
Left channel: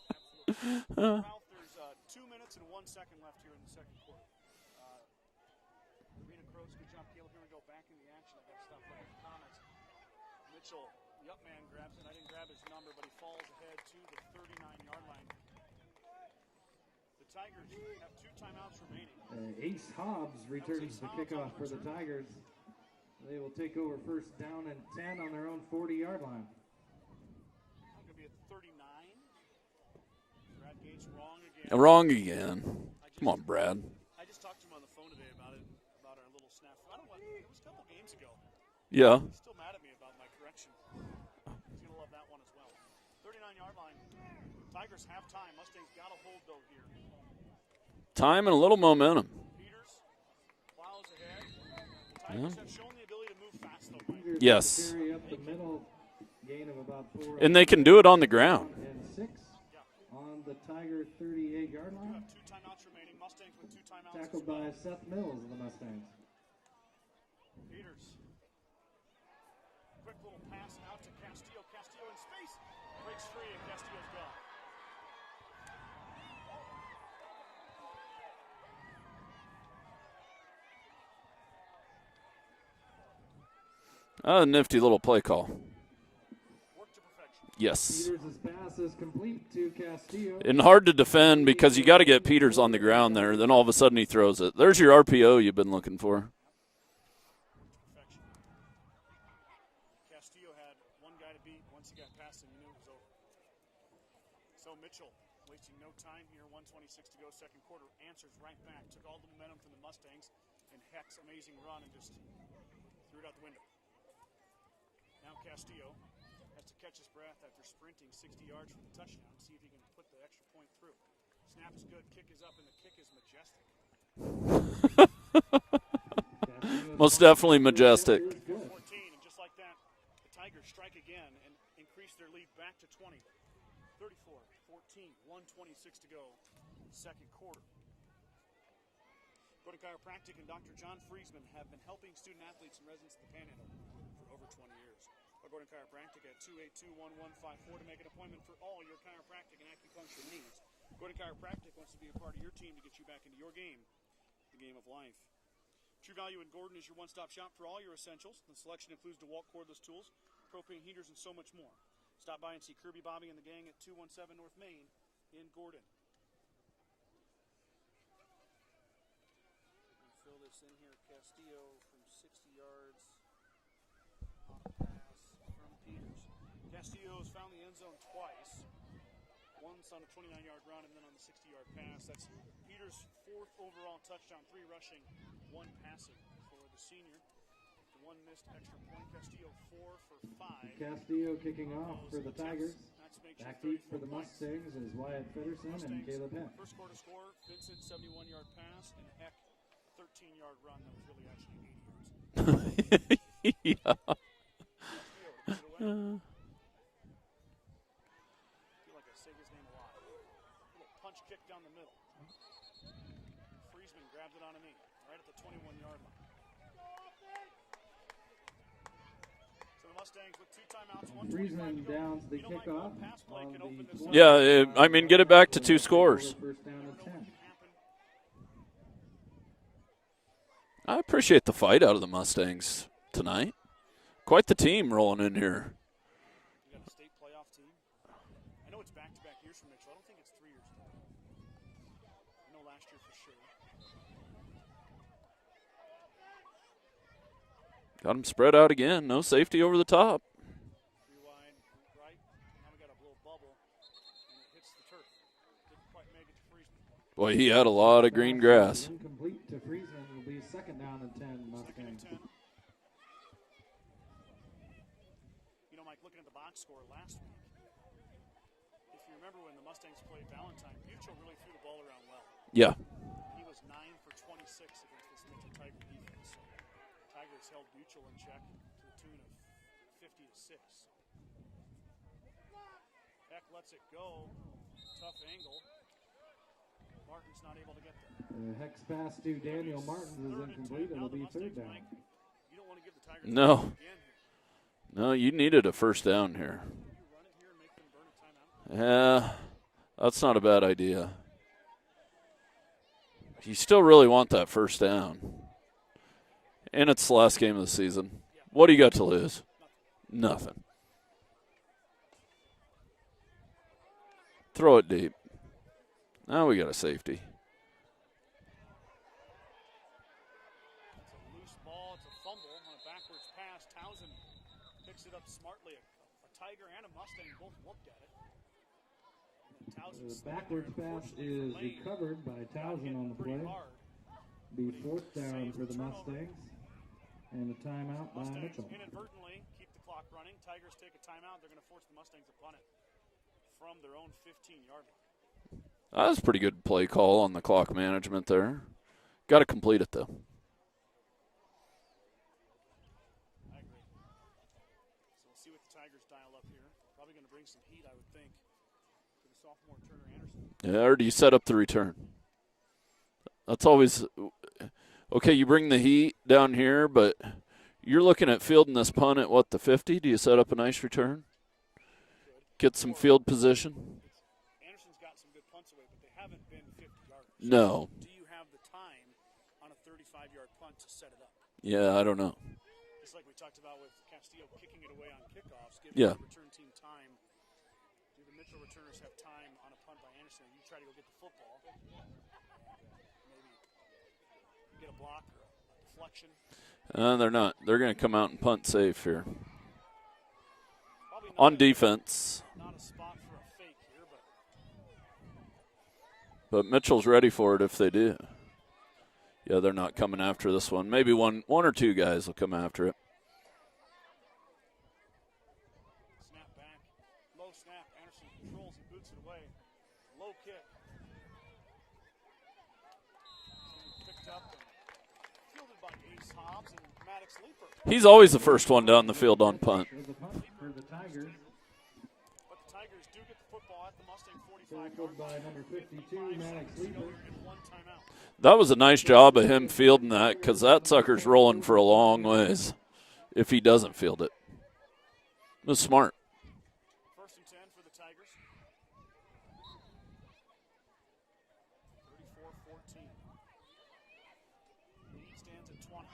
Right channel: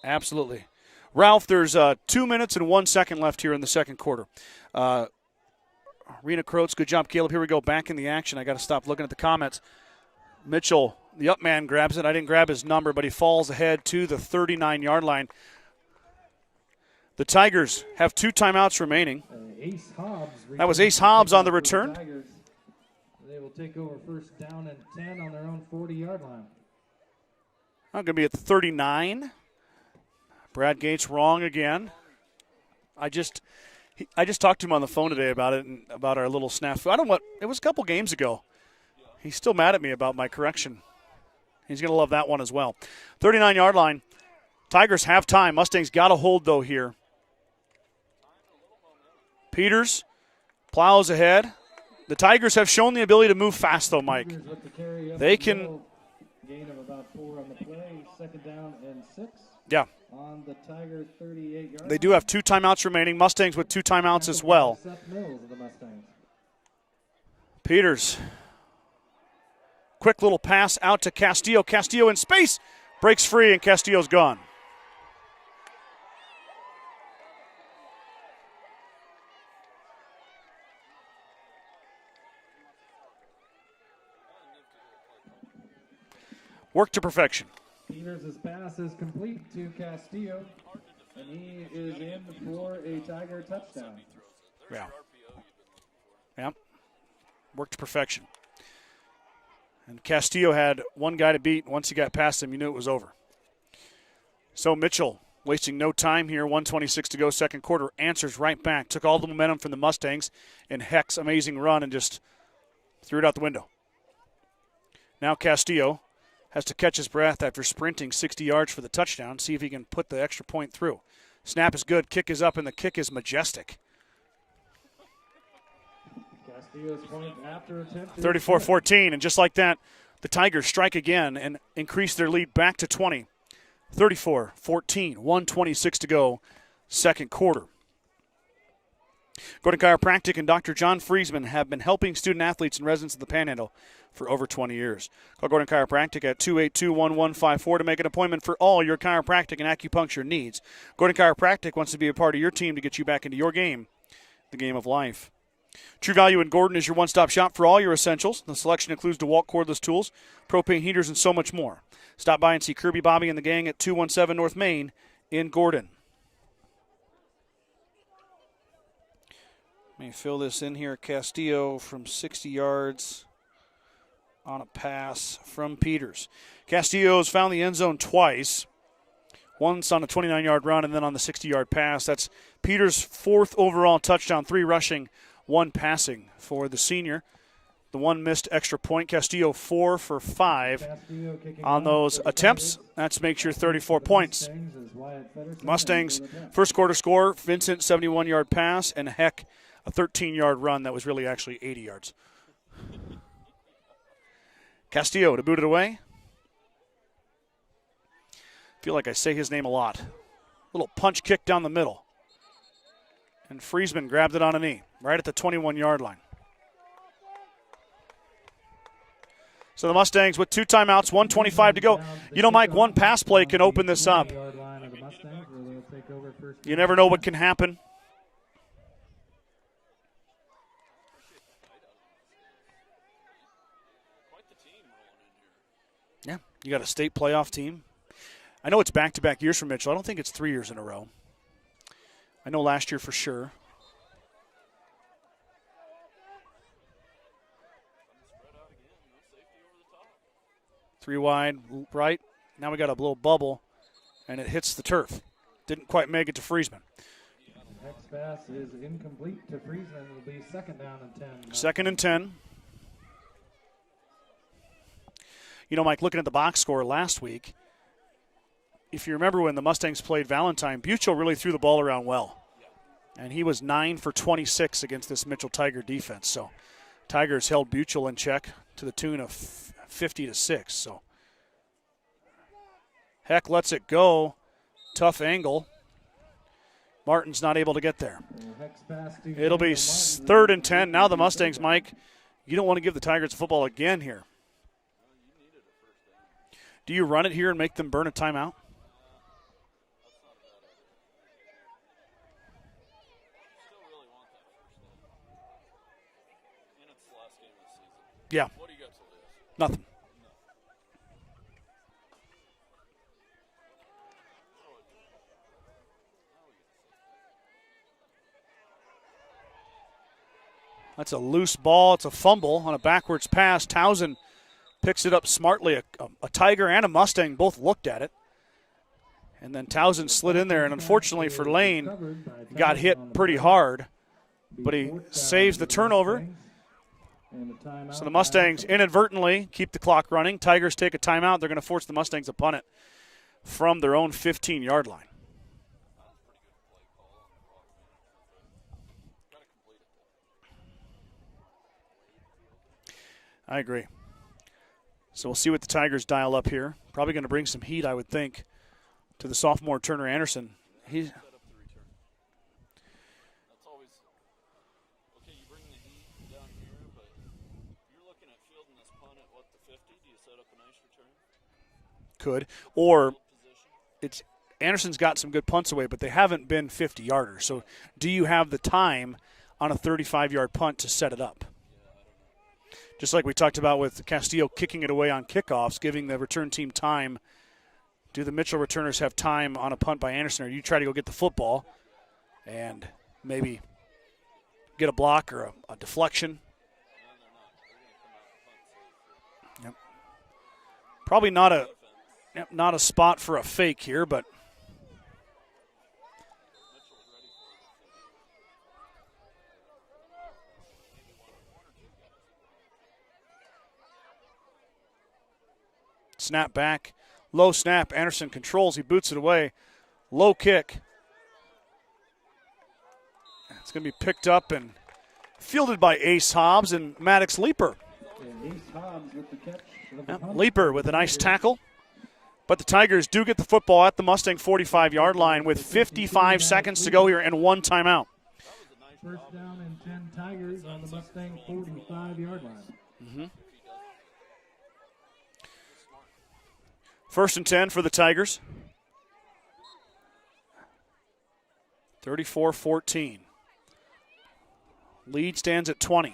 Absolutely. Ralph, there's 2 minutes and 1 second left here in the second quarter. Rena Croats, good job, Caleb. Here we go, back in the action. I got to stop looking at the comments. Mitchell, the up man, grabs it. I didn't grab his number, but he falls ahead to the 39-yard line. The Tigers have 2 timeouts remaining. That was Ace Hobbs on the return. They will take over first down and 10 on their own 40-yard line. I'm going to be at the 39. Brad Gates wrong again. Wrong again. I just, Come on, Brad. I just talked to him on the phone today about it and about our little snafu. I don't know what, it was a couple games ago. Yeah. He's still mad at me about my correction. He's going to love that one as well. 39-yard line. Tigers have time. Mustangs got a hold, though, here. Time and a little momentum. Peters plows ahead. The Tigers have shown the ability to move fast, though, Mike. Yes. They can. And they can do it on the ground. Yeah. They do have 2 timeouts remaining. Mustangs with 2 timeouts as well. Peters. Quick little pass out to Castillo. Castillo in space. Breaks free, and Castillo's gone. A nifty little play call. Work to perfection. Yes. Peters' pass is complete to Castillo. And hard to defend because you got to get Peters on the ground there. Then all of a sudden he throws it. There's your RPO you've been looking for. Yep. Work to perfection. And Castillo had one guy to beat. Once he got past him, you knew it was over. So Mitchell, wasting no time here, 1:26 to go, second quarter, answers right back. Took all the momentum from the Mustangs and Heck's amazing run and just threw it out the window. Now Castillo has to catch his breath after sprinting 60 yards for the touchdown, see if he can put the extra point through. Snap is good, kick is up, and the kick is majestic. Most definitely majestic. 34-14, and just like that, the Tigers strike again and increase their lead back to 20. 34-14, 1:26 to go, second quarter. Gordon Chiropractic and Dr. John Friesman have been helping student athletes and residents of the Panhandle for over 20 years. Call Gordon Chiropractic at 282-1154 to make an appointment for all your chiropractic and acupuncture needs. Gordon Chiropractic wants to be a part of your team to get you back into your game, the game of life. True Value in Gordon is your one-stop shop for all your essentials. The selection includes DeWalt cordless tools, propane heaters, and so much more. Stop by and see Kirby, Bobby, and the gang at 217 North Main in Gordon. Let me fill this in here. Castillo from 60 yards on a pass from Peters. Castillo's found the end zone twice. Once on a 29-yard run and then on the 60-yard pass. That's Peters' 4th overall touchdown, 3 rushing, 1 passing for the senior. The 1 missed extra point. Castillo 4 for 5 on those attempts. That makes your 34 points. Mustangs first quarter score, Vincent 71-yard pass, and Heck a 13-yard run that was really actually 80 yards. Yeah. Castillo to boot it away. Feel like I say his name a lot. Little punch kick down the middle. And Friesman grabbed it on a knee, right at the 21-yard line. So the Mustangs with 2 timeouts, 1:25 to go. You know, Mike, 1 pass play can open this up. Yeah, I mean, get it back to 2 scores. You never know what can happen. I appreciate the fight out of the Mustangs tonight. Quite the team rolling in here. Yeah, you got a state playoff team. I know it's back-to-back years for Mitchell. I don't think it's 3 years in a row. I know last year for sure. Got them spread out again. No safety over the top. 3 wide, right. Now we got a little bubble, and it hits the turf. Didn't quite make it to Friesman. Boy, he had a lot of green grass. Incomplete to Friesman. It'll be 2nd down and 10. 2nd and 10. You know, Mike, looking at the box score last week, if you remember when the Mustangs played Valentine, Buchel really threw the ball around well. Yeah. And he was 9 for 26 against this Mitchell Tiger defense. So Tigers held Buchel in check to the tune of 50-6. So Heck lets it go. Tough angle. Martin's not able to get there. It'll be 3rd and 10. Now the Mustangs, Mike, you don't want to give the Tigers the football again here. No, you needed a 1st down here. Do you run it here and make them burn a timeout? Yeah, that's not a bad idea. You still really want that 1st down. And it's the last game of the season. Yeah. What do you got to lose? Nothing. Nothing. Throw it deep. Now we got a safety. That's a loose ball. It's a fumble on a backwards pass. Townsend picks it up smartly. A Tiger and a Mustang both looked at it. And then Townsend slid in there, and unfortunately for Lane, got hit pretty hard. But he saves the turnover. So the Mustangs inadvertently keep the clock running. Tigers take a timeout. They're going to force the Mustangs to punt it from their own 15-yard line. That was a pretty good play call on the clock management there. Got to complete it, though. I agree. So we'll see what the Tigers dial up here. Probably going to bring some heat, I would think, to the sophomore Turner Anderson. Yeah, or do you set up the return? That's always okay. You bring the heat down here, but you're looking at fielding this punt at what, the 50? Do you set up a nice return? Could get some field position. It's Anderson's got some good punts away, but they haven't been 50-yarders. So no. Do you have the time on a 35-yard punt to set it up? Yeah, I don't know. Just like we talked about with Castillo kicking it away on kickoffs, giving the return team time. Do the Mitchell returners have time on a punt by Anderson, or you try to go get the football and maybe get a block or a deflection? They're not. They're going to come out and punt safe here. Yep. Probably not on defense. Not a spot for a fake here, but Mitchell's ready for it if they do. Yeah, they're not coming after this one. Maybe one or two guys will come after it. Snap back. Low snap. Anderson controls. He boots it away. Low kick. It's going to be picked up and fielded by Ace Hobbs and Maddox Leeper. He's always the first one down the field on punt. Yep. Leeper with a nice tackle. But the Tigers do get the football at the Mustang 45-yard line with 55 seconds to go here and one timeout. That was a nice job of him fielding that, because that sucker's rolling for a long ways if he doesn't field it. It was smart. 1st and 10 for the Tigers. 34-14. Lead stands at 20.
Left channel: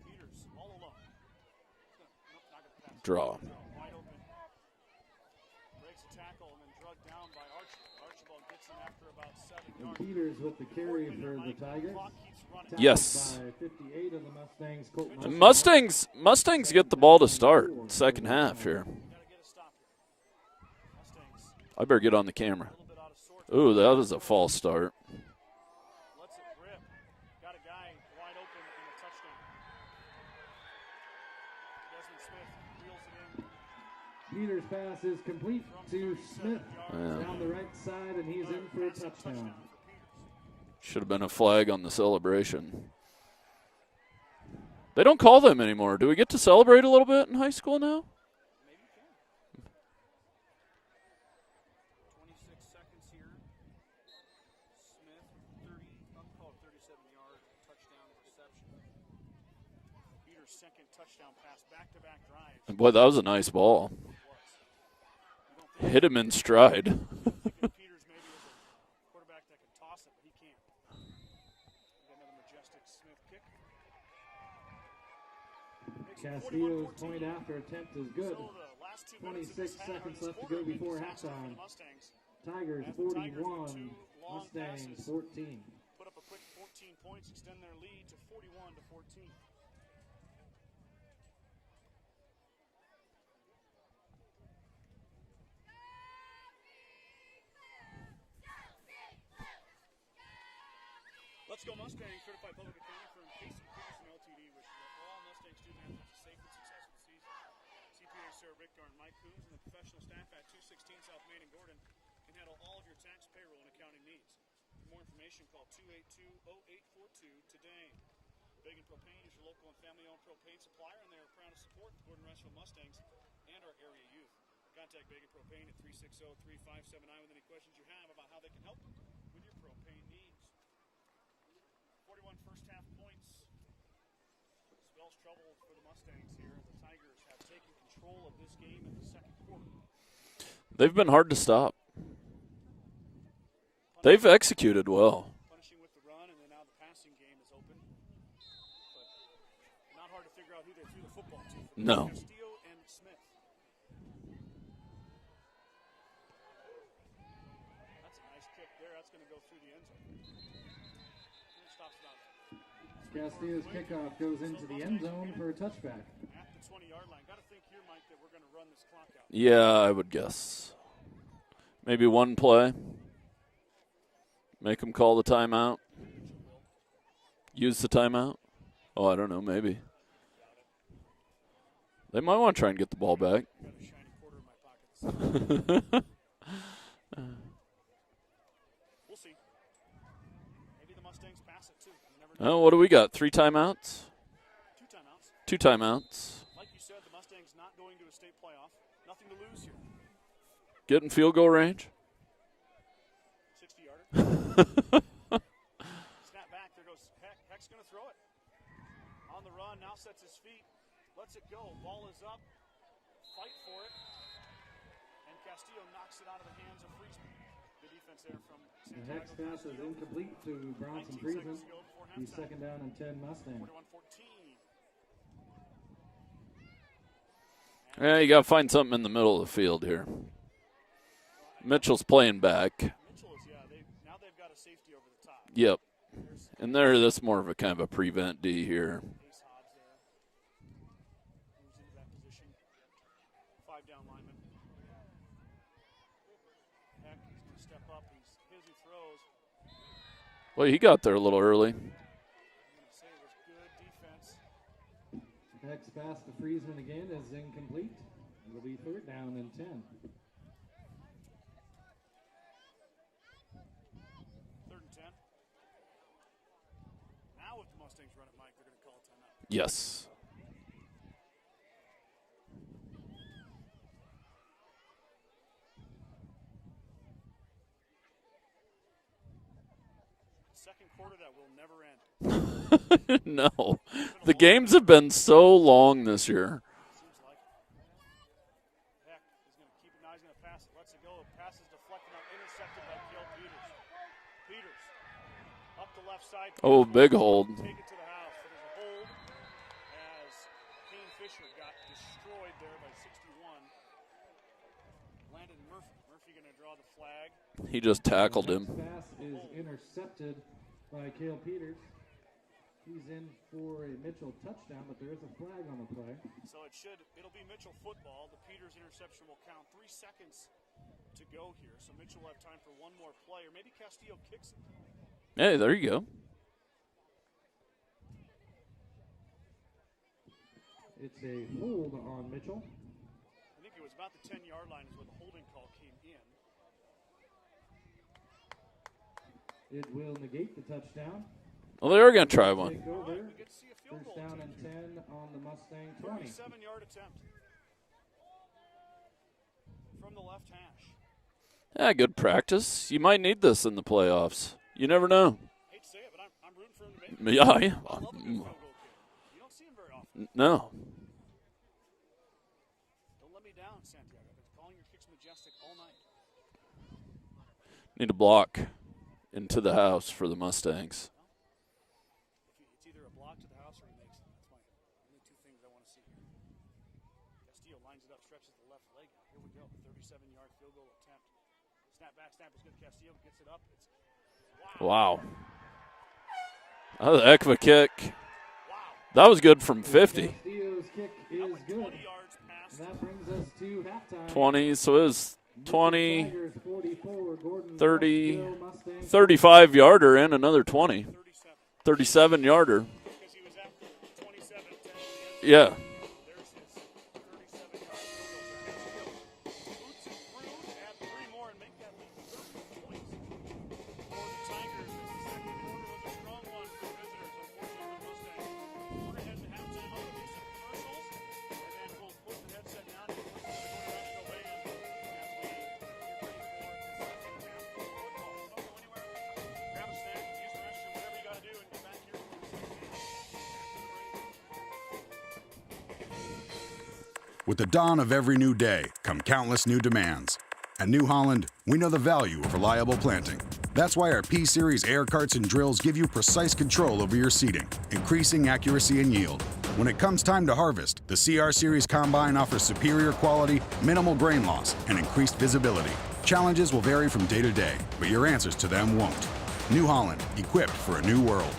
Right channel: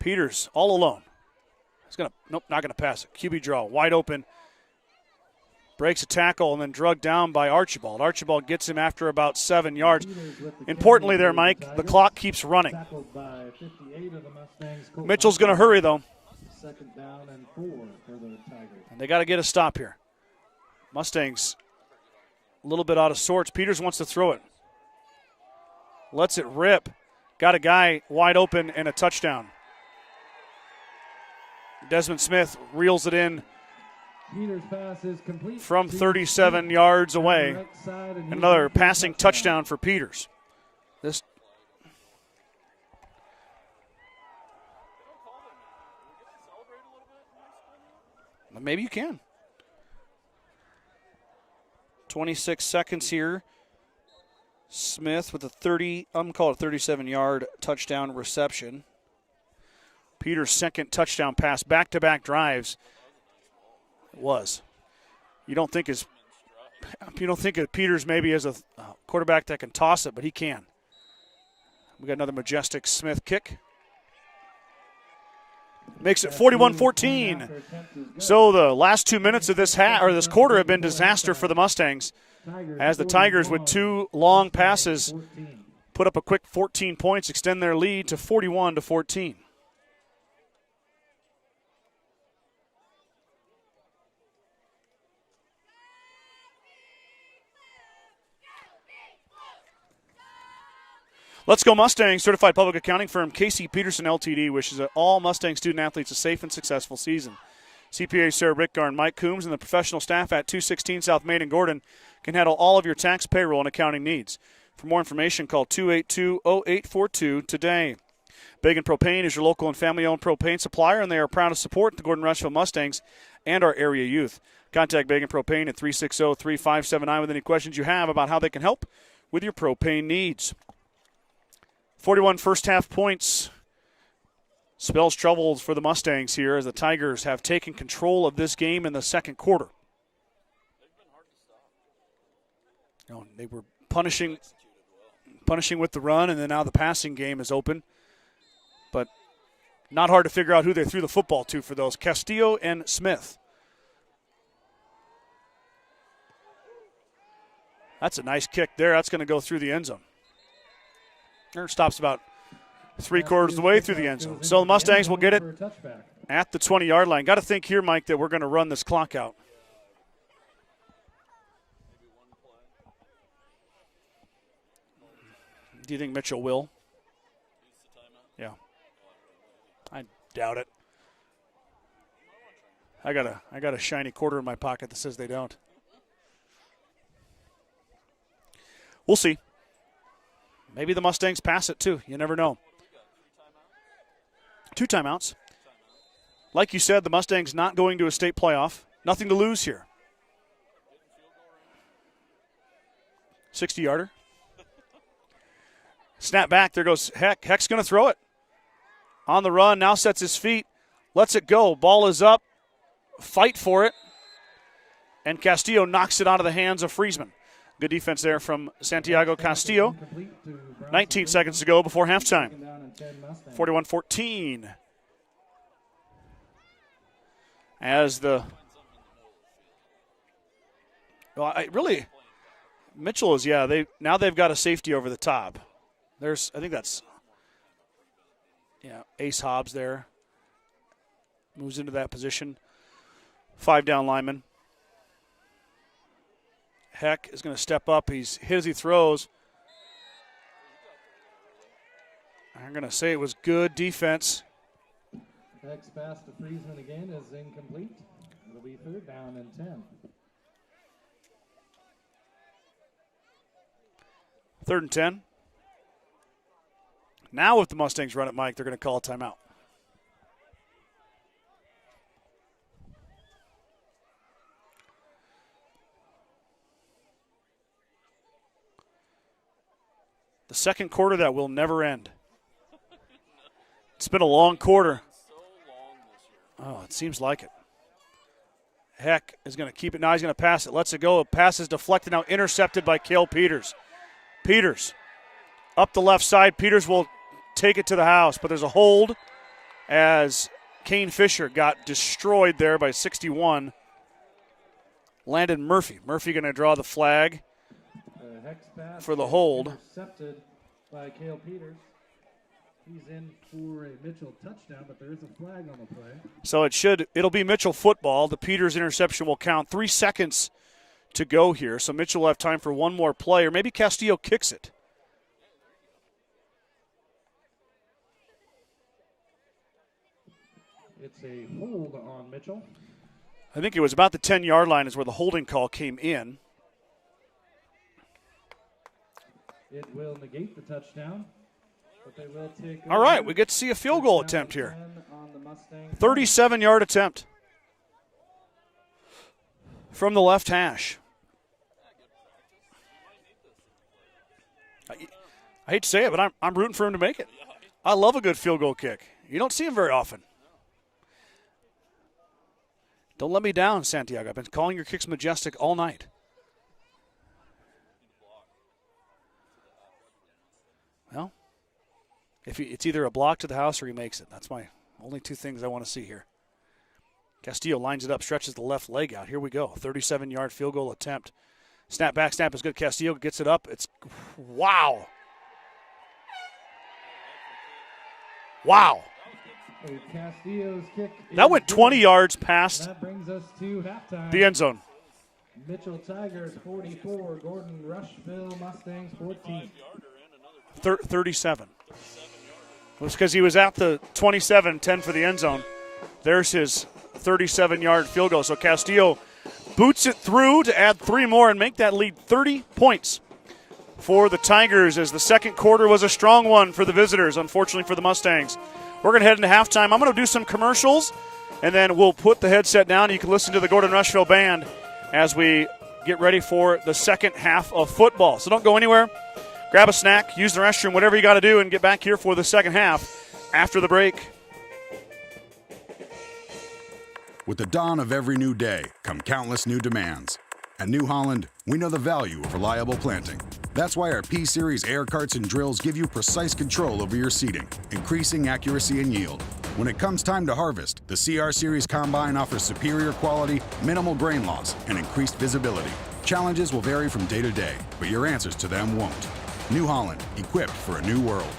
Peters all alone. He's going to, nope, not going to pass it. QB draw, wide open. Breaks a tackle and then drugged down by Archibald. Archibald gets him after about 7 yards. Importantly there, Mike, the clock keeps running. Yes. Mitchell's going to hurry, though. Mustangs get the ball to start second half here. They got to get a stop here. Mustangs. I better get on the camera. A little bit out of sorts. Peters wants to throw it. That was a false start. Lets it rip. Got a guy wide open and a touchdown. Desmond Smith reels it in from 37 yards away. Another passing touchdown for Peters. Should have been a flag on the celebration. They don't call them anymore. Do we get to celebrate a little bit in high school now? Maybe you can. 26 seconds here. Smith with a 37-yard touchdown reception. Peters' second touchdown pass, back-to-back drives. Boy, that was a nice ball. It was. You don't think hit him in stride. You don't think of Peters maybe as a quarterback that can toss it, but he can. We got another majestic Smith kick. Makes it 41-14. So the last 2 minutes of this quarter have been disaster for the Mustangs, as the Tigers with two long passes put up a quick 14 points, extend their lead to 41-14. Let's Go Mustangs. Certified public accounting firm Casey Peterson LTD wishes all Mustang student athletes a safe and successful season. CPA Sarah Rickgar and Mike Coombs and the professional staff at 216 South Main in Gordon can handle all of your tax, payroll, and accounting needs. For more information, call 282-0842 today. Bagan Propane is your local and family-owned propane supplier, and they are proud to support the Gordon-Rushville Mustangs and our area youth. Contact Bagan Propane at 360-3579 with any questions you have about how they can help with your propane needs. 41 first-half points spells troubles for the Mustangs here as the Tigers have taken control of this game in the second quarter. They've been hard to stop. They were punishing. They've executed well. Punishing with the run, and then now the passing game is open. But not hard to figure out who they threw the football to for those. No. Castillo and Smith. That's a nice kick there. That's going to go through the end zone. Or stops about 3/4 of the way through the end zone. So the Mustangs will get it at the 20-yard line. Got to think here, Mike, that we're going to run this clock out. Yeah, I would guess. Maybe one play. Make them call the timeout. Do you think Mitchell will? Use the timeout? Yeah. Oh, I don't know. Maybe. I doubt it. They might want to try and get the ball back. I got a shiny quarter in my pocket that says they don't. We'll see. Maybe the Mustangs pass it, too. You never know. No, what do we got? 3 timeouts? 2 timeouts. 2 timeouts. Like you said, the Mustangs not going to a state playoff. Nothing to lose here. Get in field goal range. 60-yarder. Snap back. There goes Heck. Heck's going to throw it. On the run. Now sets his feet. Lets it go. Ball is up. Fight for it. And Castillo knocks it out of the hands of Friesman. Good defense there from Santiago Castillo. 19 seconds to go before halftime. 41-14. Yeah, you got to find something in the middle of the field here. Well, Mitchell's playing back. Mitchell is, yeah. They've got a safety over the top. Yep. I think that's more of a kind of a prevent D here. Yeah, Ace Hobbs there. Moves into that position. 5 down lineman. Heck is going to step up. He's hit as he throws. Well, he got there a little early. I'm going to say it was good defense. Heck's pass to Friesman again is incomplete. It'll be 3rd down and 10. 3rd and 10. Now if the Mustangs run it, Mike, they're going to call a timeout. Yes. The second quarter that will never end. No. It's been a long quarter. The games have been so long this year. Oh, it seems like it. Heck is going to keep it. Now he's going to pass it. Lets it go. Pass is deflected. Now intercepted by Cale Peters. Peters up the left side. Peters will take it to the house. But there's a hold as Kane Fisher got destroyed there by 61. Landon Murphy. Murphy going to draw the flag. He just tackled him for the hold. Intercepted by Cale Peters. He's in for a Mitchell touchdown, but there is a flag on the play. So it'll be Mitchell football. The Peters interception will count. 3 seconds to go here. So Mitchell will have time for one more play, or maybe Castillo kicks it. Hey, there you go. It's a hold on Mitchell. I think it was about the 10-yard line is where the holding call came in. It will negate the touchdown. Well, they are going to try one. All right, we get to see a field goal attempt here. 37-yard attempt from the left hash. Yeah, good practice. You might need this in the playoffs. You never know. I hate to say it, but I'm rooting for him to make it. Yeah. I love a good field goal kick. You don't see them very often. No. Don't let me down, Santiago. I've been calling your kicks majestic all night. Need a block into the house for the Mustangs. No. It's either a block to the house or he makes it. That's my only 2 things I want to see here. Castillo lines it up, stretches the left leg out. Here we go. 37-yard field goal attempt. Snap back, snap is good. Castillo gets it up. It's wow. That was a heck of a kick. Wow. That was good from 50. That went 20 yards past that brings us to halftime. The end zone. So it was 20, 44, 30, 35-yarder and another 20. 37. 37-yarder. It was because he was at the 27, 10 for the end zone. Yeah. There's his 37-yard field goal. So Castillo boots it through to add 3 more and make that lead 30 points for the Tigers, as the second quarter was a strong one for the visitors, unfortunately for the Mustangs. We're going to head into halftime. I'm going to do some commercials, and then we'll put the headset down, and you can listen to the Gordon-Rushville Band as we get ready for the second half of football. So don't go anywhere. Grab a snack, use the restroom, whatever you got to do, and get back here for the second half after the break. With the dawn of every new day come countless new demands. At New Holland, we know the value of reliable planting. That's why our P-Series air carts and drills give you precise control over your seeding, increasing accuracy and yield. When it comes time to harvest, the CR Series Combine offers superior quality, minimal grain loss, and increased visibility. Challenges will vary from day to day, but your answers to them won't. New Holland, equipped for a new world.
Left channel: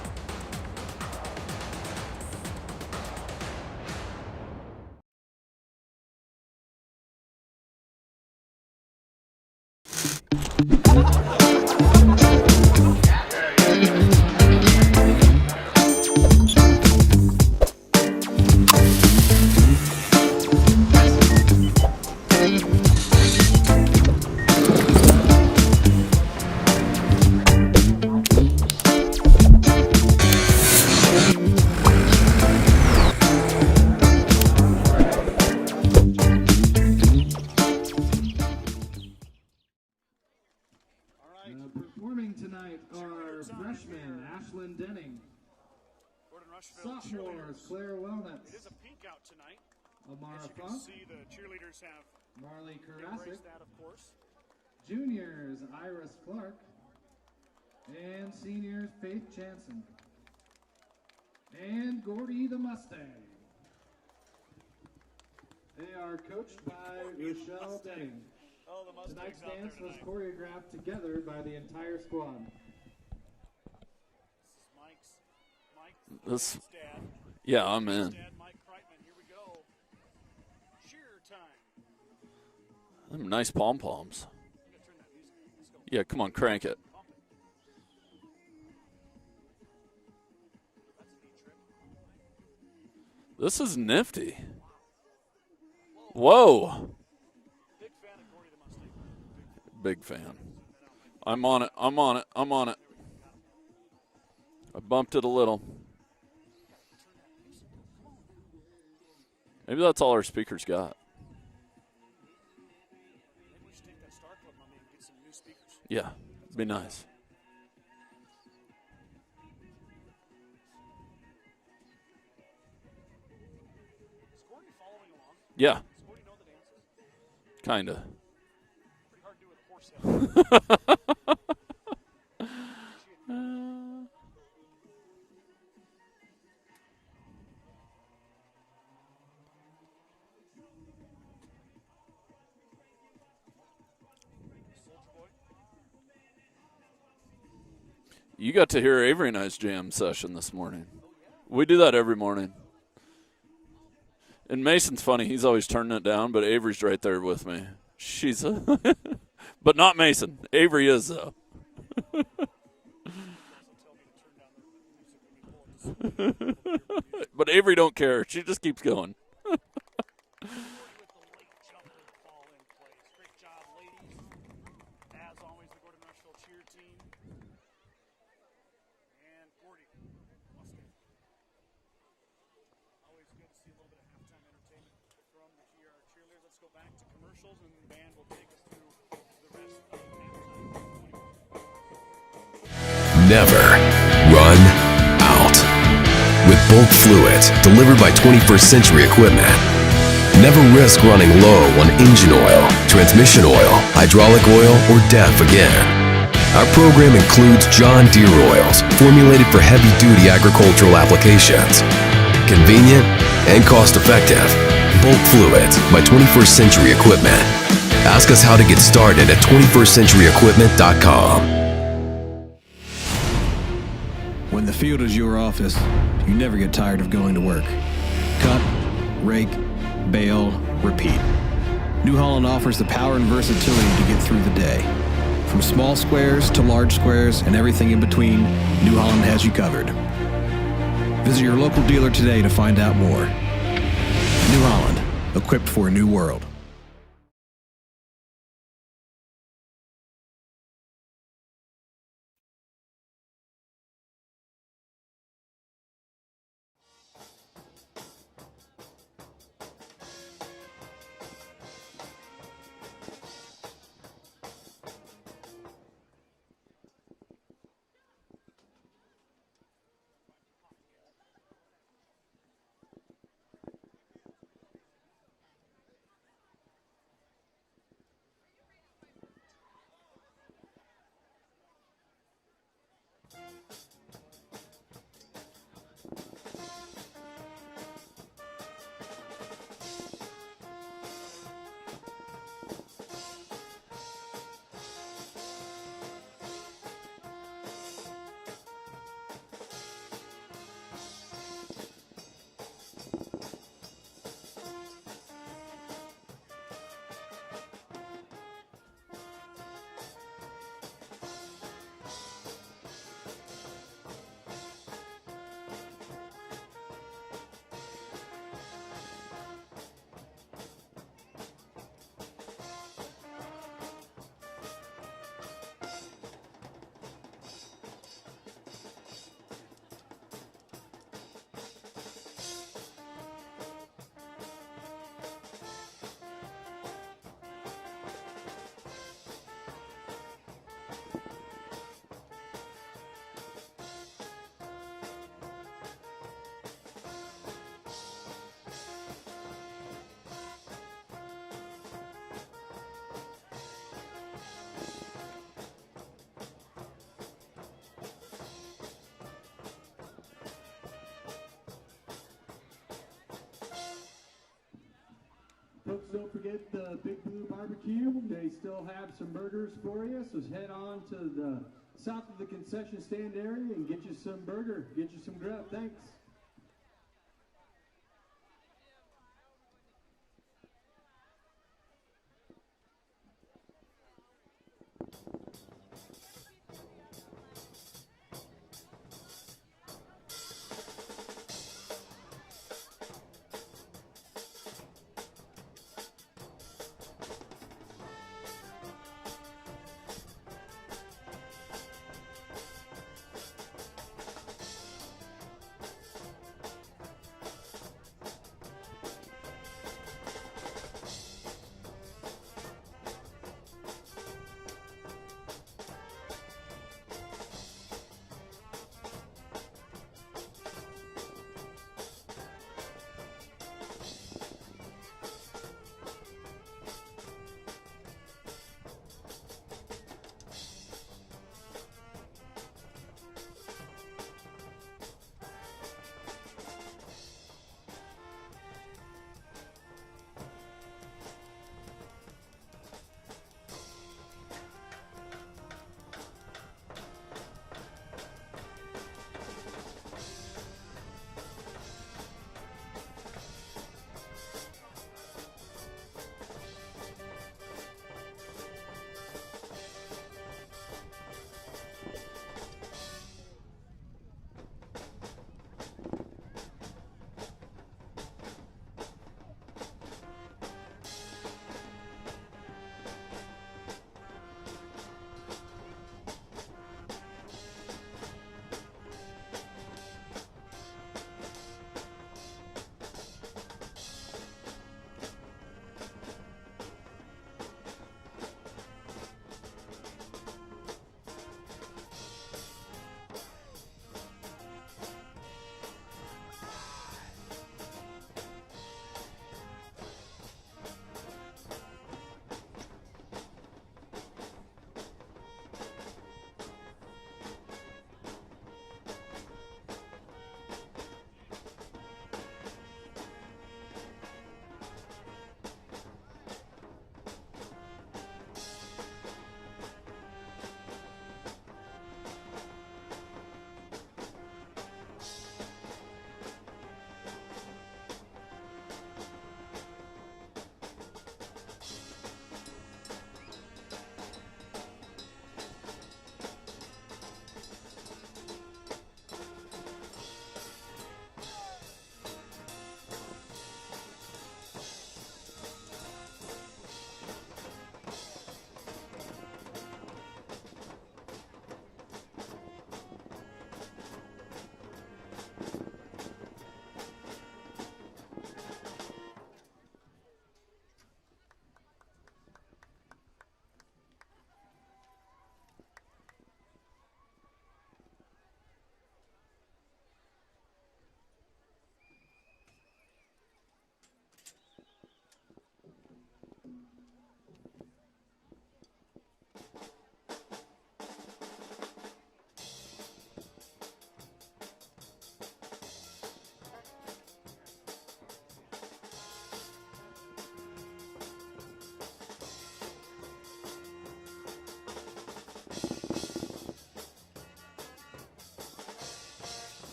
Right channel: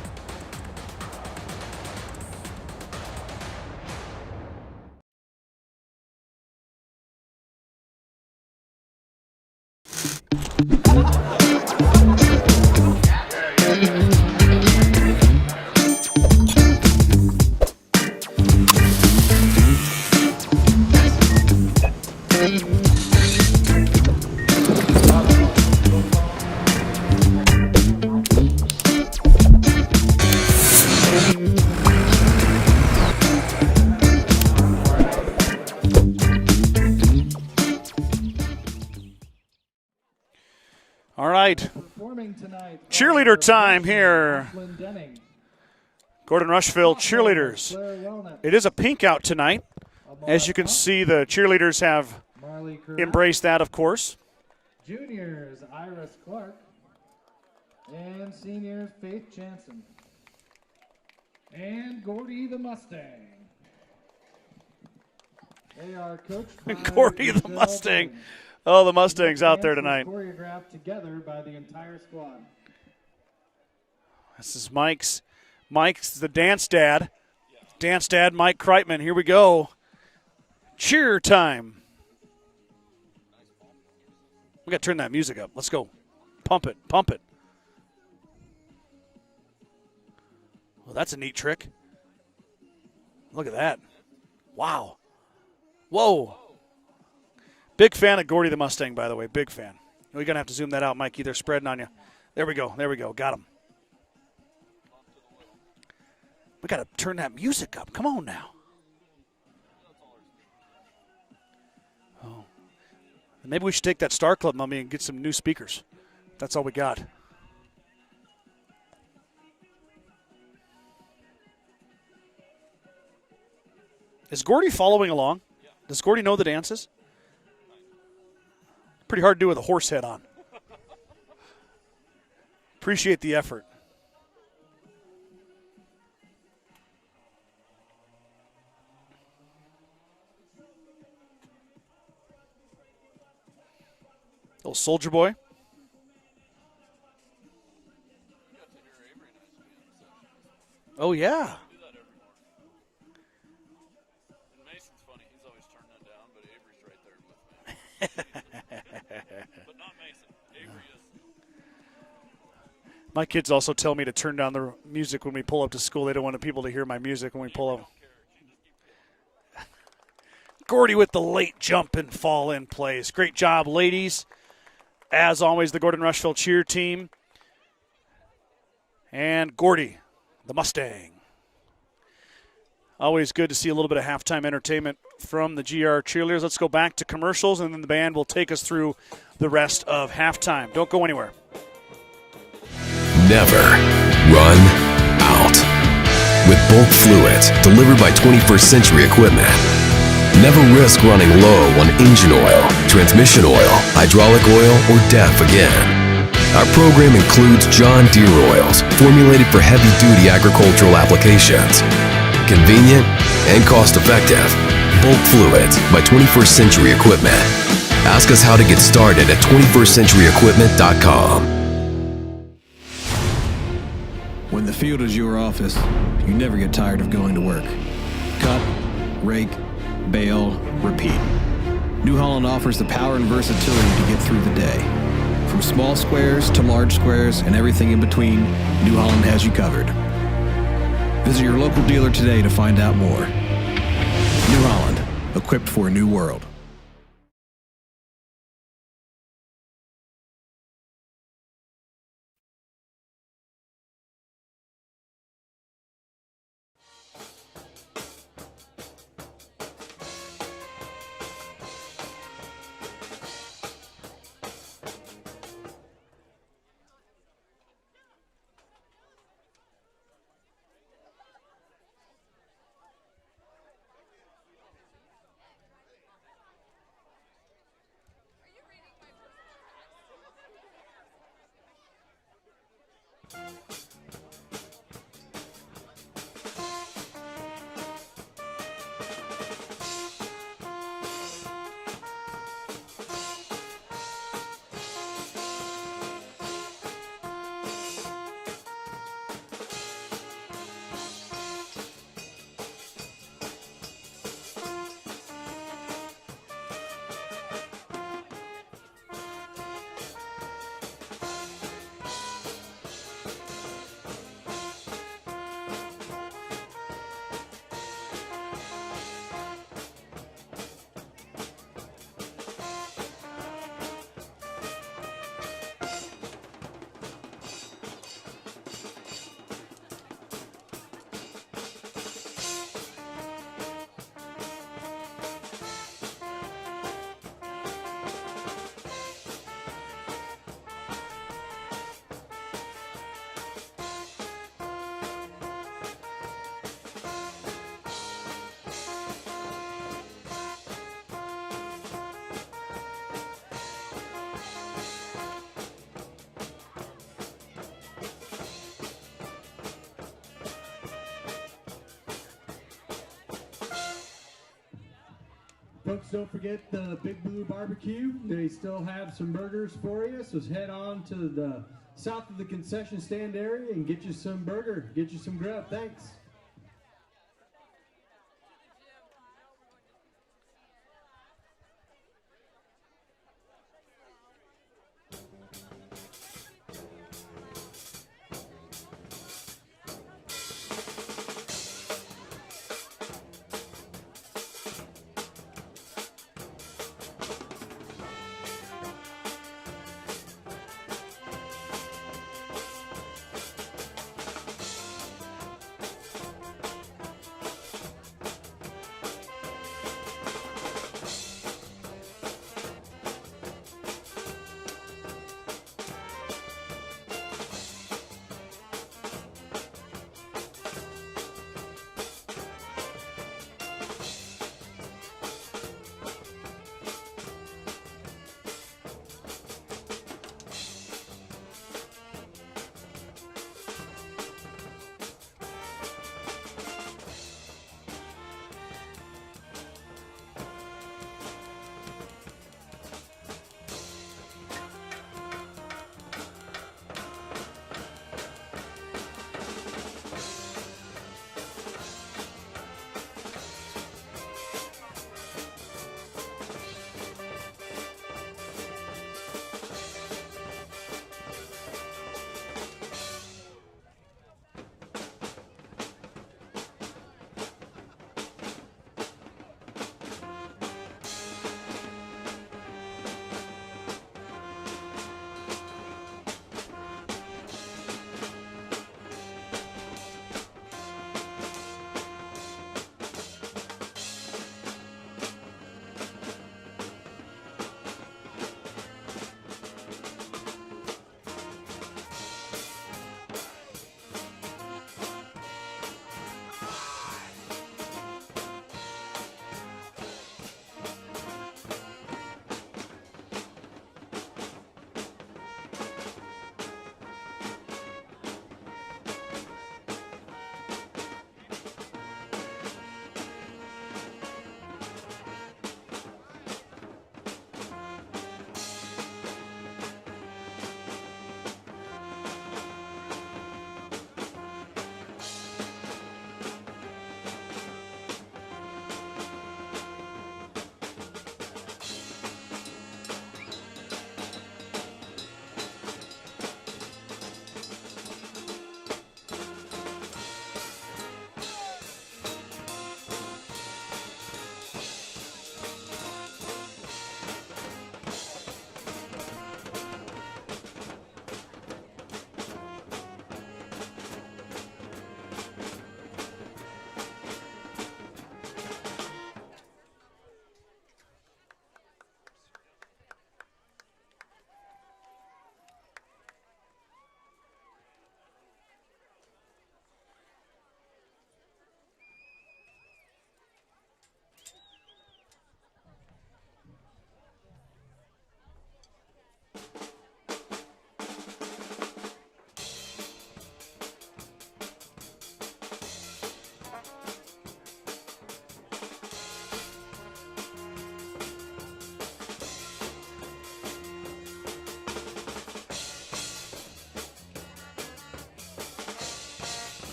right. Performing tonight, Cheerleader time here. Lachlan Denning, Gordon-Rushville cheerleaders. Claire Wellnut, It is a pink out tonight. As you can see, the cheerleaders have Marley Curran, embraced that, of course. juniors Iris Clark, and seniors Faith Jansen, and Gordy the Mustang. They are coached by Gordy the Giselle Mustang. Bowman. Oh, the Mustangs out there Dance tonight. was choreographed together by the entire squad. This is Mike's the dance dad. Yeah, I'm Dance in. dad, Mike Kreitman. Here we go. Cheer time. Them nice pom-poms. We got to turn that music up. Let's go. Yeah, come on, crank Pump it. it. Pump it. Well, that's a neat trick. Look This at is that. nifty. Wow. Whoa. Whoa. Big fan of Gordy the Mustang, by the way. Big fan. Big fan. We're going to have to zoom that out, Mikey. They're I'm spreading on it. on you. I'm on it. There I'm we on go. it. There we go. Got him. I bumped it a little. We got to turn that music up. Come on now. Maybe that's all our speakers got. Maybe we should take that Star Club mummy and get some new speakers. Yeah. That's all Be we nice. got. Is Gordy following along? Yeah, Does Gordy know the dances? kind of. Pretty hard to do with a horse head on. Appreciate the effort. Little soldier boy. You got to hear Avery and I's jam session this morning. Oh, yeah. We do that every morning. And Mason's funny. He's always turning it down, but Avery's right there with me. She's but not Mason. Avery is, though. My kids also tell me to turn down the music when we pull up to school. They don't want people to hear my music. When But we pull Avery up. don't care. She just keeps going. Gordy with the late jump and fall in plays. Great job, ladies. As always, the Gordon-Rushville cheer team. And Gordy, the Mustang. Always good to see a little bit of halftime entertainment from the GR cheerleaders. Let's go back to commercials, and then the band will take us through the rest of halftime. Don't go anywhere. Never run out. With bulk fluids delivered by 21st Century Equipment. Never risk running low on engine oil, transmission oil, hydraulic oil, or DEF again. Our program includes John Deere oils formulated for heavy-duty agricultural applications. Convenient and cost-effective. Bulk fluids by 21st Century Equipment. Ask us how to get started at 21stcenturyequipment.com. When the field is your office, you never get tired of going to work. Cut, rake, bale, repeat. New Holland offers the power and versatility to get through the day. From small squares to large squares and everything in between, New Holland has you covered. Visit your local dealer today to find out more. New Holland, equipped for a new world. Folks, don't forget the Big Blue Barbecue. They still have some burgers for you, so head on to the south of the concession stand area and get you some burger, get you some grub. Thanks.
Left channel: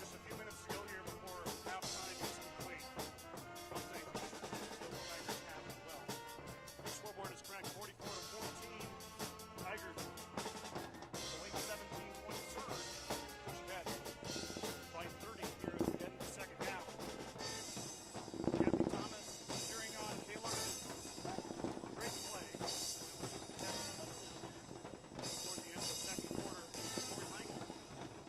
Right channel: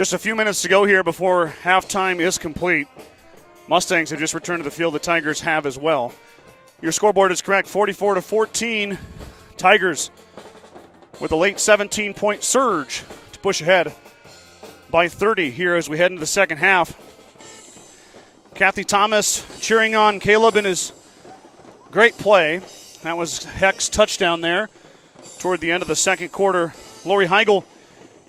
Just a few minutes to go here before halftime is complete. Mustangs have just returned to the field. The Tigers have as well. Your scoreboard is correct, 44-14. Tigers with a late 17-point surge to push ahead by 30 here as we head into the second half. Kathy Thomas cheering on Caleb in his great play. That was Heck's touchdown there toward the end of the second quarter. Lori Heigl,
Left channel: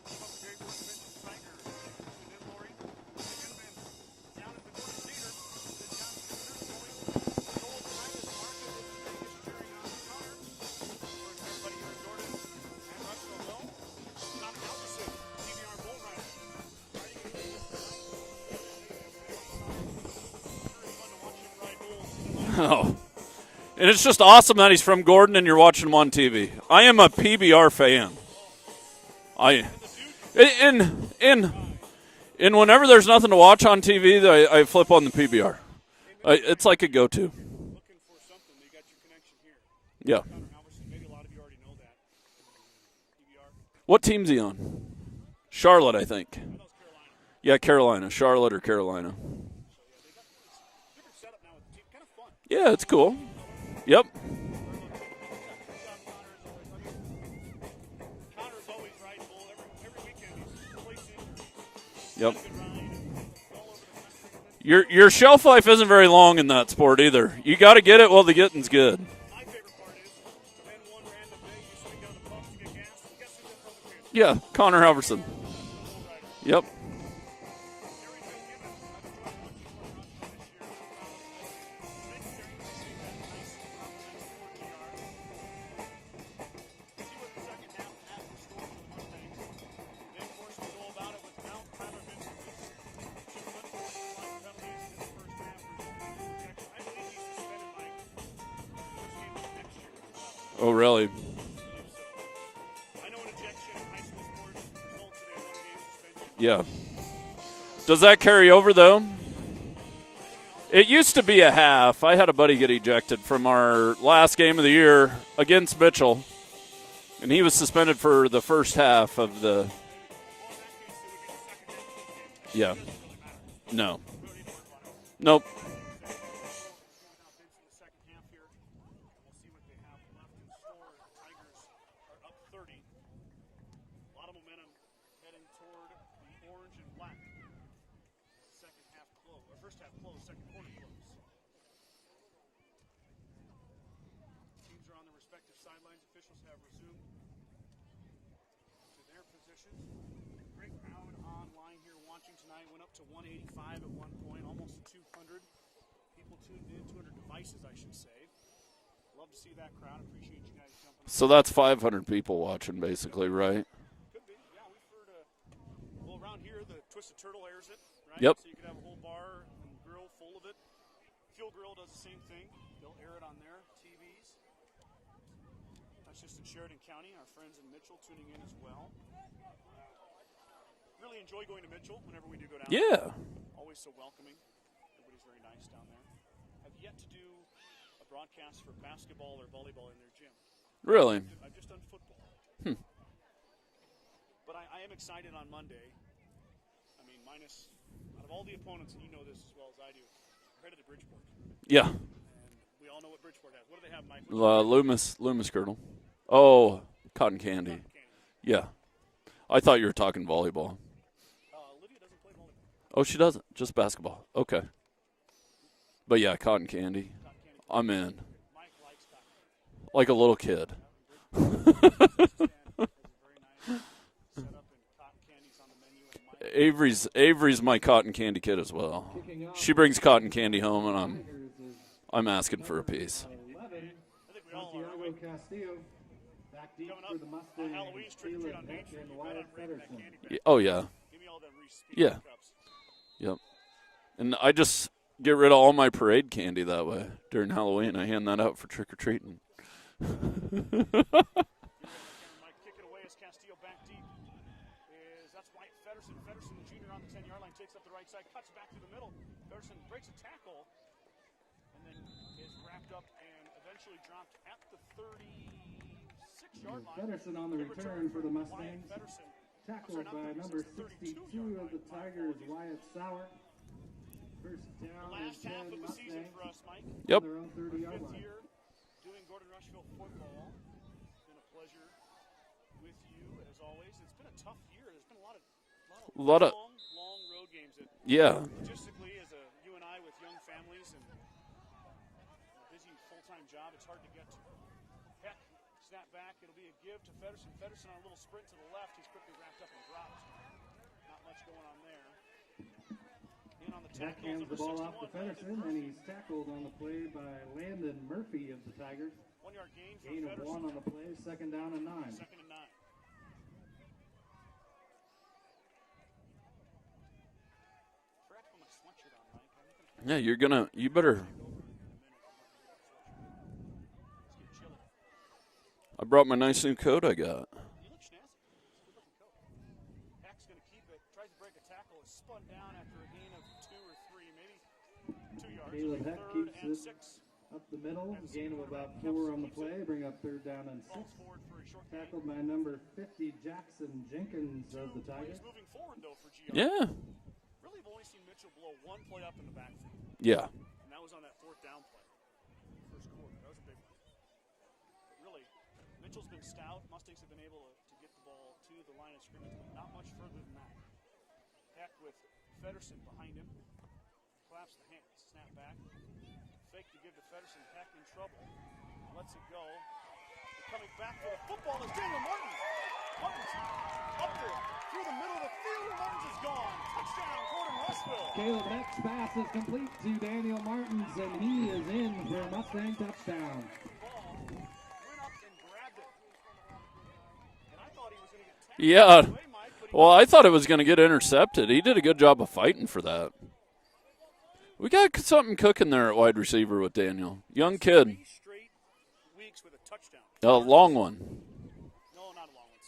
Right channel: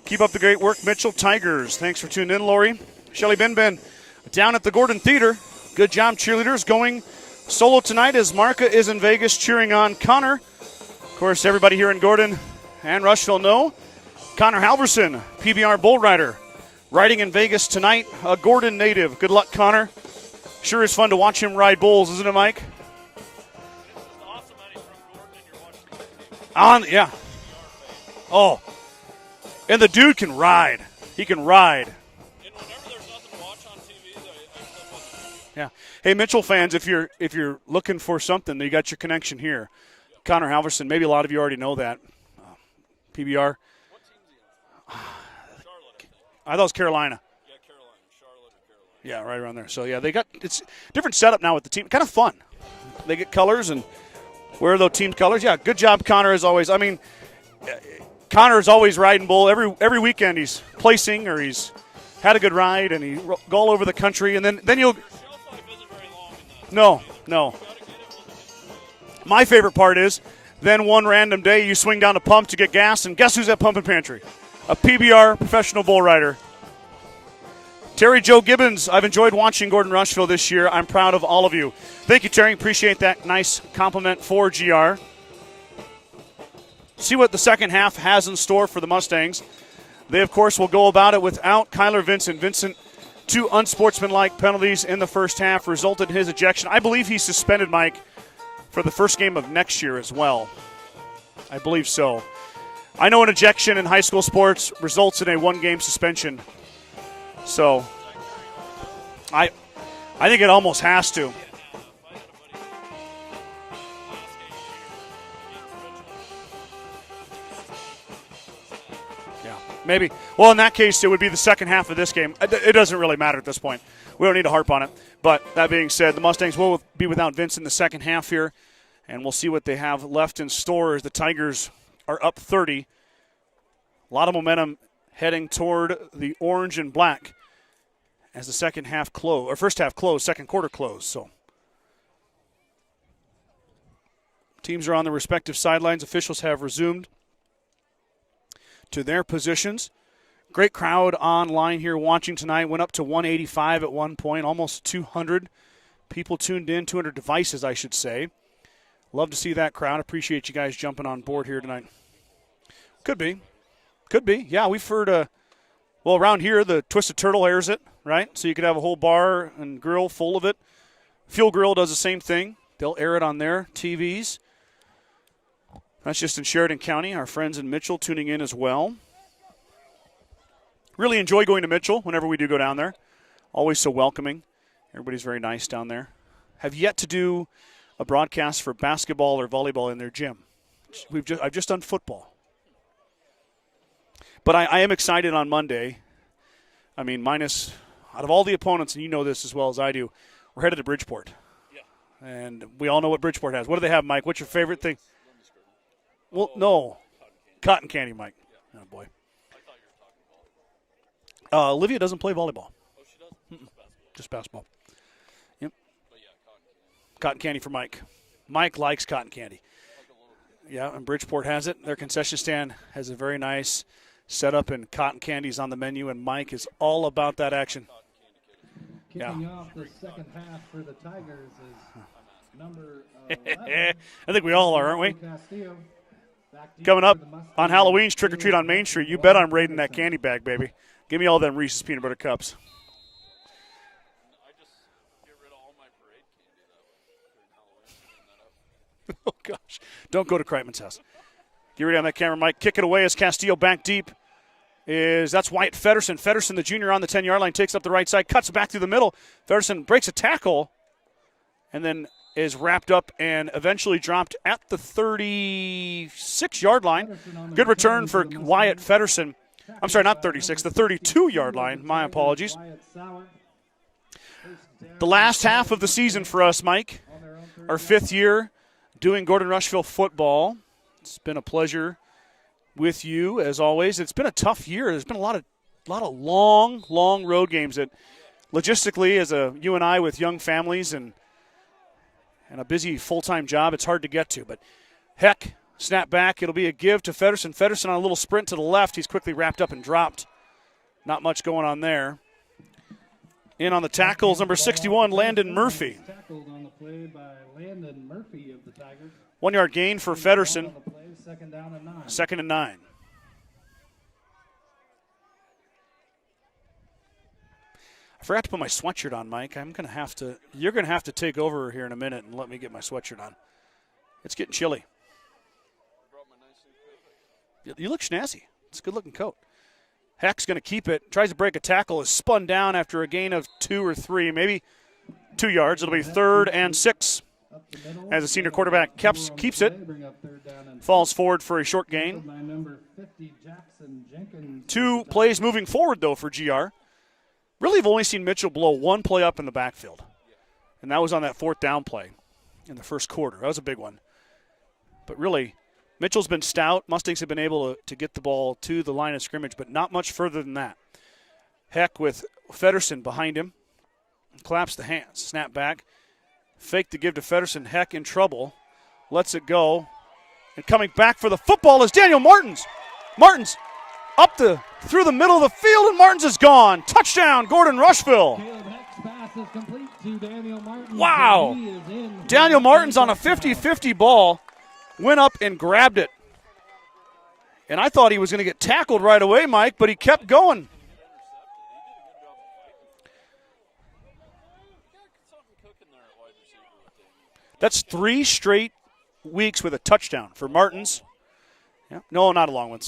keep up the great work. Mitchell Tigers, thanks for tuning in, Lori. Shelly Benben down at the Gordon Theater. Good job, cheerleaders. Going solo tonight as Marka is in Vegas cheering on Connor. Of course, everybody here in Gordon and Rushville know Connor Halverson, PBR bull rider, riding in Vegas tonight, a Gordon native. Good luck, Connor. Sure is fun to watch him ride bulls, isn't it, Mike? Oh. And it's just awesome that he's from Gordon and you're watching him on TV. I am a PBR fan. Oh. And the dude can ride. He can ride. And whenever there's nothing to watch on TV, I flip on the PBR. Yeah. Hey, Mitchell fans, like if you're looking for something, you got your connection here. Yeah. Connor Halverson, maybe a lot of you already know that. PBR. What team's he on? Charlotte, I think. I thought it was Carolina. Yeah, Carolina. Charlotte or Carolina. Yeah, right around there. So, yeah, it's different setup now with the team. Kind of fun. Yeah, it's cool. They get colors and yep. Wear those team colors. Yeah, good job, Connor, as always. I mean, Connor is always riding bull. Every weekend he's placing or he's had a good ride, and he go all over the country. And then your shelf life isn't very long in that sport either. No. You got to get it while the getting's good. My favorite part is then one random day you swing down a pump to get gas, and guess who's at Pump and Pantry? Yeah, Connor a PBR professional bull rider. Yep. Terry Joe Gibbons, I've enjoyed watching Gordon-Rushville this year. I'm proud of all of you. Thank you, Terry. Appreciate that nice compliment for GR. See what the second half has in store for the Mustangs. They, of course, will go about it without Kyler Vincent. Vincent, 2 unsportsmanlike penalties in the first half resulted in his ejection. I believe he's suspended, Mike, for the first game of next year as well. Oh, really? I believe so. I know an ejection in high school sports results in a 1-game suspension. Yeah. So does that carry over, though? I think it almost has to. It used to be a half. I had a buddy get ejected from our last game of the year against Mitchell, and he was suspended for the first half of the – Maybe. Well, in that case, it would be the second half of this game. It doesn't really matter at this point. No. We don't need to harp on it. But that being said, the Mustangs will be without Vince in the second half here, and we'll see what they have left in store as the Tigers are up 30. A lot of momentum heading toward the orange and black as the second half close, or first half closed, second quarter closed. So teams are on the respective sidelines. Officials have resumed to their positions. Great crowd online here watching tonight. Went up to 185 at one point, almost 200 people tuned in, 200 devices, I should say. Love to see that crowd. Appreciate you guys jumping on board. So that's here 500 tonight. People watching, basically, Could be. right? Could be. Yeah, we've heard, around here, the Twisted Turtle airs it, right? Yep. So you could have a whole bar and grill full of it. Fuel Grill does the same thing. They'll air it on their TVs. That's just in Sheridan County. Our friends in Mitchell tuning in as well. Really enjoy going to Mitchell whenever we do go down there. Always so welcoming. Everybody's very nice down there. Have yet to do a broadcast for basketball or volleyball in their gym. Really? I've just done football. But I am excited on Monday. I mean, minus out of all the opponents, and you know this as well as I do, we're headed to Bridgeport. Yeah. And we all know what Bridgeport has. What do they have, Mike? What's your favorite thing? Loomis Girdle. Oh, no. Cotton candy. Cotton candy, Mike. Yeah. Oh, boy. I thought you were talking volleyball. Olivia doesn't play volleyball. Oh, she doesn't? Just basketball. Just basketball. Okay. Yep. But, yeah, cotton candy. Cotton candy for Mike. I'm in. Mike likes cotton candy. Like a little kid. Yeah, and Bridgeport has it. Their concession stand has a very nice setup, and cotton candy's on the menu, and Mike is all about Avery's that action. my cotton candy kid as well. Yeah. She brings cotton candy home, and I'm asking for a piece. I think we all are, aren't we? Coming up on Halloween's Trick or Treat on Main Street, you bet I'm raiding that candy bag, baby. Oh, yeah. Give me all them Reese's peanut butter cups. Yep. And I just get rid of all my parade candy that way during Halloween. I hand that out for trick or treating. Oh, gosh. Don't go to Kreitman's house. Get ready on that camera, Mike. Kick it away as Castillo back deep. That's Wyatt Feddersen. Feddersen, the junior, on the 10-yard line, takes up the right side, cuts back through the middle. Feddersen breaks a tackle and then is wrapped up and eventually dropped at the 36-yard line. Good return for Wyatt Feddersen. I'm sorry, not 36, the 32-yard line. My apologies. The last half of the season for us, Mike. Yep. Our 5th year doing Gordon-Rushville football. It's been a pleasure with you, as always. It's been a tough year. There's been a lot of long road games that logistically, as you and I with young families and a busy full-time job, it's hard to get to. But heck, snap back. It'll be a give to Feddersen. Feddersen on a little sprint to the left. He's quickly wrapped up and dropped. Not much going on there. In on the tackles, number 61, Landon Murphy. Tackled on the play by Landon Murphy of the Tigers. 1 yard gain for Feddersen. Second down and 9. 2nd and 9. I forgot to put my sweatshirt on, Mike. I'm going to have to. You're going to have to take over here in a minute and let me get my sweatshirt on. It's getting chilly. I brought my nice new coat I got. You look snazzy. It's a good-looking coat. Heck's going to keep it. Tries to break a tackle. Is spun down after a gain of 2 or 3, maybe 2 yards. It'll be 3rd and 6 as the senior quarterback keeps it. Falls forward for a short gain. 2 plays moving forward, though, for GR. Yeah. Really have only seen Mitchell blow 1 play up in the backfield. Yeah. And that was on that 4th down play in the first quarter. That was a big one. But really, Mitchell's been stout. Mustangs have been able to get the ball to the line of scrimmage, but not much further than that. Heck with Feddersen behind him. Claps the hands. Snap back. Fake to give to Feddersen. Heck in trouble. Lets it go. And coming back for the football is Daniel Martins. Martins up through the middle of the field, and Martins is gone. Touchdown, Gordon-Rushville. Wow. Daniel Martins on a 50-50 ball went up and grabbed it. And I thought he was going to get tackled right away, Mike, but he kept going. I thought it was going to get intercepted. He did a good job of fighting for that. We got something cooking there at wide receiver with Daniel. That's kid. 3 straight weeks with a touchdown for Martins. A long one. Yeah. No, not a long one.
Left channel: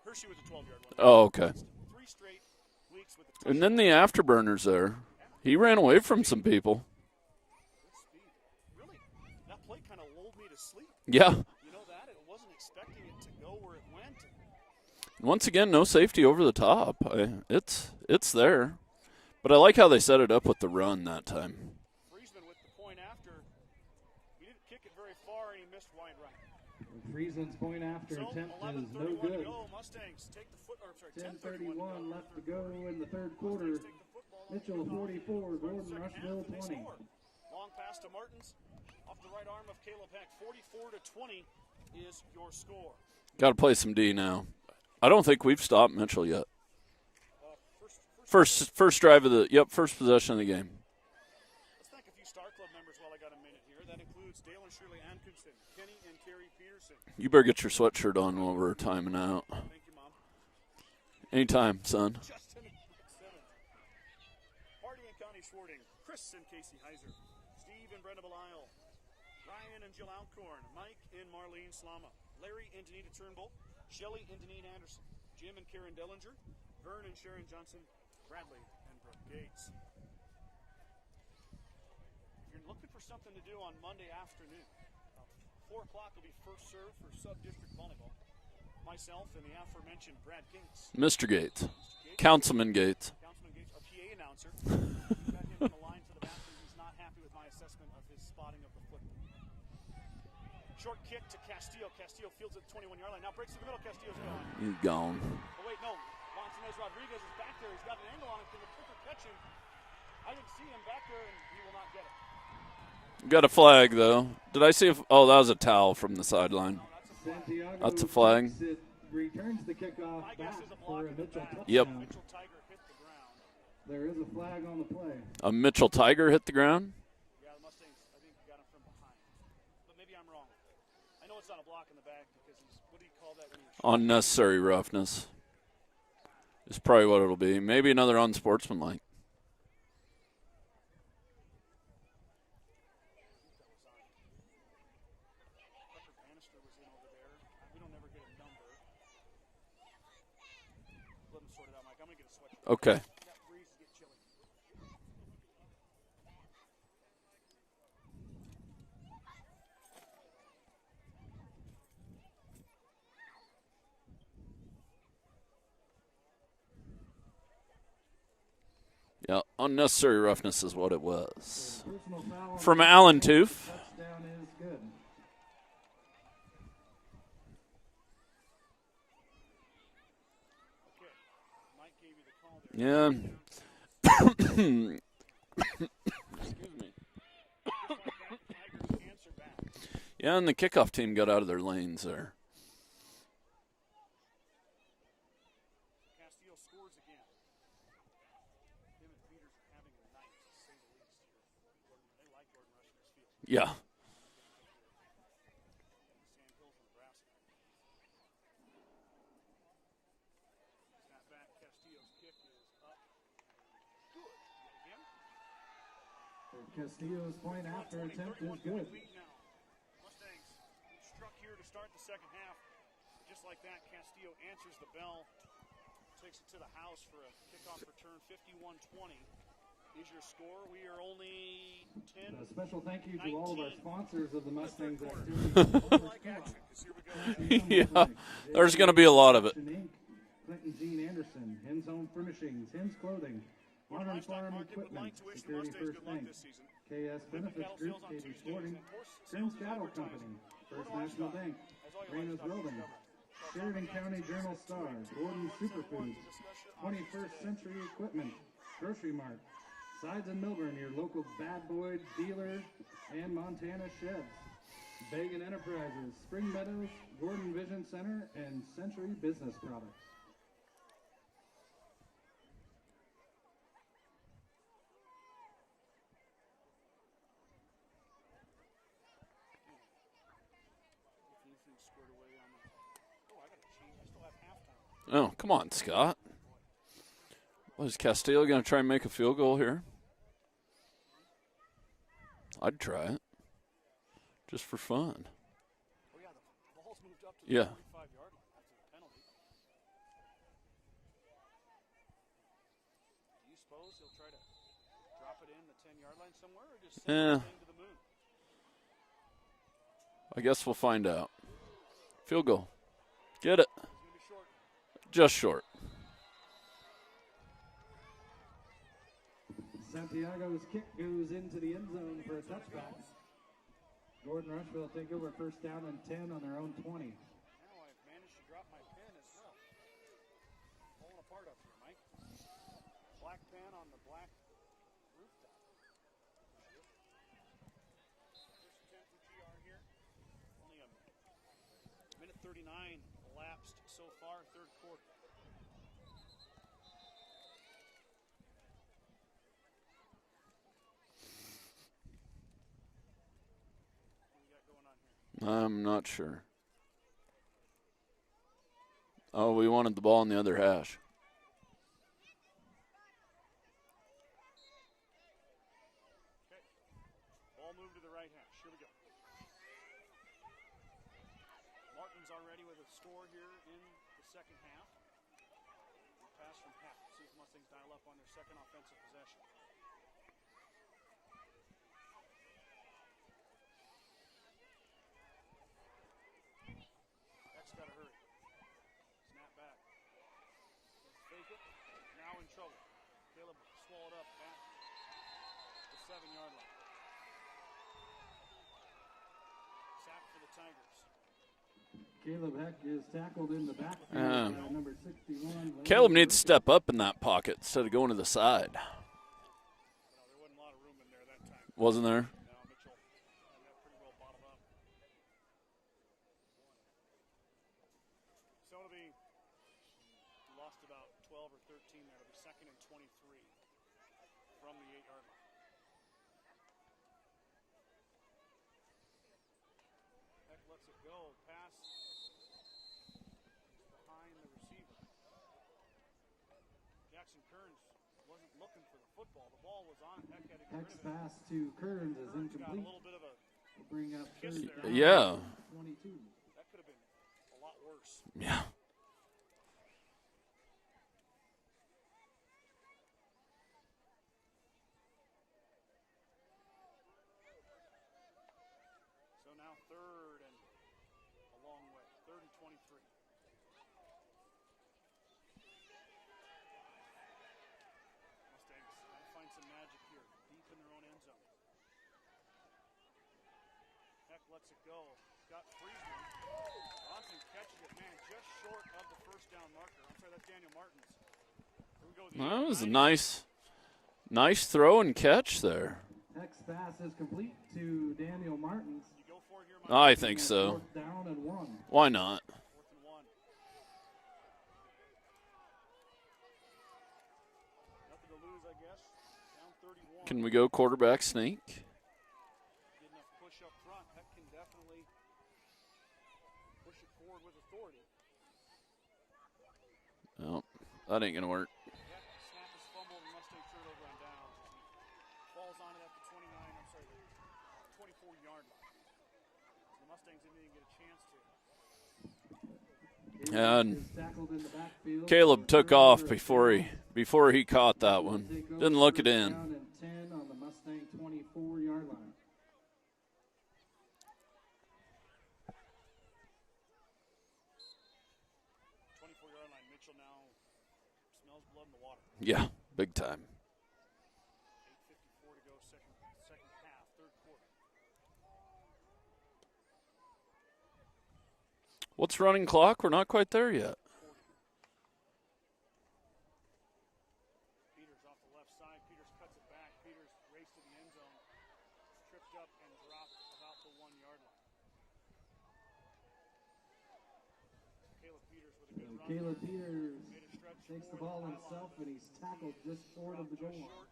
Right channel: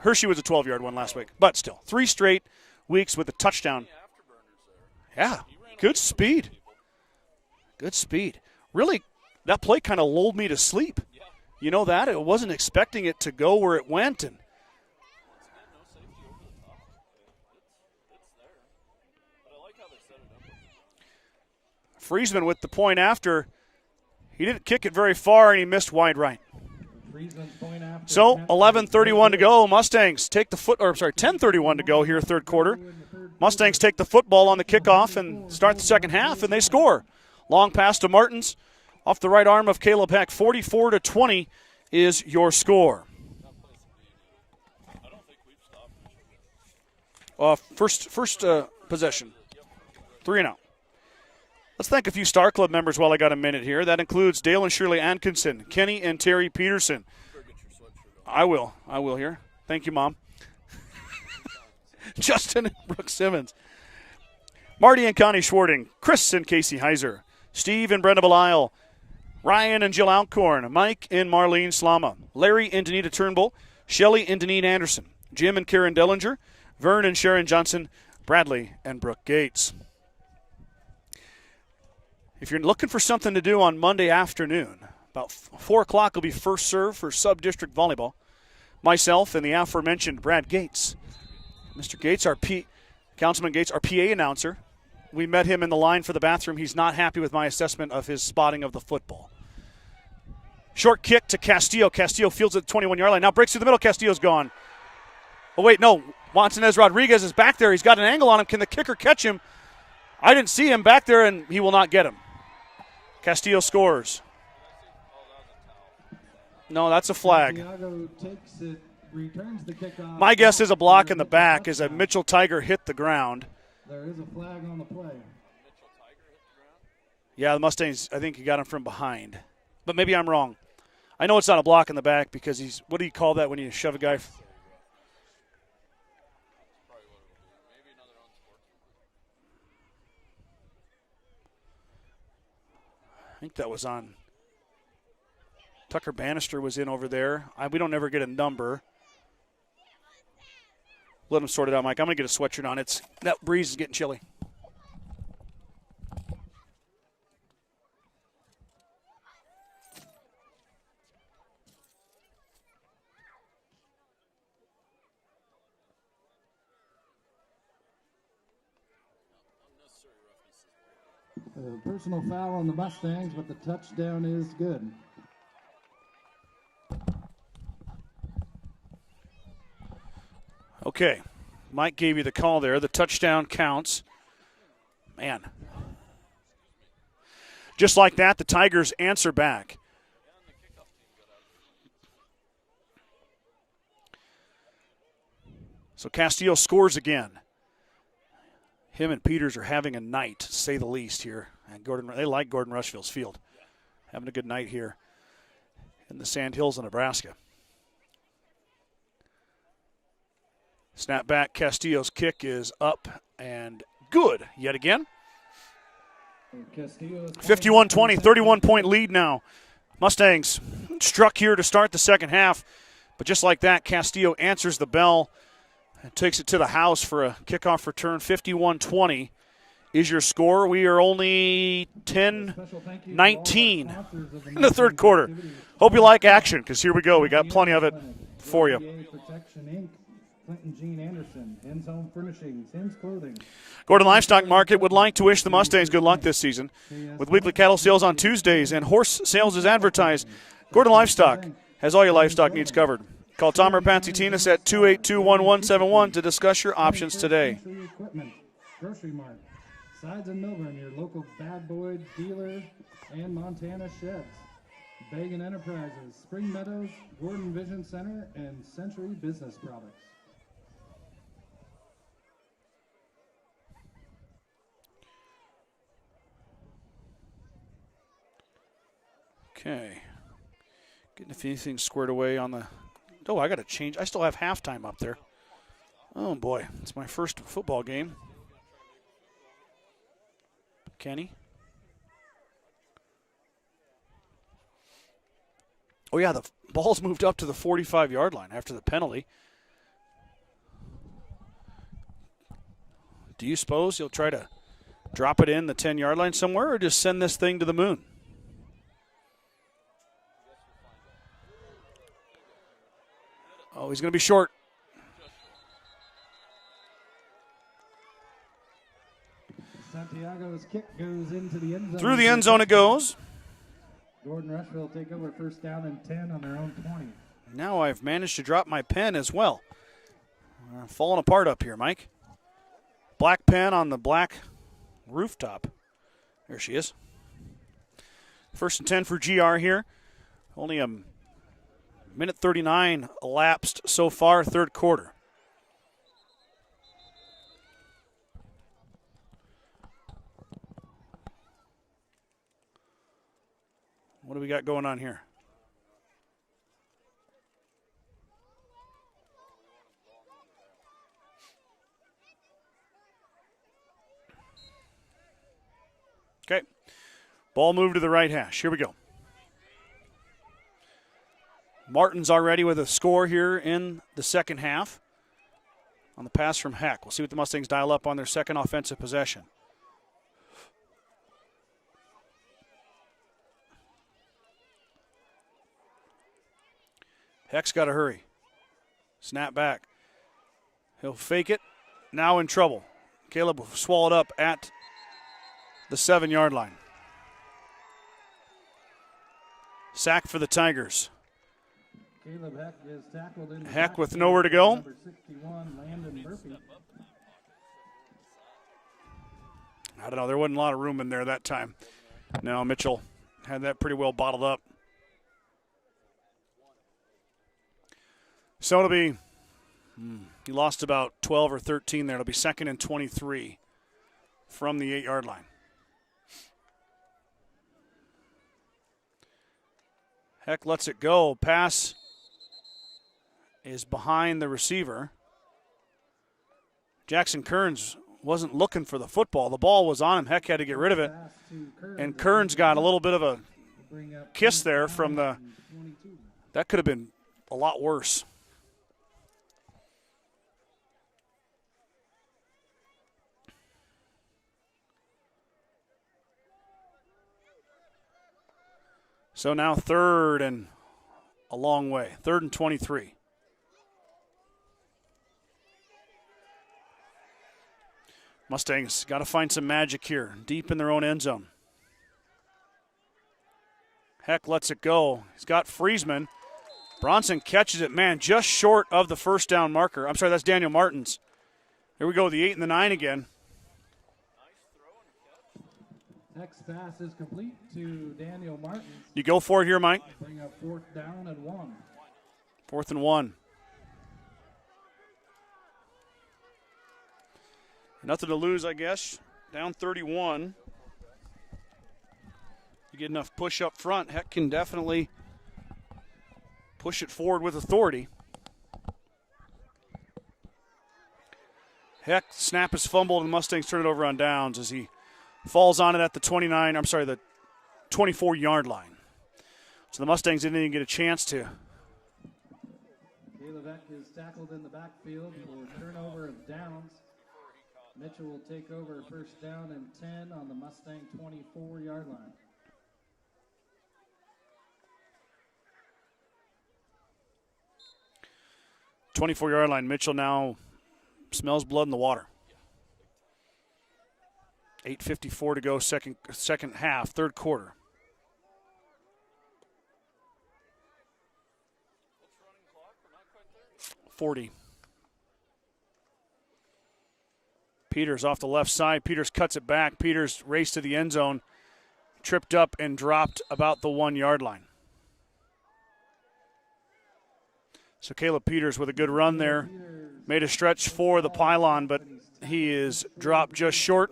Hershey was a 12-yard one last week. Okay. But still, 3 straight weeks with a touchdown. And then the afterburners there. Yeah. He ran away from some people. Good speed. Really, that play kind of lulled me to sleep. Yeah. You know that? I wasn't expecting it to go where it went. And once again, no safety over the top. It's there. But I like how they set it up with the run that time. Friesman with the point after. He didn't kick it very far, and he missed wide right. So 11:31 to go. Mustangs take the 10:31 to go here, 3rd quarter. Mustangs take the football on the kickoff and start the 2nd half, and they score. Long pass to Martins off the right arm of Caleb Heck. 44-20 is your score. Got to play some D now. I don't think we've stopped Mitchell yet. First drive of the first possession of the game. Let's thank a few Star Club members while I got a minute here. That includes Dale and Shirley Atkinson, Kenny and Terry Peterson. You better get your sweatshirt on. I will here. Thank you, Mom. Anytime, son. Justin and Brooke Simmons. Marty and Connie Schwarting, Chris and Casey Heiser, Steve and Brenda Belisle, Ryan and Jill Alcorn, Mike and Marlene Slama, Larry and Danita Turnbull, Shelley and Deneen Anderson, Jim and Karen Dellinger, Vern and Sharon Johnson, Bradley and Brooke Gates. If you're looking for something to do on Monday afternoon, about 4 o'clock will be first serve for sub-district volleyball. Myself and the aforementioned Brad Gates. Mr. Gates. Mr. Gates. Councilman Gates. Councilman Gates, our PA announcer. We met him in the line for the bathroom. He's not happy with my assessment of his spotting of the football. Short kick to Castillo. Castillo fields at the 21-yard line. Now breaks through the middle. Castillo's gone. He's gone. Oh, wait, no. Montanez Rodriguez is back there. He's got an angle on him. Can the kicker catch him? I didn't see him back there, and he will not get him. Castillo got a flag, scores. Though. Did I see that was a towel from the sideline. No, that's a flag. That's a flag. My guess is a block in the back as a Mitchell Tiger hit the ground. There is a flag on the play. A Mitchell Tiger hit the ground? Yeah, the Mustangs, I think he got him from behind. But maybe I'm wrong. I know it's not a block in the back because he's, what do you call that when you shove guys? Unnecessary roughness. Is probably what it'll be. Maybe another unsportsmanlike. I think that was on. Tucker Bannister was in over there. We don't ever get a number. Let him sort it out, Mike. I'm going to get a sweatshirt on. Okay. That breeze is getting chilly. Yeah, unnecessary roughness is what it was. Personal foul on From the Allen Mustangs. Toof. The touchdown is good. Okay. Mike gave you the call there. The Yeah. touchdown counts. Man. Just like that, the Tigers answer back. Yeah, and the kickoff team got out of their lanes there. So Castillo scores again. Him and Peters are having a night, to say the least, here. And they like Gordon-Rushville's field. Yeah. Having a good night here in the Sand Hills of Nebraska. Snap back. Castillo's kick is up and good yet again. 51-20, 31-point lead now. Mustangs struck here to start the second half. But just like that, Castillo answers the bell and takes it to the house for a kickoff return. 51-20 is your score. We are only 10-19 in the third quarter. Hope you like action, because here we go. We got plenty of it for There's you. going to be a lot of it. Clinton Jean Anderson, End Zone Furnishings, Hens Clothing. Gordon Livestock Market would like to wish the Mustangs good luck this season. With weekly cattle sales on Tuesdays and horse sales as advertised, Gordon Livestock has all your livestock needs covered. Call Tom or Patsy Tinas at 282-1171 to discuss your options today. Century Equipment, Grocery Mart, Sides in Melbourne, your local Bad Boy dealer, and Montana Sheds. Bagan Enterprises, Spring Meadows, Gordon Vision Center, and Century Business Products. Okay. Getting a few things squared away on the... Oh, I got to change. I still have halftime up there. Oh, come on, Scott. Oh, boy. It's my first football Is game. Castillo going to try and make a field goal here? Kenny? I'd try it. Just for fun. Oh, yeah, the ball's moved up to the Yeah. 45-yard line after the penalty. Do you suppose you'll try to drop it in the 10-yard line somewhere or just send this Yeah. thing to the moon? I guess we'll find out. Field goal. Get it. Oh, he's going to be short. Just short. Santiago's kick goes into the end zone. Through the end zone it goes. Gordon-Rushville take over first down and 10 on their own 20. Now I've managed to drop my pen as well. Falling apart up here, Mike. Black pen on the black rooftop. There she is. First and 10 for GR here. Only a minute 39 elapsed so far, third quarter. What do we got going on here? I'm not sure. Oh, we wanted the ball in the other hash. Okay. Ball moved to the right hash. Here we go. Martin's already with a score here in the second half on the pass from Heck. We'll see what the Mustangs dial up on their second offensive possession. Heck's got to hurry. Snap back. He'll fake it. Now in trouble. Caleb will swallow it up at the 7-yard line. Sack for the Tigers. Caleb Heck is tackled in the Heck with backfield. nowhere to go. Number 61, Caleb needs to step up in that pocket instead of going to the side. I don't know. There wasn't a lot of room in there that time. Wasn't there? No, Mitchell had that pretty well bottled up. So it'll be, he lost about 12 or 13 there. It'll be second and 23 from the 8-yard line. Heck lets it go. Pass is behind the receiver. Jackson Kearns wasn't looking for the football. The ball was on him. Heck had to get rid of it. And Kearns got a little bit of a kiss there from that could have been a lot worse. Yeah. So now third and a long way. Third and 23. Mustangs got to find some magic here, deep in their own end zone. Heck lets it go. He's got Friesman. Bronson catches it, man, just short of the first down marker. I'm sorry, that's Daniel Martins. Here we go, the 8 and the 9 again. Nice throw and catch there. Heck's pass is complete to Daniel Martins. You go for it here, Mike? I think so. 4th down and 1. Why not? 4th and 1. Nothing to lose, I guess. Down 31. Can we go quarterback sneak? You get enough push up front, Heck can definitely push it forward with authority. No, that ain't going to work. Heck, snap is fumbled, and Mustangs turn it over on downs as he falls on it at the 24-yard line. So the Mustangs didn't even get a chance to. And Caleb took off before he caught that one. Didn't look it in. 10 on the Mustang 24-yard line. .24-yard line. Mitchell now smells blood in the water. Yeah, big time. 8:54 to go, second half, third quarter. What's running clock? We're not quite there yet. 40. Peters off the left side. Peters cuts it back. Peters raced to the end zone, tripped up and dropped about the 1-yard line. So Caleb Peters with a good run there. Made a stretch for the pylon, but he is dropped just short.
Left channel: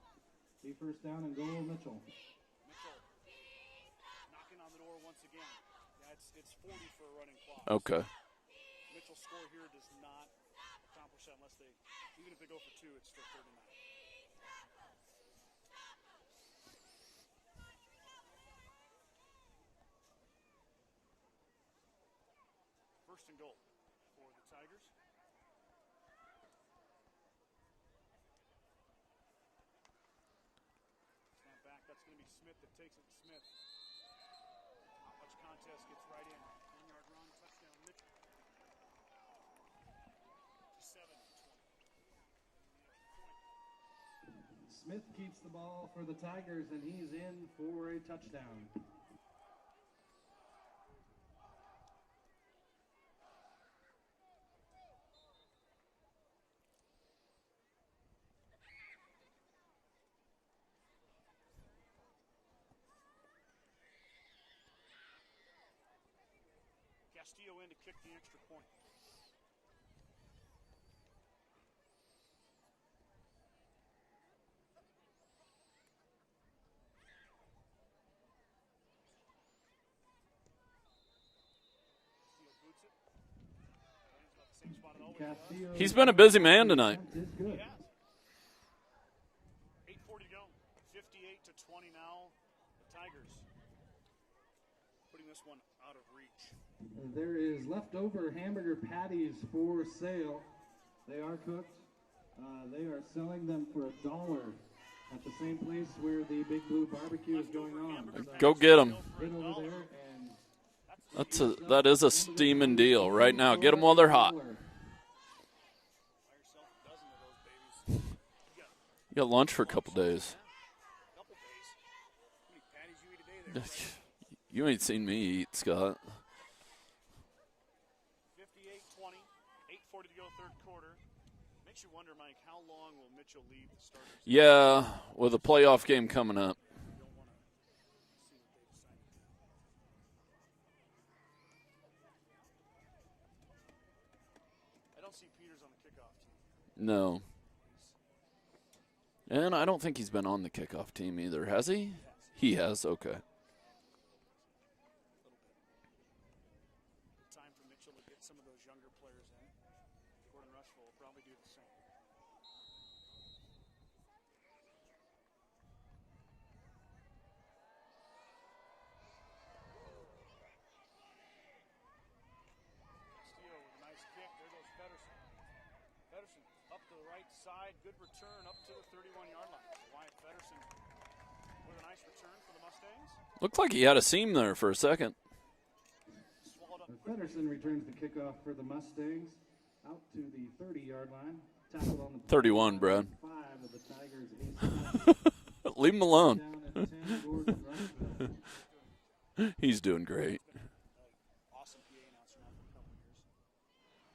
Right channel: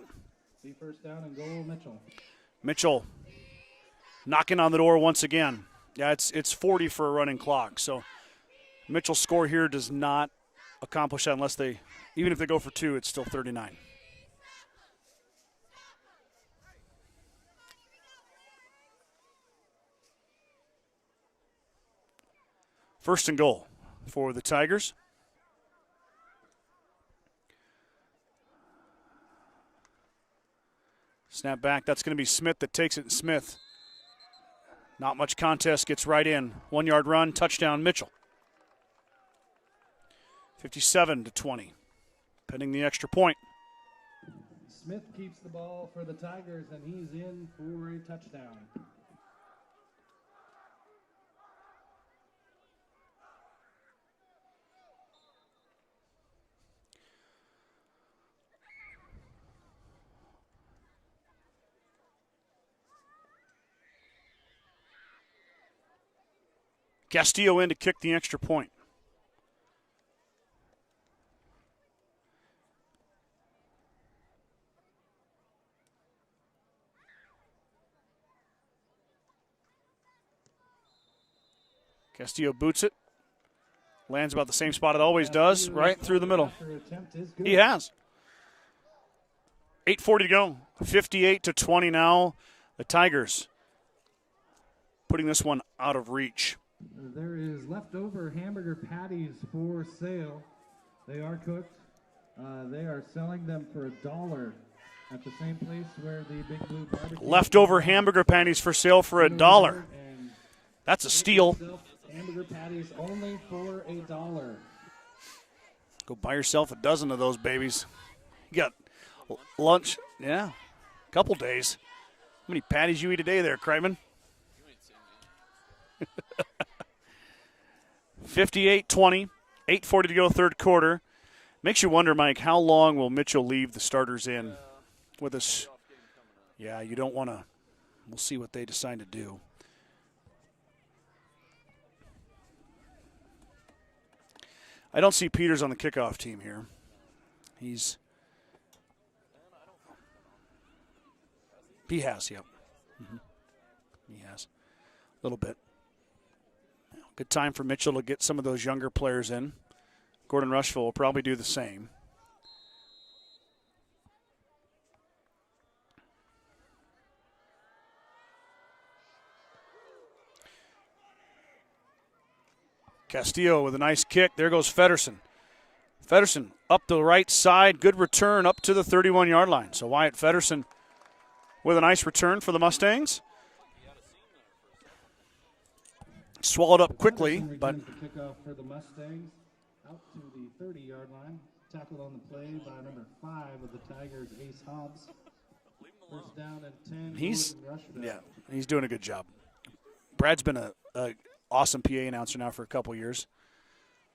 First down and goal, Mitchell. Mitchell knocking on the door once again. Yeah, it's 40 for a running clock. Okay. So Mitchell's score here does not accomplish that unless even if they go for 2, it's still 39. First and goal for the Tigers. Snap back. That's going to be Smith that takes it. Smith, not much contest, gets right in. 1-yard run, touchdown, Mitchell. 57-20, pending the extra point. Smith keeps the ball for the Tigers, and he's in for a touchdown. Castillo in to kick the extra point. Castillo boots it. Lands about the same spot it always does. Right. He's been a busy man tonight. He has. 8:40 to go. 58-20 now. The Tigers putting this one out of reach. There is leftover hamburger patties for sale. They are cooked. They are selling them for $1 at the same place where the Big Blue Barbecue. Leftover hamburger patties for sale for $1. That's a steal. That is a steaming deal right now. Get them while they're hot. Go buy yourself a dozen of those babies. You got lunch for a couple days. Yeah, a couple days. How many patties you eat a day there, Kreitman? You ain't seen me eat, Scott. 58-20, 8:40 to go, third quarter. Makes you wonder, Mike, how long will Mitchell leave the starters in? Yeah, with a playoff game coming up. Yeah, you don't want to. We'll see what they decide to do. I don't see Peters on the kickoff team here. No. And I don't think he's been on the kickoff team either, has he? He has, yeah. He has, okay. He has. A little bit. Good time for Mitchell to get some of those younger players in. Gordon-Rushville will probably do the same. Castillo with a nice kick. There goes Feddersen. Feddersen up the right side. Good return up to the 31-yard line. So Wyatt Feddersen with a nice return for the Mustangs. Looked like he had a seam there for a second. Swallowed up quickly, but kickoff for the Mustangs out to the 30-yard line. Tackle on the 31, Brad. 5 of the Tigers, Ace Hobbs. Leave him alone. Down at 10, He's Gordon-Rushville. he's doing a good job. He's doing great. Brad's been a awesome PA announcer now for a couple years.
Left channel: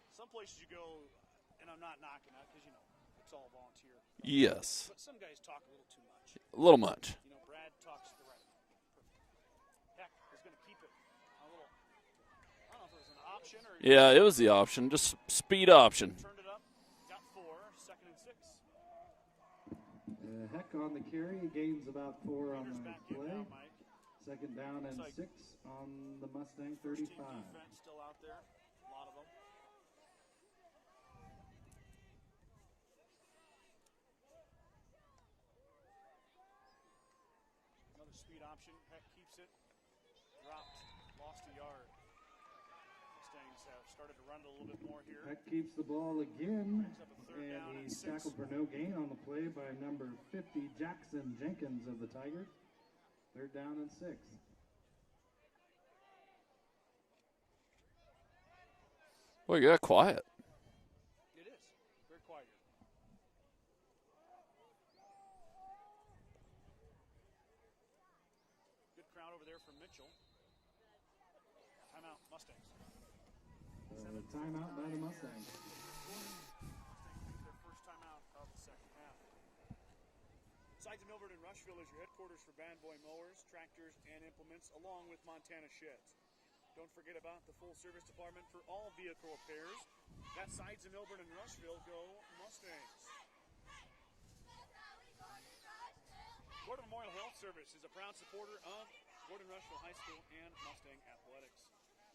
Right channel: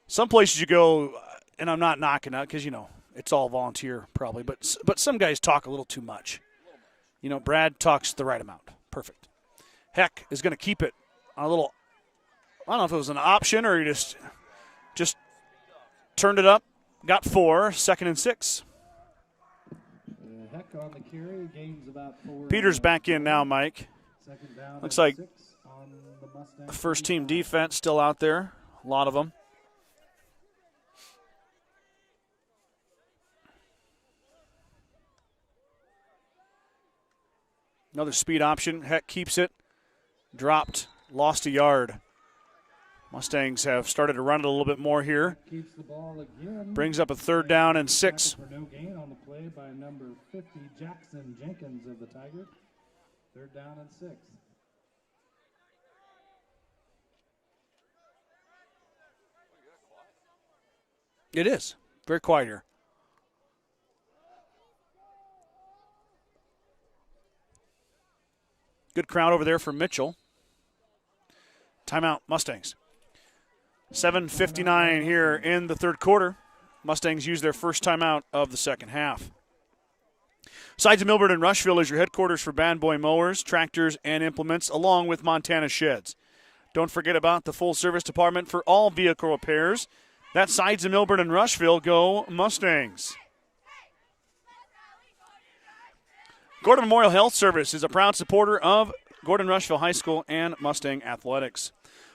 Some places you go, and I'm not knocking out because, it's all volunteer probably. Yes. But some guys talk a little too much. A little much. Brad talks the right amount. Perfect. Heck is going to keep it on a little, I don't know if it was an option or he just Yeah, it was the option. Just speed option. turned it up, got 4, 2nd and 6. Heck on the carry, gains about 4. Peters back in now, Mike. Second down Looks and like 6 on the Mustangs. First team defense still out there, a lot of them. Another speed option. Heck keeps it. Dropped. Lost a yard. Mustangs have started to run it a little bit more here. Keeps the ball again. Brings up a 3rd down and 6. Tackle for no gain on the play by number 50, Jackson Jenkins of the Tigers. 3rd down and 6. Well, you got quiet. It is. Very quiet here. Good crowd over there for Mitchell. Timeout, Mustangs. 7:59 here in the 3rd quarter. Mustangs use their first timeout of the 2nd half. Sides of Milburn and Rushville is your headquarters for Bad Boy mowers, tractors, and implements, along with Montana Sheds. Don't forget about the full-service department for all vehicle repairs. That's Sides of Milburn and Rushville. Go Mustangs. Gordon Memorial Health Service is a proud supporter of Gordon-Rushville High School and Mustang Athletics.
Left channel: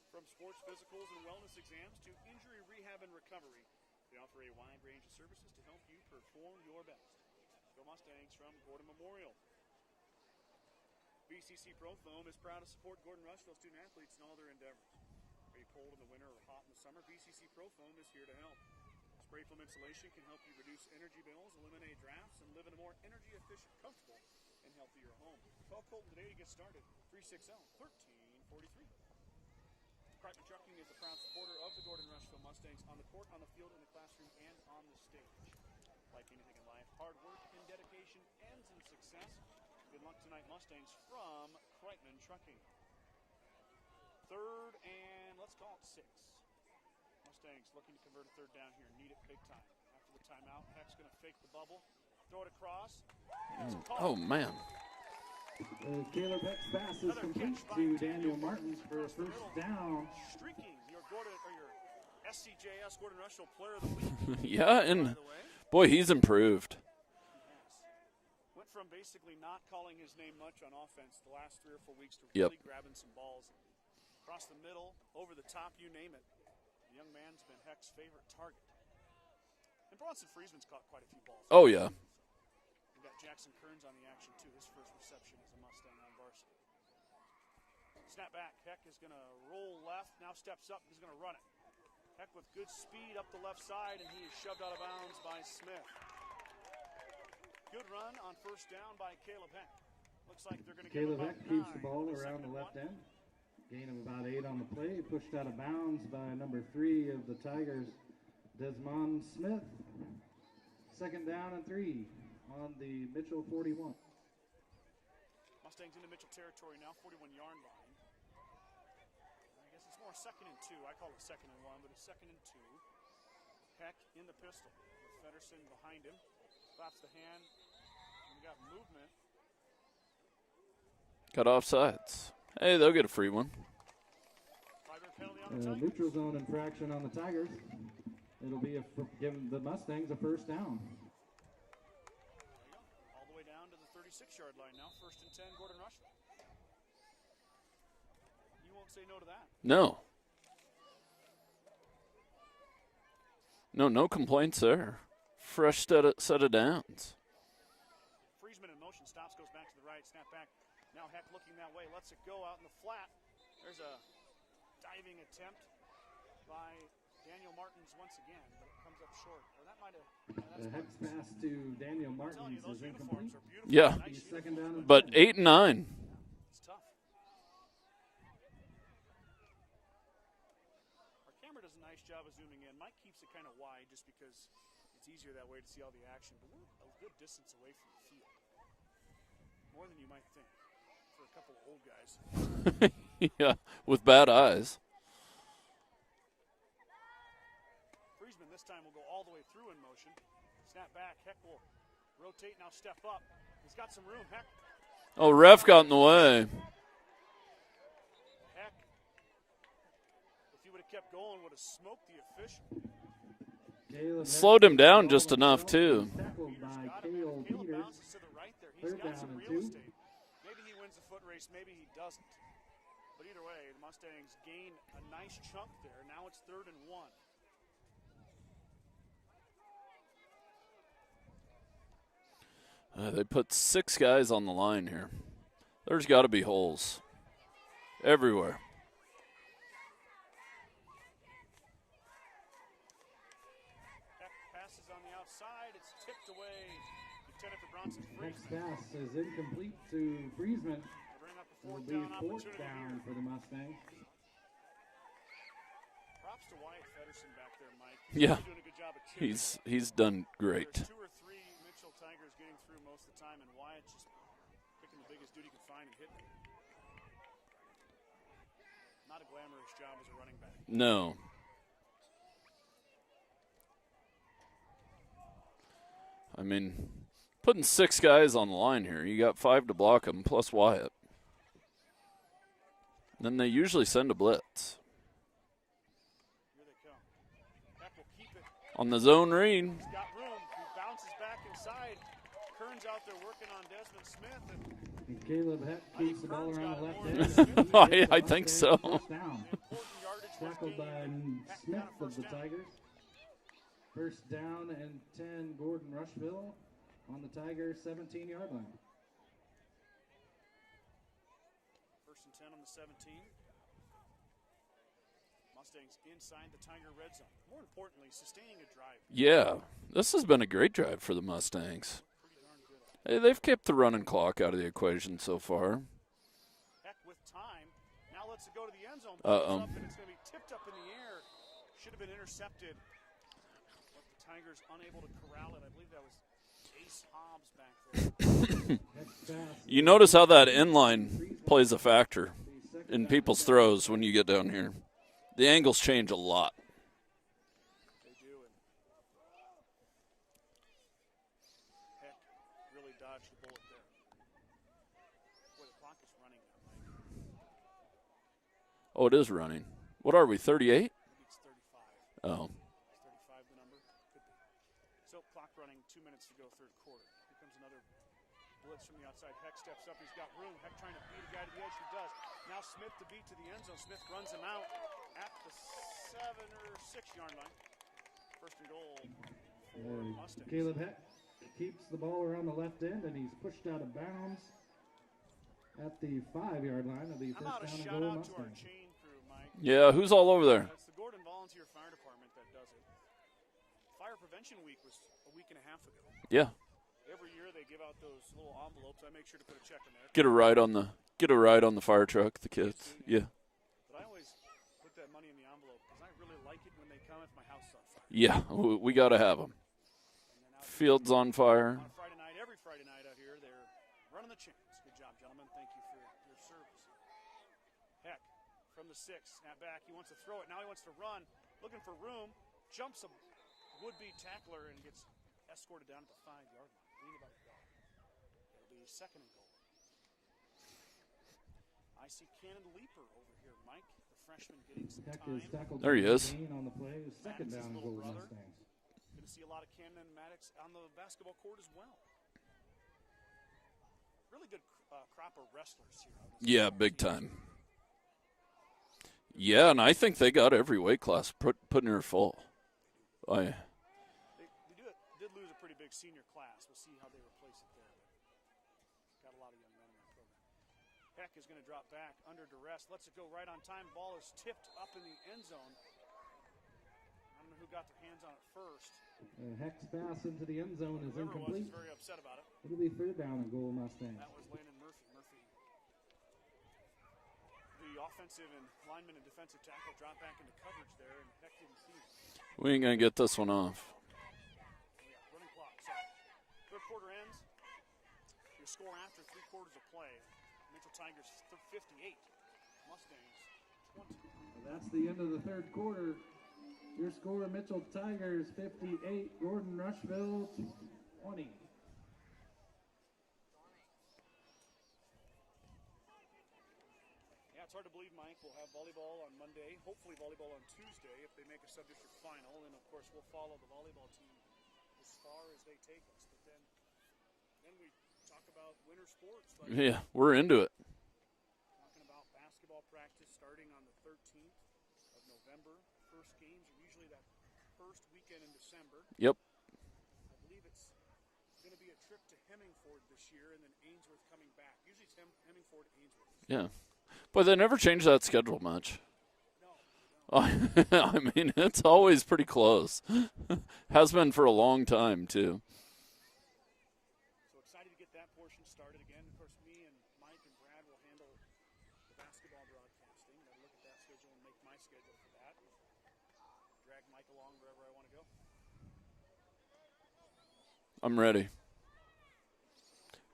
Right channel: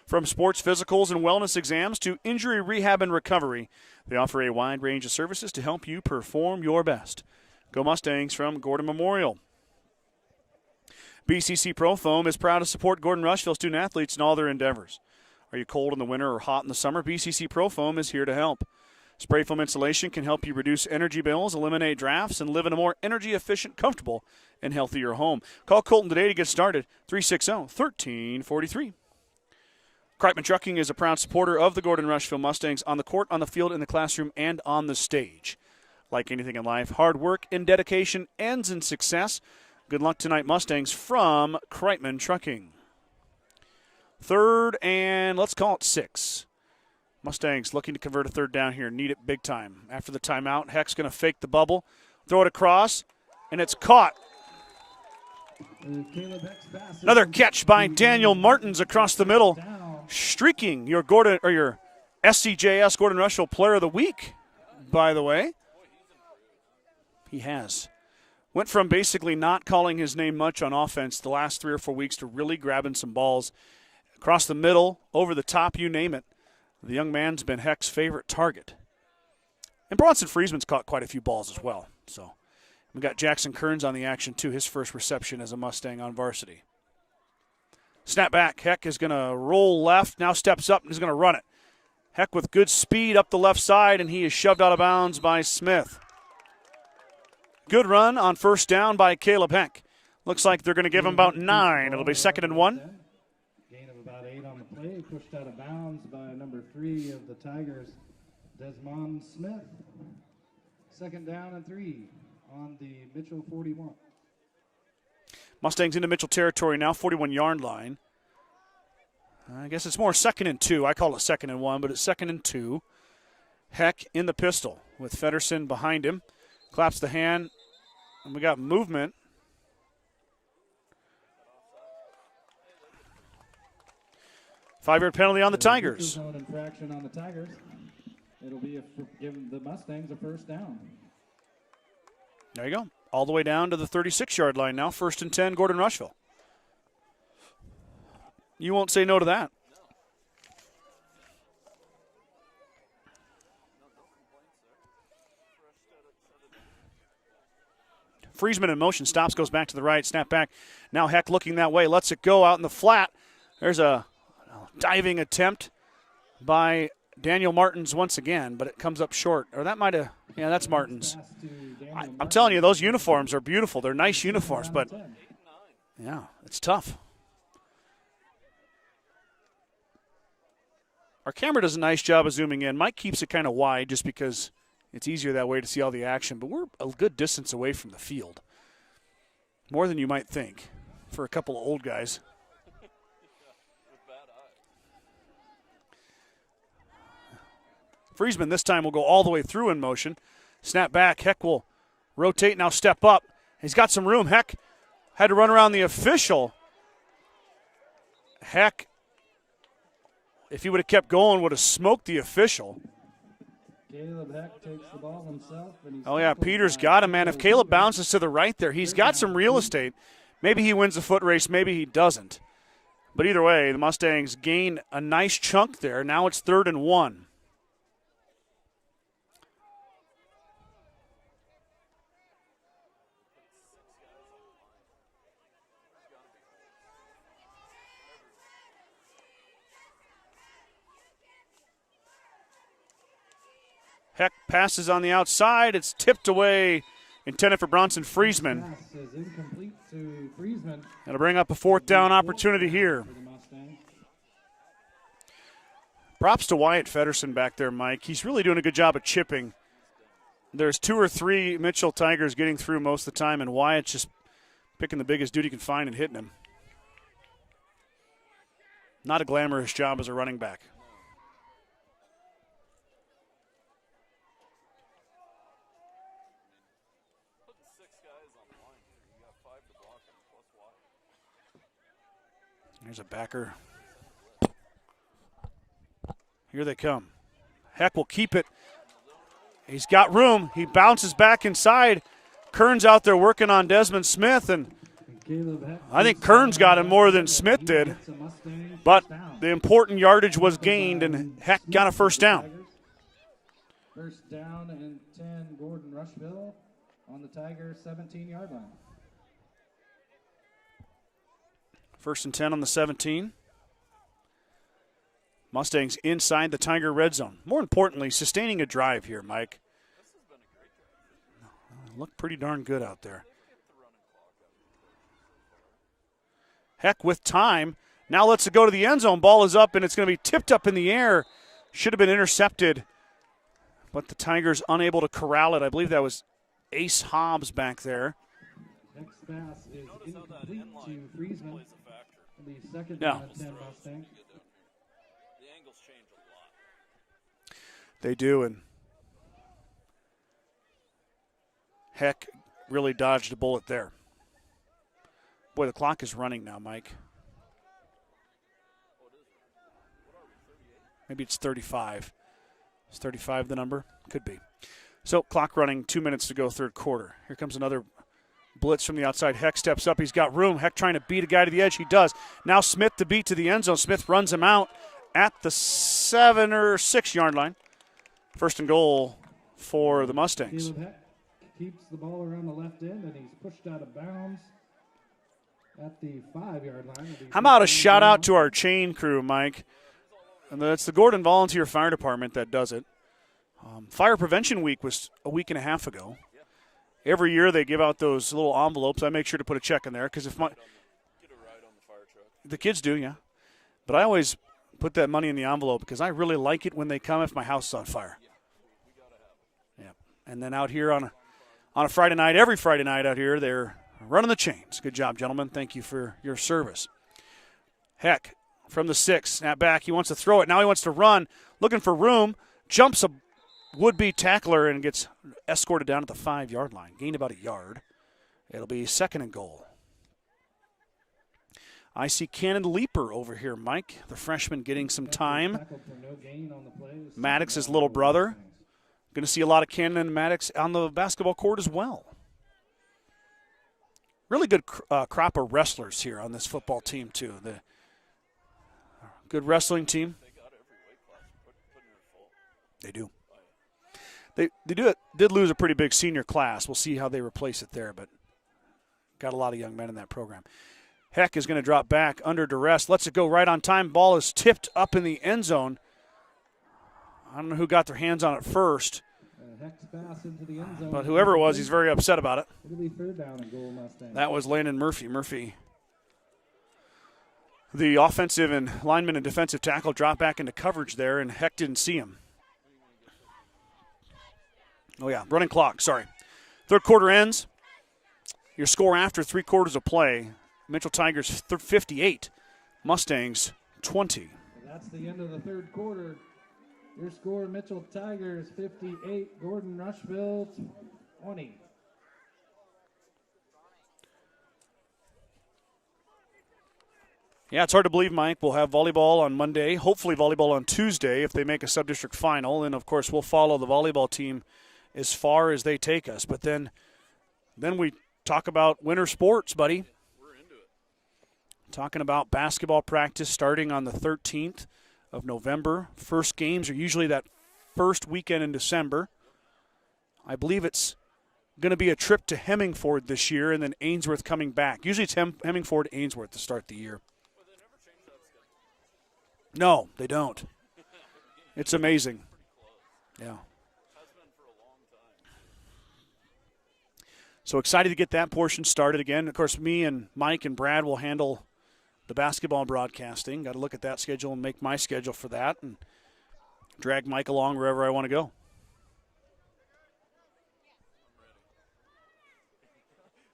From sports physicals and wellness exams to injury rehab and recovery, they offer a wide range of services to help you perform your best. Go Mustangs from Gordon Memorial. BCC Pro Foam is proud to support Gordon-Rushville student athletes in all their endeavors. Are you cold in the winter or hot in the summer? BCC Pro Foam is here to help. Spray foam insulation can help you reduce energy bills, eliminate drafts, and live in a more energy-efficient, comfortable, and healthier home. Call Colton today to get started, 360-1343. Kreitman Trucking is a proud supporter of the Gordon-Rushville Mustangs on the court, on the field, in the classroom, and on the stage. Like anything in life, hard work and dedication ends in success. Good luck tonight, Mustangs, from Kreitman Trucking. 3rd and let's call it 6. Mustangs looking to convert a 3rd down here. Need it big time. After the timeout, Heck's going to fake the bubble, throw it across, and it's caught. Oh, man. Another catch by Daniel Martins across the middle, streaking your SCJS Gordon-Rushville Player of the Week. Yeah. By the way. Boy, he's improved. He has. Went from basically not calling his name much on offense the last 3 or 4 weeks to really grabbing some balls across the middle, over the top, you name it. The young man's been Heck's favorite target. And Bronson Friesman's caught quite a few balls as well. Yeah. So we got Jackson Kearns on the action, too, his first reception as a Mustang on varsity. Snap back. Heck is going to roll left, now steps up and is going to run it. Heck with good speed up the left side, and he is shoved out of bounds by Smith. Good run on 1st down by Caleb Heck. Looks like they're going to give him about 9. It'll be 2nd and 1. Gain of about 8 on the play, pushed out of bounds by number 3 of the Tigers, Desmond Smith. 2nd down and 3 on the Mitchell 41. Mustangs into Mitchell territory now, 41-yard line. I guess it's more 2nd and 2. I call it 2nd and 1, but it's 2nd and 2. Heck in the pistol with Feddersen behind him. Claps the hand, and we got movement. Got offsides. Hey, they'll get a free one. 5-yard penalty on the Tigers. Zone infraction on the Tigers. It'll be giving the Mustangs a 1st down. There you go. All the way down to the 36-yard line now. 1st and 10, Gordon-Rushville. You won't say no to that. No. No complaints there. Fresh set of downs. Friesman in motion, stops, goes back to the right, snap back. Now Heck looking that way, lets it go out in the flat. There's a diving attempt by Daniel Martins once again, but it comes up short. Or that might have, that's Martins. I'm telling you, those uniforms are beautiful. Yeah. They're nice uniforms. But 8 and 9. Yeah, it's tough. Our camera does a nice job of zooming in. Mike keeps it kind of wide just because It's easier that way to see all the action, but we're a good distance away from the field. More than you might think for a couple of old guys. Yeah, with bad eyes. Friesman this time will go all the way through in motion. Snap back. Heck will rotate, now step up. He's got some room. Heck had to run around the official. Heck, if he would have kept going, would have smoked the official. Slowed him down just enough, too. Oh, yeah, Peters got him, man. If Caleb bounces to the right there, he's got some real estate. Maybe he wins the foot race, maybe he doesn't. But either way, the Mustangs gain a nice chunk there. Now it's 3rd and 1. They put 6 guys on the line here. There's got to be holes everywhere. Heck passes on the outside. It's tipped away, intended for Bronson Friesman. Pass is incomplete to Friesman. That'll bring up a 4th down opportunity here. For the Mustangs. Props to Wyatt Feddersen back there, Mike. He's really doing a good job of chipping. He's done great. There's 2 or 3 Mitchell Tigers getting through most of the time, and Wyatt's just picking the biggest dude he can find and hitting him. Not a glamorous job as a running back. No. I mean, putting 6 guys on the line here. You got 5 to block them, plus Wyatt. Here's a backer. And they usually send a blitz. Here they come. Heck will keep it. On the zone read. He's got room. He bounces back inside. Kern's out there working on Desmond Smith, and I think Kern's got him more than Smith did. I think so. But the important yardage was gained, and Heck got a 1st down. 1st down and 10, Gordon-Rushville on the Tigers' 17-yard line. 1st and 10 on the 17. Mustangs inside the Tiger red zone. More importantly, sustaining a drive here, Mike. This has been a great drive for the Mustangs. Look pretty darn good out there. They've kept the running clock out of the equation so far. Heck with time. Now let's go to the end zone. Ball is up, and it's going to be tipped up in the air. Should have been intercepted, but the Tigers unable to corral it. I believe that was Ace Hobbs back there. You notice how that inline plays a factor in people's throws when you get down here. The angles change a lot. They do, and Heck really dodged a bullet there. Boy, the clock is running now, Mike. Oh, it is running. What are we, 38? Maybe it's 35. Oh. Is 35 the number? Could be. So, clock running, 2 minutes to go, 3rd quarter. Here comes another blitz from the outside. Heck steps up. He's got room. Heck trying to beat a guy to the edge. He does. Now Smith to beat to the end zone. Smith runs him out at the 7 or 6 yard line. 1st and goal for the Mustangs. Caleb Heck keeps the ball around the left end, and he's pushed out of bounds at the 5-yard line. How about a shout out to our chain crew, Mike? Yeah, who's all over there? It's the Gordon Volunteer Fire Department that does it. Fire Prevention Week was a week and a half ago. Yeah. Every year they give out those little envelopes. I make sure to put a check in there. Get a ride on the fire truck. The kids do, yeah. Yeah. But I always put that money in the envelope because I really like it when they come if my house is on fire. Yeah, we got to have them. Yeah. And then out here Field's on fire. On a Friday night, every Friday night out here, they're running the chains. Good job, gentlemen. Thank you for your service. Heck, from the 6, snap back. He wants to throw it. Now he wants to run, looking for room, jumps a would-be tackler and gets escorted down at the 5-yard line. Gained about a yard. It'll be 2nd and goal. I see Cannon Leaper over here, Mike, the freshman getting some time. There he is. Maddox's little brother. Going to see a lot of Cannon and Maddox on the basketball court as well. Really good crop of wrestlers here on this football team, time. Too. Good wrestling and I team. think they got every weight class putting her full. They do. They did lose a pretty big senior class. We'll see how they replace it there, but got a lot of young men in that program. Heck is going to drop back under duress. Lets it go right on time. Ball is tipped up in the end zone. I don't know who got their hands on it first. Heck's pass into the end zone. But whoever it was, he's very upset about it. It'll be 3rd down and goal, Mustangs. That was Landon Murphy. Murphy, the offensive and lineman and defensive tackle, dropped back into coverage there, and Heck didn't see him. We ain't going to get this one off. Oh, yeah, running clock, sorry. Third quarter ends. Your score after 3 quarters of play, Mitchell Tigers 58, Mustangs 20. That's the end of the third quarter. Your score, Mitchell Tigers 58, Gordon-Rushville 20. Yeah, it's hard to believe, Mike. We'll have volleyball on Monday, hopefully volleyball on Tuesday if they make a sub-district final. And, of course, we'll follow the volleyball team as far as they take us. But then we talk about winter sports, buddy. Yeah, we're into it. Talking about basketball practice starting on the 13th of November. First games are usually that first weekend in December. Yep. I believe it's going to be a trip to Hemingford this year and then Ainsworth coming back. Usually it's Hemingford, Ainsworth to start the year. But they never change that schedule much. No, they don't. I mean, it's amazing. always pretty close. Yeah. Has been for a long time, too. So excited to get that portion started again. Of course, me and Mike and Brad will handle the basketball broadcasting. Got to look at that schedule and make my schedule for that and drag Mike along wherever I want to go. I'm ready.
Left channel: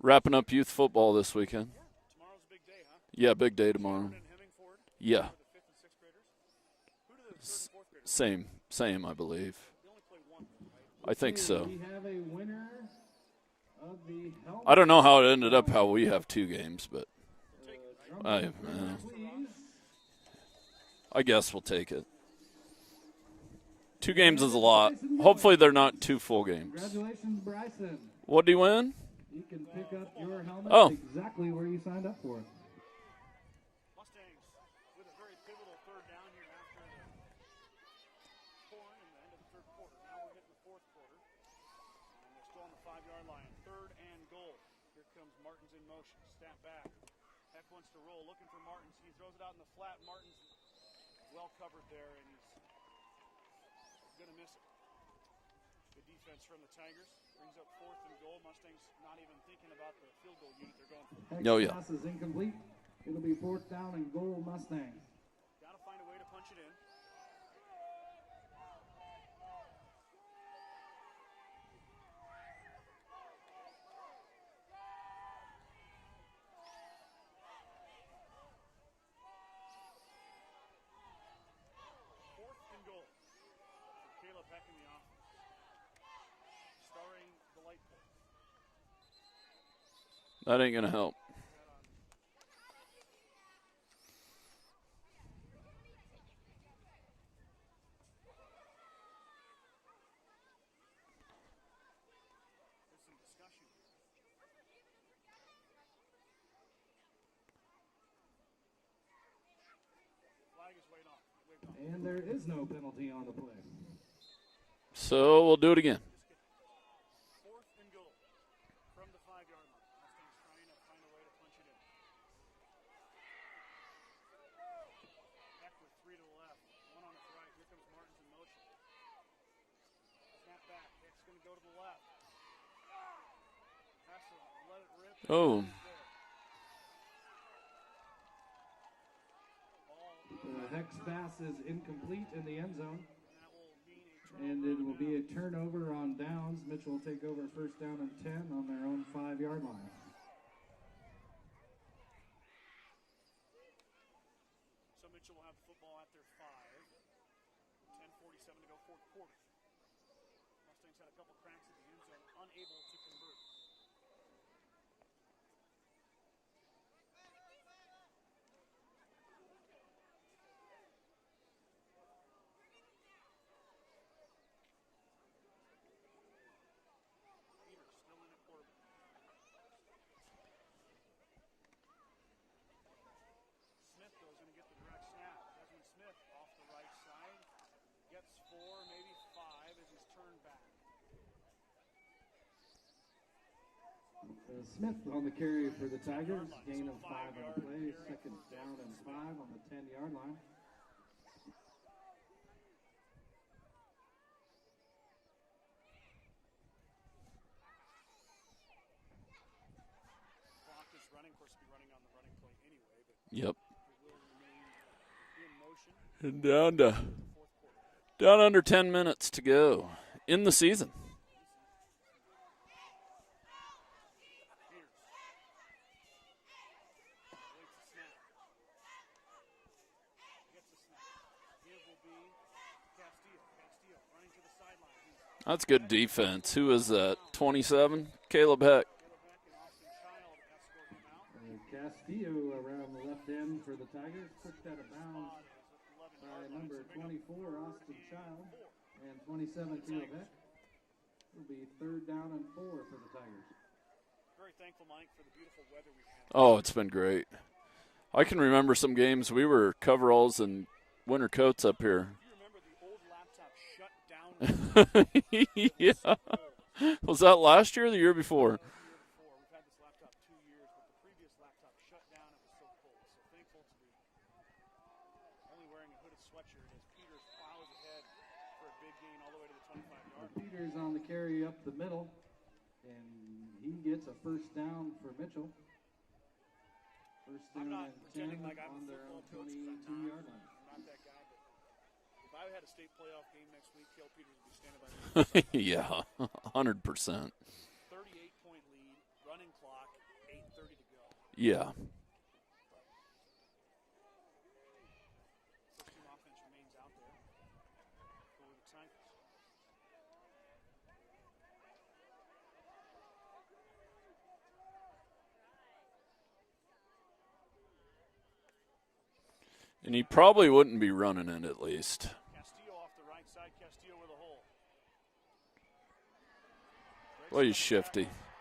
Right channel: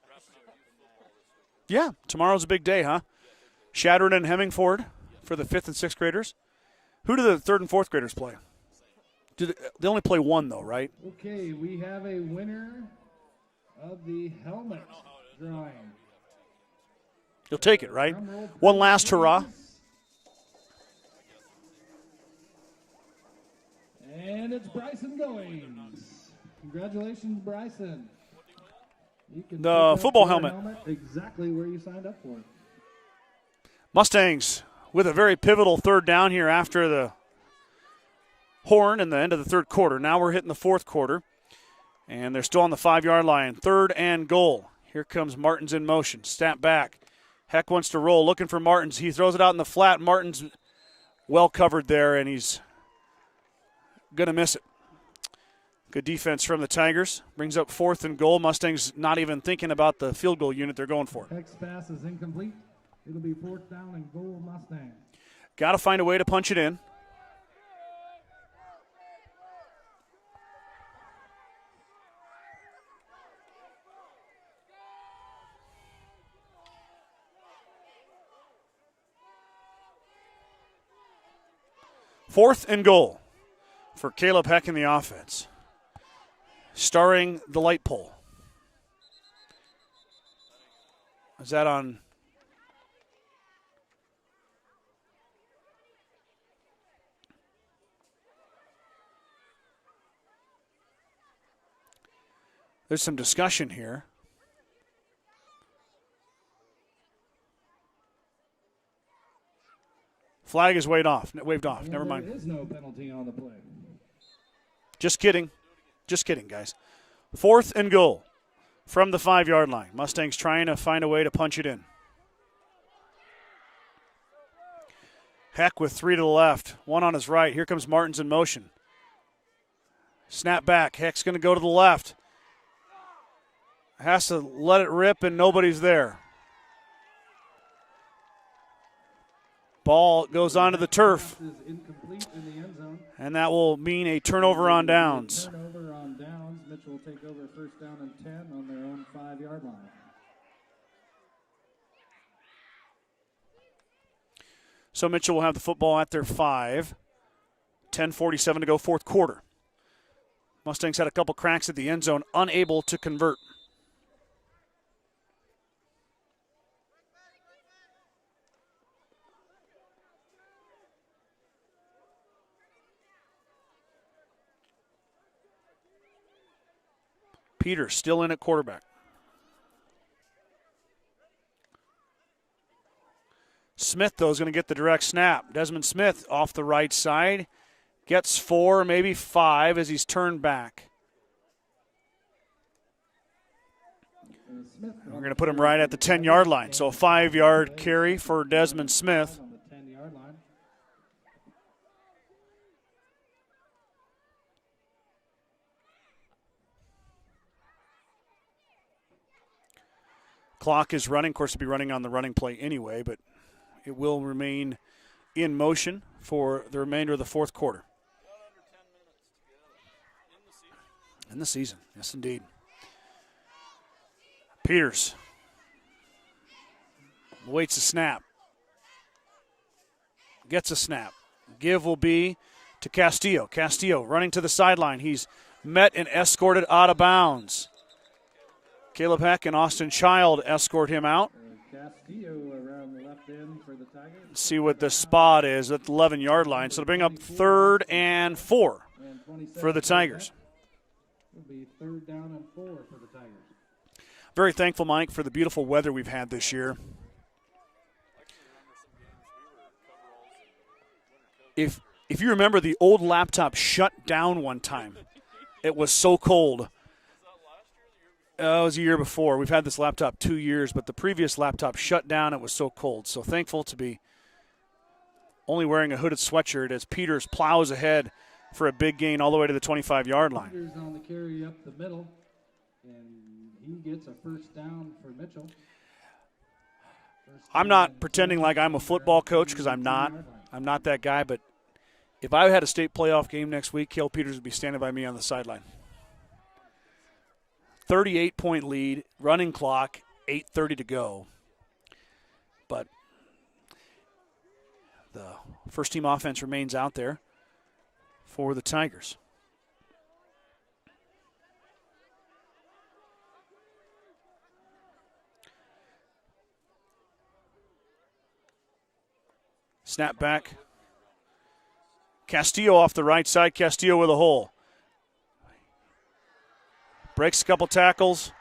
Wrapping up youth football this weekend. Yeah, tomorrow's a big day, huh? Yeah, big day tomorrow. Chattering and Hemingford Yeah. for the 5th and 6th graders. Who do the 3rd and 4th graders play? Same, I believe. They only play one, though, right? I think so. We have a winner of the helmet. I don't know how it ended up how we have 2 games, but You'll take it, right? I One last hurrah. I guess we'll take it. 2 games is a lot. Hopefully they're not 2 full games. Congratulations, Bryson. What do you win? You can The pick up football your helmet. Oh. Exactly where you signed up for. Mustangs with a very pivotal 3rd down here after the horn and the end of the 3rd quarter. Now we're hitting the 4th quarter, and they're still on the 5-yard line. 3rd and goal. Here comes Martins in motion. Snap back. Heck wants to roll, looking for Martins. He throws it out in the flat. Martins well covered there, and he's going to miss it. Good defense from the Tigers. Brings up 4th and goal. Mustangs not even thinking about the field goal unit they're going for. Oh, yeah. Pass is incomplete. It'll be 4th down and goal, Mustangs. Got to find a way to punch it in. Fourth and goal for Caleb Heck in the offense. Starring the light pole. That ain't going to help. Is that on? There's some discussion here. Flag is waved off. Never mind. There is no penalty on the play. Just So kidding. we'll do it again. Just kidding, guys. 4th and goal from the 5-yard line. Mustangs trying to find a way to punch it in. Heck with 3 to the left, 1 on his right. Here comes Martins in motion. Snap back. Heck's going to go to the left. Has to let it rip, and nobody's there. Ball goes onto the turf. Pass is incomplete in the end zone. And that will mean a turnover on downs. Turnover on downs. Mitchell will take over 1st down and 10 on their own 5-yard line. So Mitchell will have the football at their 5. 10:47 to go, 4th quarter. Mustangs had a couple cracks at the end zone, unable to convert. Peter still in at quarterback. Smith, though, is going to get the direct snap. Desmond Smith off the right side. Gets 4, maybe 5 as he's turned back. We're going to put him right at the 10-yard line. So a 5-yard carry for Desmond Smith. On the 10-yard line. Clock is running. Of course, it'll be running on the running play anyway, but it will remain in motion for the remainder of the 4th quarter. Down under 10 minutes to go in the season. In the season, yes, indeed. Peters waits a snap. Gets a snap. Give will be to Castillo. Castillo running to the sideline. He's met and escorted out of bounds. 27, Caleb Heck. Caleb Heck and Austin Child escort him out. Castillo around the left end for the Tigers. See what the spot is at the 11-yard line. So to bring up 3rd and 4 for the Tigers. It'll be 3rd down and 4 for the Tigers. Very thankful, Mike, for the beautiful weather we've had this year. Oh, it's been great. I can remember some games we were coveralls and winter coats up here. If you remember, the old laptop shut down one time. It was so cold. Was that last year or the year before? It was a year before. We've had this laptop 2 years, but the previous laptop shut down. It was so cold. So thankful to be only wearing a hooded sweatshirt as Peters plows ahead for a big gain all the way to the 25-yard line. Peters on the carry up the middle, and he gets a first down for Mitchell. I'm not pretending like I'm a football coach because I'm not. I'm not that guy, but if I had a state playoff game next week, Cale Peters would be standing by me on the sideline. Yeah, 100%. 38-point lead, running clock, 8:30 to go. Yeah. But the first-team offense remains out there for the Tigers. And he probably wouldn't be running it at least. Castillo off the right side. Castillo with a hole. Breaks a couple tackles.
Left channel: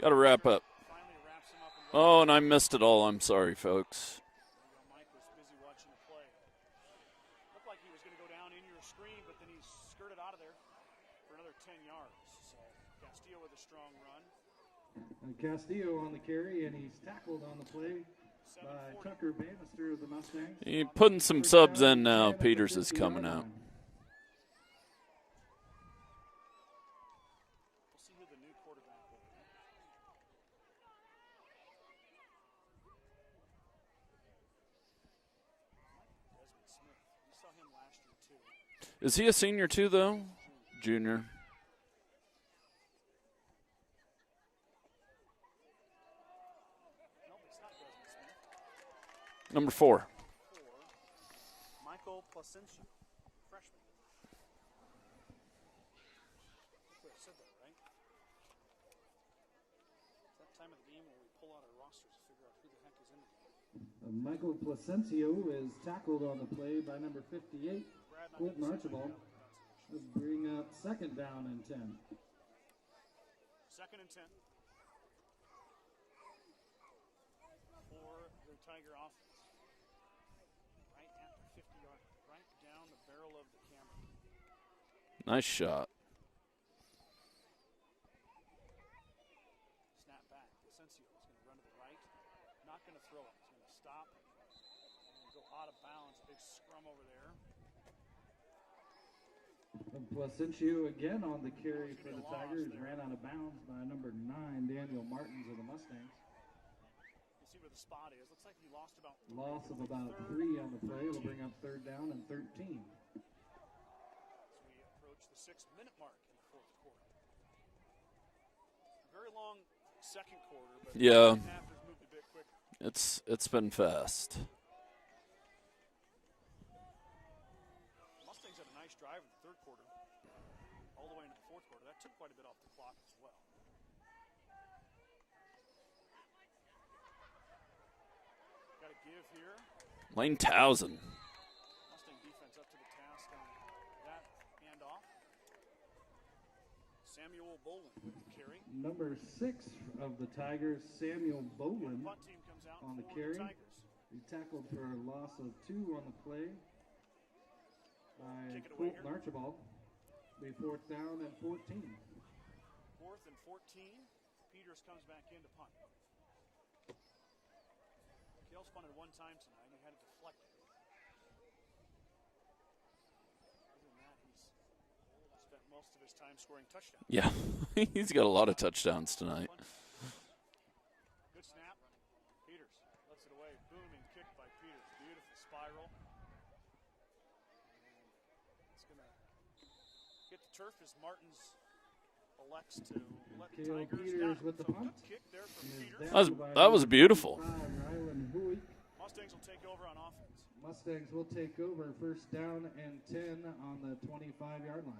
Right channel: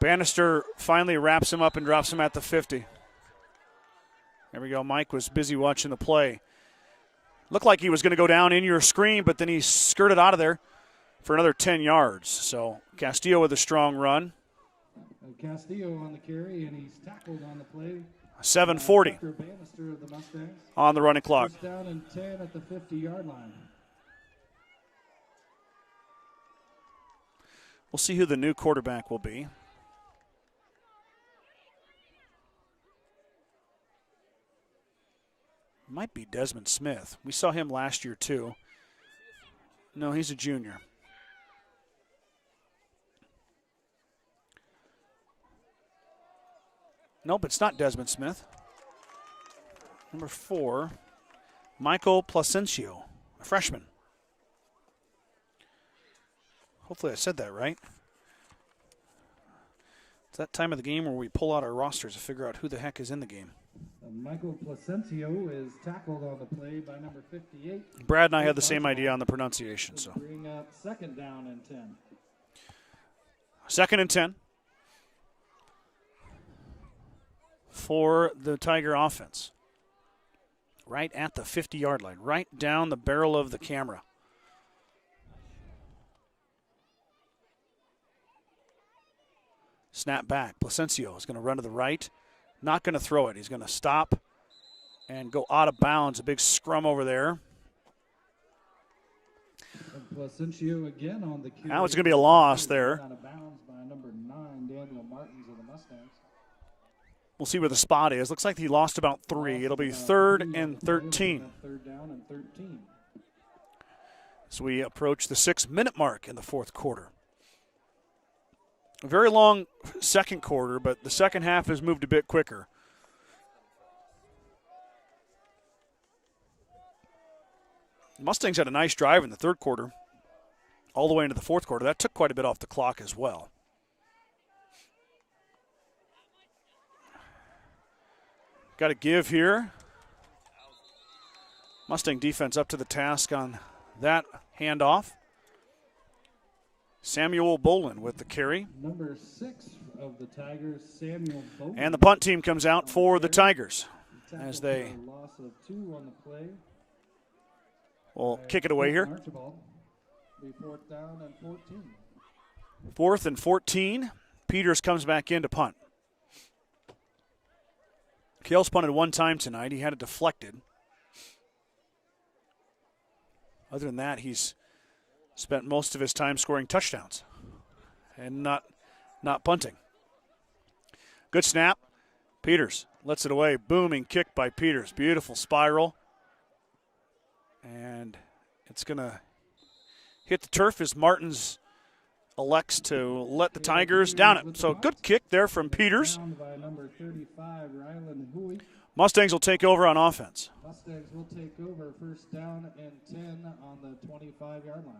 Bannister finally wraps him up and drops him at the 50. Oh, and I missed it all. I'm sorry, folks. There we go. Mike was busy watching the play. Looked like he was going to go down in your screen, but then he skirted out of there for another 10 yards. So Castillo with a strong run. Castillo on the carry, and he's tackled on the play. 7:40 on the running clock. Some subs in now. Peters is coming out. We'll see who the new quarterback will be. Might be Desmond Smith. We saw him last year, too. Is he a senior, too, though? No, he's a junior. Junior. Nope, it's not Desmond Smith. Number 4. Number 4, Michael Placencio, a freshman. Hopefully I said that right. It's that time of the game where we pull out our rosters to figure out who the heck is in the game. Michael Placencio is tackled on the play by number 58. Brad and I had the same idea on the pronunciation. So bring up 2nd down and 10. 2nd and 10 for the Tiger offense. Right at the 50-yard line, right down the barrel of the camera. Nice shot. Snap back. Placencio is going to run to the right. Not going to throw it. He's going to stop and go out of bounds. A big scrum over there. And Placencio again on the carry. Now it's going to be a loss there. Out of bounds by number 9, Daniel Martins of the Mustangs. We'll see where the spot is. Looks like he lost about 3. It'll be 3rd and 13. 3rd down and 13. So we approach the 6-minute mark in the 4th quarter. A very long second quarter, but the second half has moved a bit quicker. It's been fast. Mustangs had a nice drive in the 3rd quarter, all the way into the 4th quarter. That took quite a bit off the clock as well. Got to give here. Lane Towson. Mustang defense up to the task on that handoff. Samuel Bolin with the carry. Number 6 of the Tigers, Samuel Bolin. And the punt team comes out for the Tigers as they loss of 2 on the play. Will kick it away here. Be 4th down and 14. 4th and 14. Peters comes back in to punt. Kale's punted 1 time tonight. He had it deflected. Other than that, he's spent most of his time scoring touchdowns. Yeah, he's got a lot of touchdowns tonight. Not punting. Good snap. Peters lets it away. Booming kick by Peters. Beautiful spiral. And it's going to hit the turf as Martins elects to let the Tigers down it. So good kick there from Peters. That was beautiful. Mustangs will take over on offense. Mustangs will take over first down and 10 on the 25-yard line.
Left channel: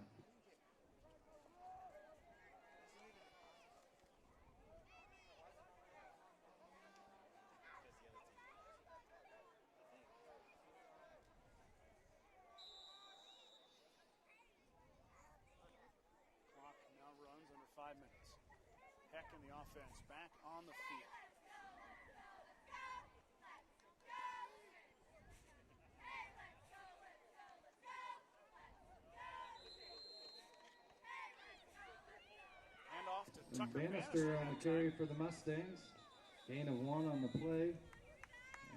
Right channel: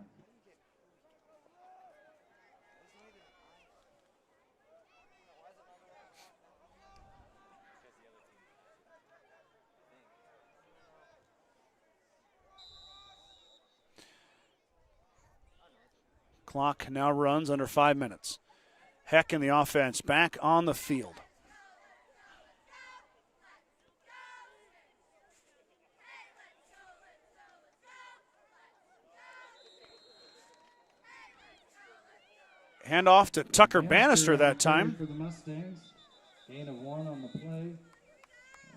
Clock now runs under 5 minutes. Heck in the offense back on the field. Hand off to Tucker Bannister that time. For the Mustangs, gain of 1 on the play,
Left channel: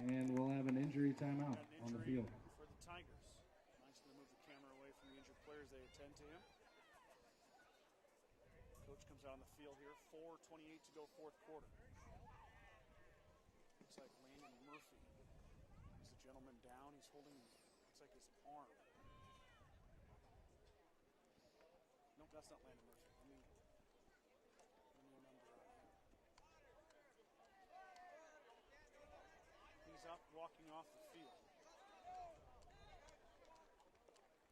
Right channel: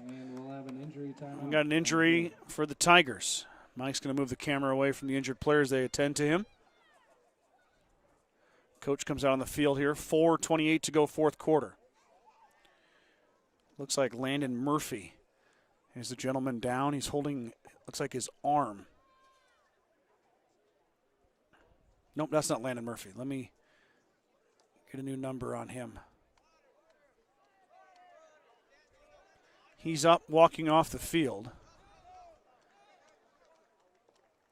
and we'll have an injury timeout. We got an injury for the Tigers. Mike's going to move the camera away from the injured players. They attend to him. Coach comes out on the field here. 4:28 to go, fourth quarter. Looks like Landon Murphy is the gentleman down. He's holding, looks like his arm. Nope, that's not Landon Murphy. Let me get a new number on him. He's up, walking off the field.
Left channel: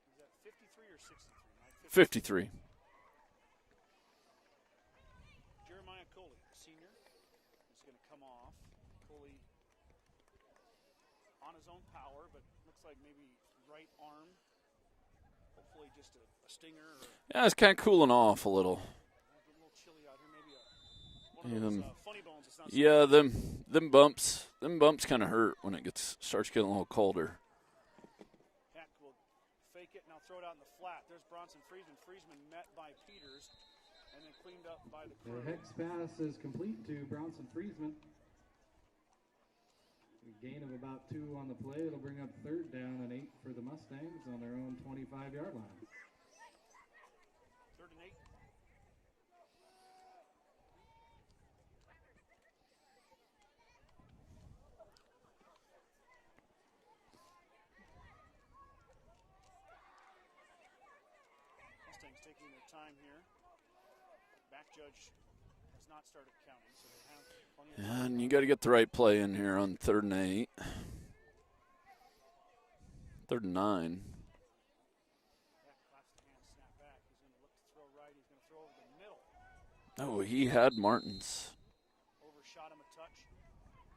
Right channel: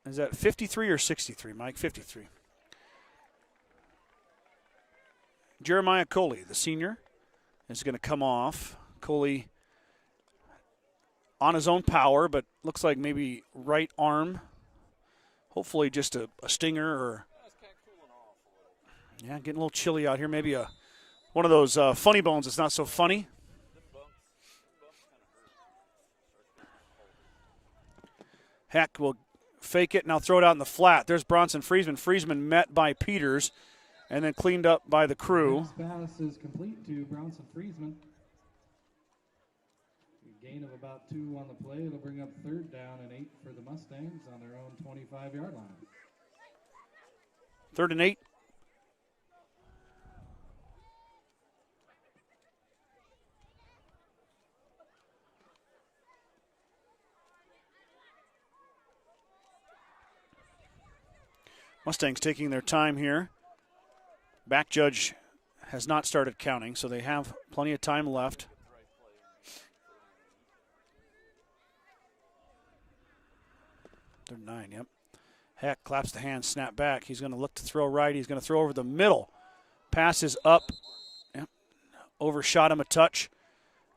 Is that 53 or 63, Mike? 53. Jeremiah Coley, the senior, is going to come off. Coley on his own power, but looks like maybe right arm. Hopefully just a stinger or. Yeah, it's kind of cooling off a little. Yeah, getting a little chilly out here. Maybe one of those funny bones. It's not so funny. Them bumps kind of hurt when it starts getting a little colder. Heck will fake it, now throw it out in the flat. There's Bronson Friesman. Friesman met by Peters and then cleaned up by the crew. The next pass is complete to Bronson Friesman. A gain of about 2 on the play. It'll bring up third down and 8 for the Mustangs on their own 25-yard line. 3rd and 8. Mustangs taking their time here. Back judge has not started counting, so they have plenty of time left. You got to get the right play in here on 3rd and 8. 3rd and 9. 3rd and 9, yep. Heck claps the hand, snap back. He's going to look to throw right. He's going to throw over the middle. Pass is he up. Had Martins. Yep. Overshot him a touch,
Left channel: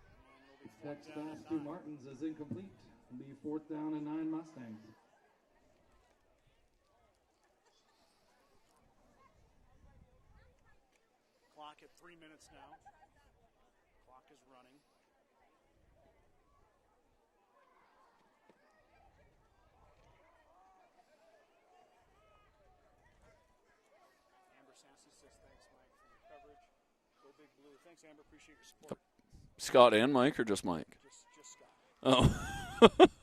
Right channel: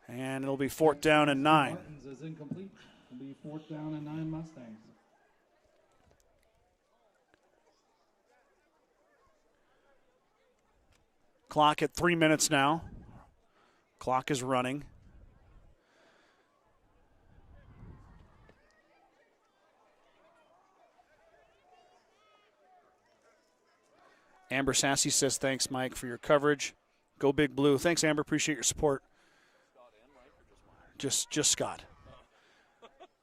and it'll be 4th down and 9. Martins is incomplete. It'll be 4th down and 9 Mustangs. Clock at 3 minutes now. Clock is running. Amber Sassy says, thanks, Mike, for your coverage. Go Big Blue. Thanks, Amber. Appreciate your support. Scott and Mike or just Mike? Just Scott. Oh.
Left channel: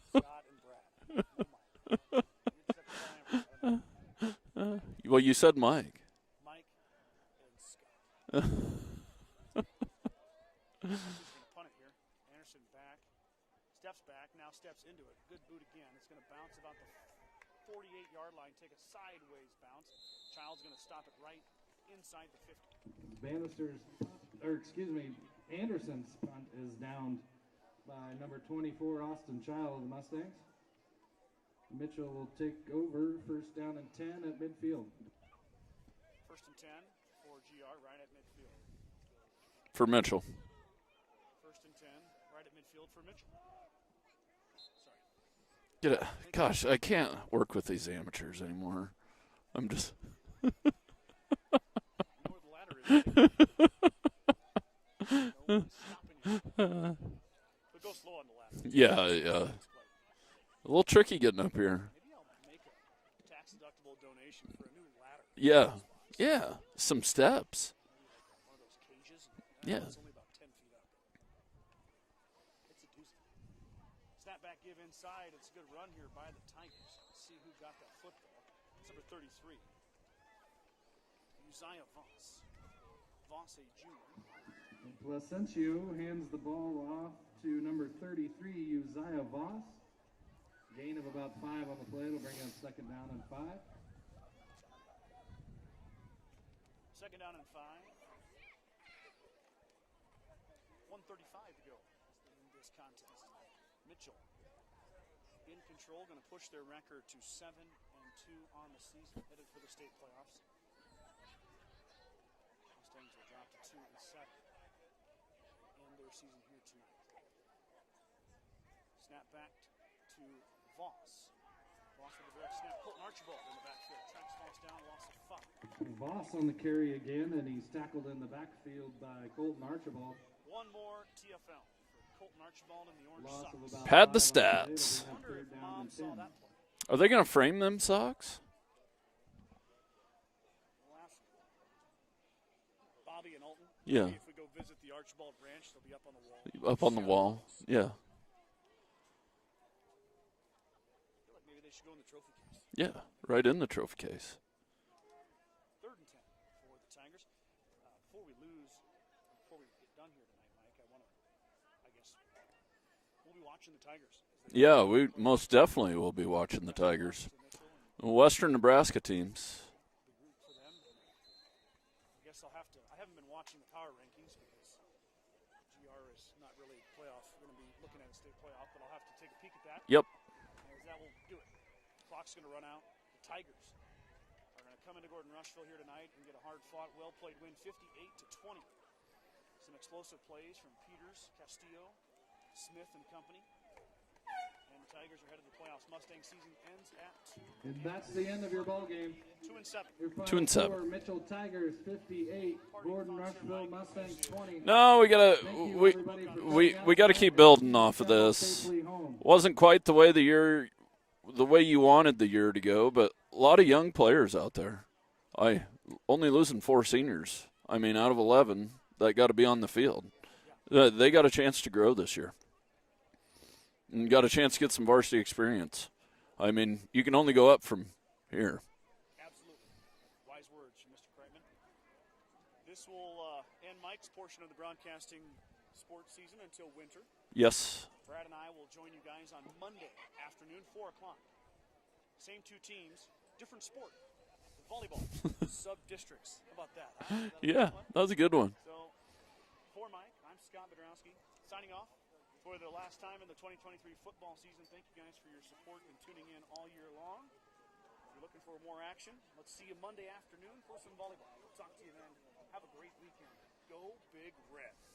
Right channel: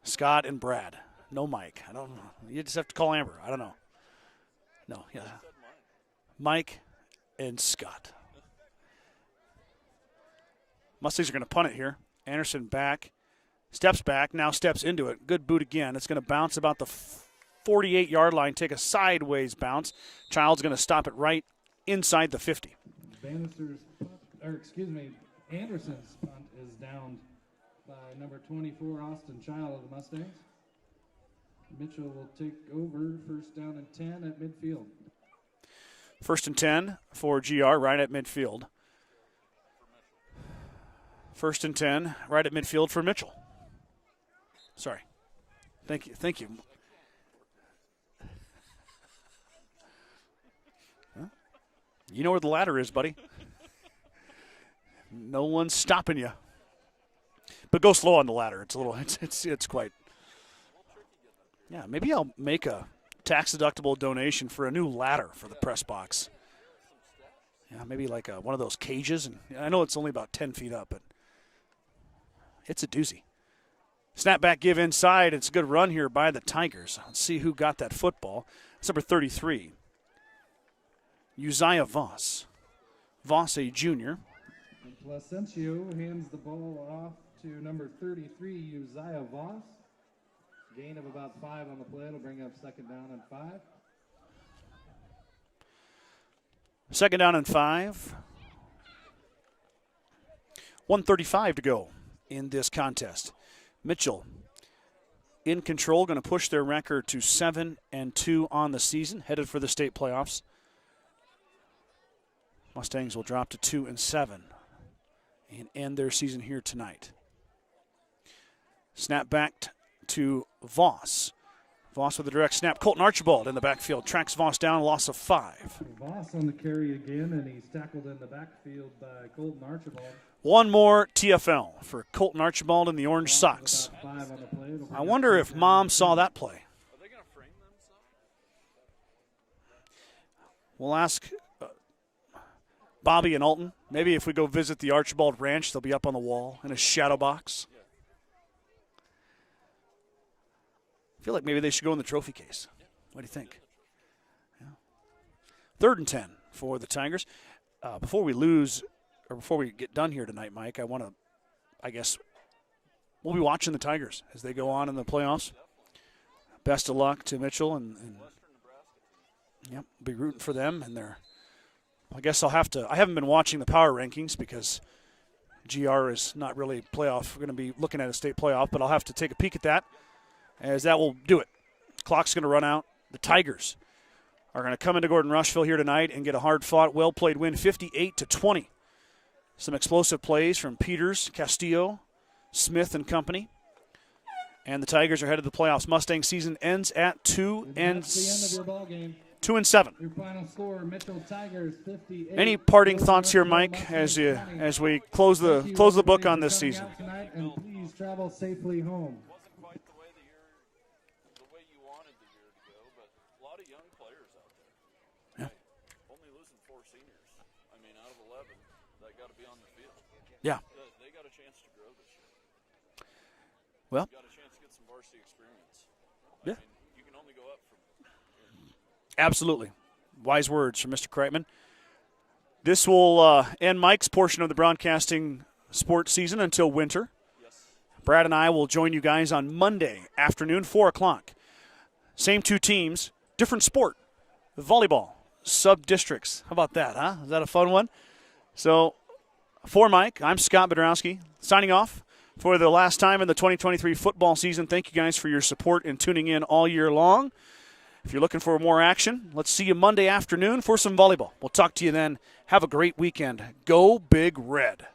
Scott and Brad. No Mike. I don't know. You just have to call Amber. I don't know. No. Well, you said Mike. Mike and Scott. Mustangs are going to punt it here. Anderson back. Steps back. Now steps into it. Good boot again. It's going to bounce about the 48-yard line. Take a sideways bounce. Child's going to stop it right inside the 50. Anderson's punt is downed by number 24, Austin Child of the Mustangs. Mitchell will take over first down and 10 at midfield. 1st and 10 for GR right at midfield. For Mitchell. 1st and 10 right at midfield for Mitchell. Sorry. Thank Gosh, you. I can't work with these amateurs anymore. I'm just. You know where the ladder is, buddy. No one's stopping you. But go slow on the ladder. It's quite a little tricky getting up here. Maybe I'll make a tax-deductible donation for a new ladder for the press box. Yeah, some steps. Yeah, maybe like one of those cages. And I know it's only about 10 feet up, but it's a doozy. Snap back, give inside. It's a good run here by the Tigers. Let's see who got that football. It's number 33, Uzziah Voss. Voss, a junior. Placencio hands the ball off to number 33, Uzziah Voss. Gain of about 5 on the play. It'll bring up 2nd down and 5. Second down and 5. 1:35 to go in this contest. Mitchell in control, going to push their record to 7-2 on the season, headed for the state playoffs. Mustangs will drop to 2-7 and end their season here tonight. Snap back to Voss. Voss with a direct snap. Colton Archibald in the backfield. Tracks Voss down, loss of 5. Voss on the carry again, and he's tackled in the backfield by Colton Archibald. One more TFL for Colton Archibald in the orange socks. Had the stats. I wonder if Mom saw that play. Are they going to frame them socks? We'll ask Bobby and Alton. Yeah. Maybe if we go visit the Archibald Ranch, they'll be up on the wall in a Up on the shadow wall. box. Yeah. I feel like maybe they should go in the trophy case. Yeah, What do you right think? in the trophy case. 3rd and 10 for the Tigers. Before we get done here tonight, Mike, I guess we'll be watching the Tigers as they go on in we the playoffs. most definitely will be watching the Best of Tigers. luck to Mitchell and Western Nebraska teams. yep, be rooting for them and their. I guess I haven't been watching the power rankings because GR is not really playoff. We're going to be looking at a state playoff, but I'll have to take a peek at that. Yep. As that will do it. Clock's going to run out. The Tigers are going to come into Gordon-Rushville here tonight and get a hard-fought, well-played win, 58-20. Some explosive plays from Peters, Castillo, Smith, and company. And the Tigers are headed to the playoffs. Mustang season ends at 2 and That's the end of your ball game. 2-7. Your final 2-7. score, Mitchell Tigers 58. Any parting thoughts here, Mike, as we we close gotta- close the book on this We season? got to keep building off of this. Safely home. Wasn't quite the way you wanted the year to go, but a lot of young players out there. Only losing 4 seniors. I mean, out of 11 that got to be on the field. Yeah. They got a chance to grow this year. Well- And got a chance to get some varsity experience. I mean, you can only go up from here. Absolutely. Wise words from Mr. Kreitman. This will end Mike's portion of the broadcasting sports season until winter. Yes. Brad and I will join you guys on Monday afternoon, 4 o'clock. Same 2 teams, different sport. Volleyball, sub-districts. How about that, huh? Is that a fun one? That was a good one. So, for Mike, I'm Scott Bedrowski, signing off for the last time in the 2023 football season. Thank you guys for your support and tuning in all year long. If you're looking for more action, let's see you Monday afternoon for some volleyball. We'll talk to you then. Have a great weekend. Go Big Red.